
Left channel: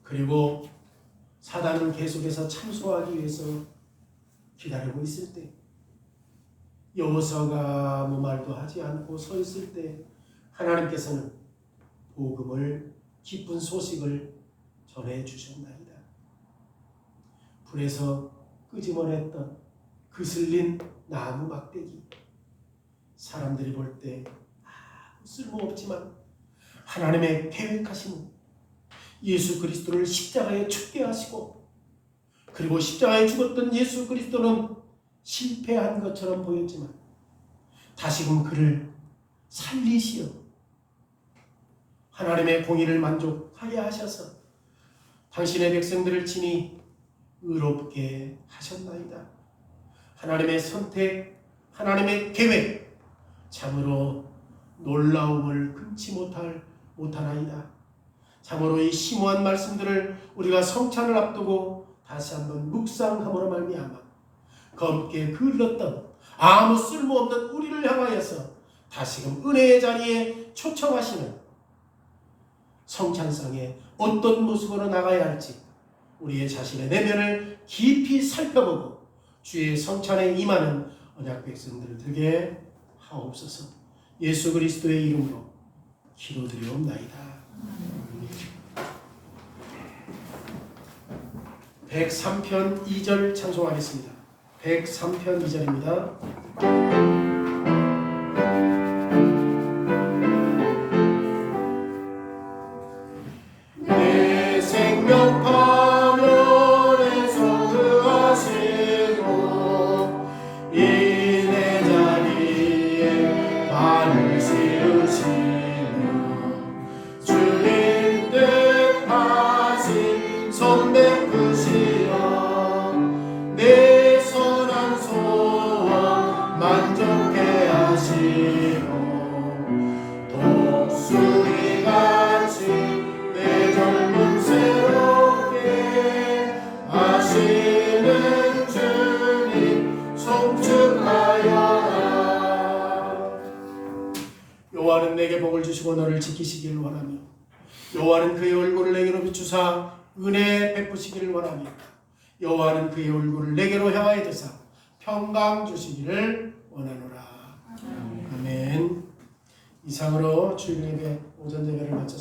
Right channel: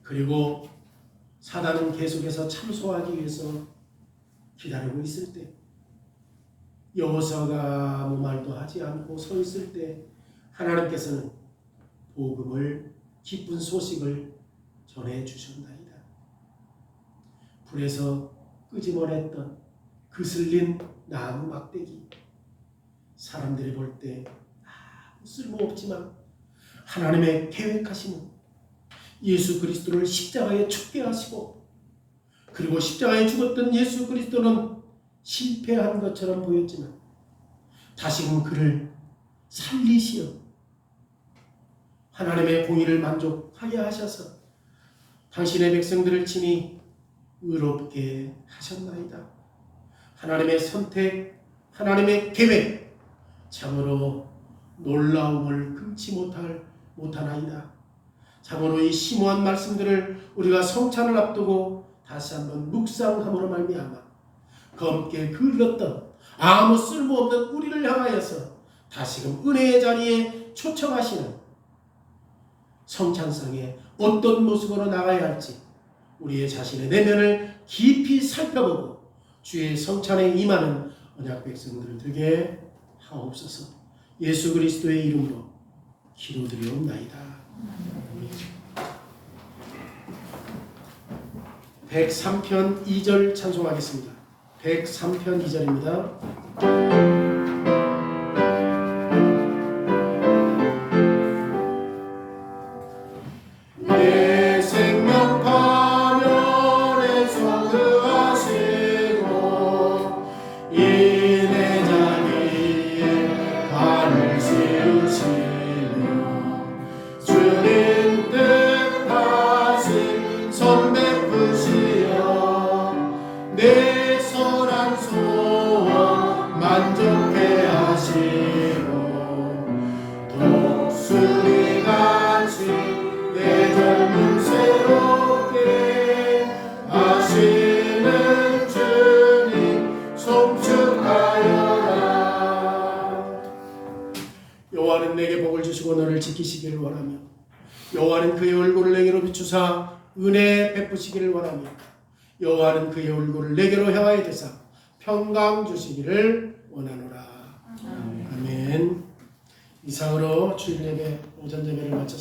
그리고 사단은 계속해서 참소하기 위해서 기다리고 있을 때, 여호수아가 아무 말도 하지 않고 서 있을 때 하나님께서는 복음을, 기쁜 소식을 전해 주셨나이다. 불에서 끄집어냈던 그슬린 나무 막대기, 사람들이 볼 때 아무 쓸모없지만 하나님의 계획하심은 예수 그리스도를 십자가에 죽게 하시고, 그리고 십자가에 죽었던 예수 그리스도는 실패한 것처럼 보였지만 다시금 그를 살리시어 하나님의 공의를 만족하게 하셔서 당신의 백성들을 친히 의롭게 하셨나이다. 하나님의 선택, 하나님의 계획, 참으로 놀라움을 금치 못하나이다. 참으로 이 심오한 말씀들을 우리가 성찬을 앞두고 다시 한번 묵상함으로 말미암아 검게 흘렀던 아무 쓸모없는 우리를 향하여서 다시금 은혜의 자리에 초청하시는 성찬상에 어떤 모습으로 나가야 할지 우리의 자신의 내면을 깊이 살펴보고 주의 성찬에 임하는 언약 백성들을 되게 하옵소서. 예수 그리스도의 이름으로 기도드리옵나이다. 103편 2절 찬송하겠습니다. 103편 2절입니다. 내 생명 파멸에서 그하시고 이 내 자리에 발을 씌우시며 주님 뜻하신 성 베푸시어 내 선한 소원 만족해 하시고 독수리 같이 내 젊음 새롭게 하시는 주님 송축하여라. 여호와는 내게 복을 주시고 너를 지키시기를 원하며 여호와는 그의 얼굴을 내게로 비추사 은혜 베푸시기를 원하며 여호와는 그의 얼굴을 내게로 향하여 드사 평강 주시기를 원하노라. 아멘. 이상으로 주일 예배 오전 예배를 마쳤습니다.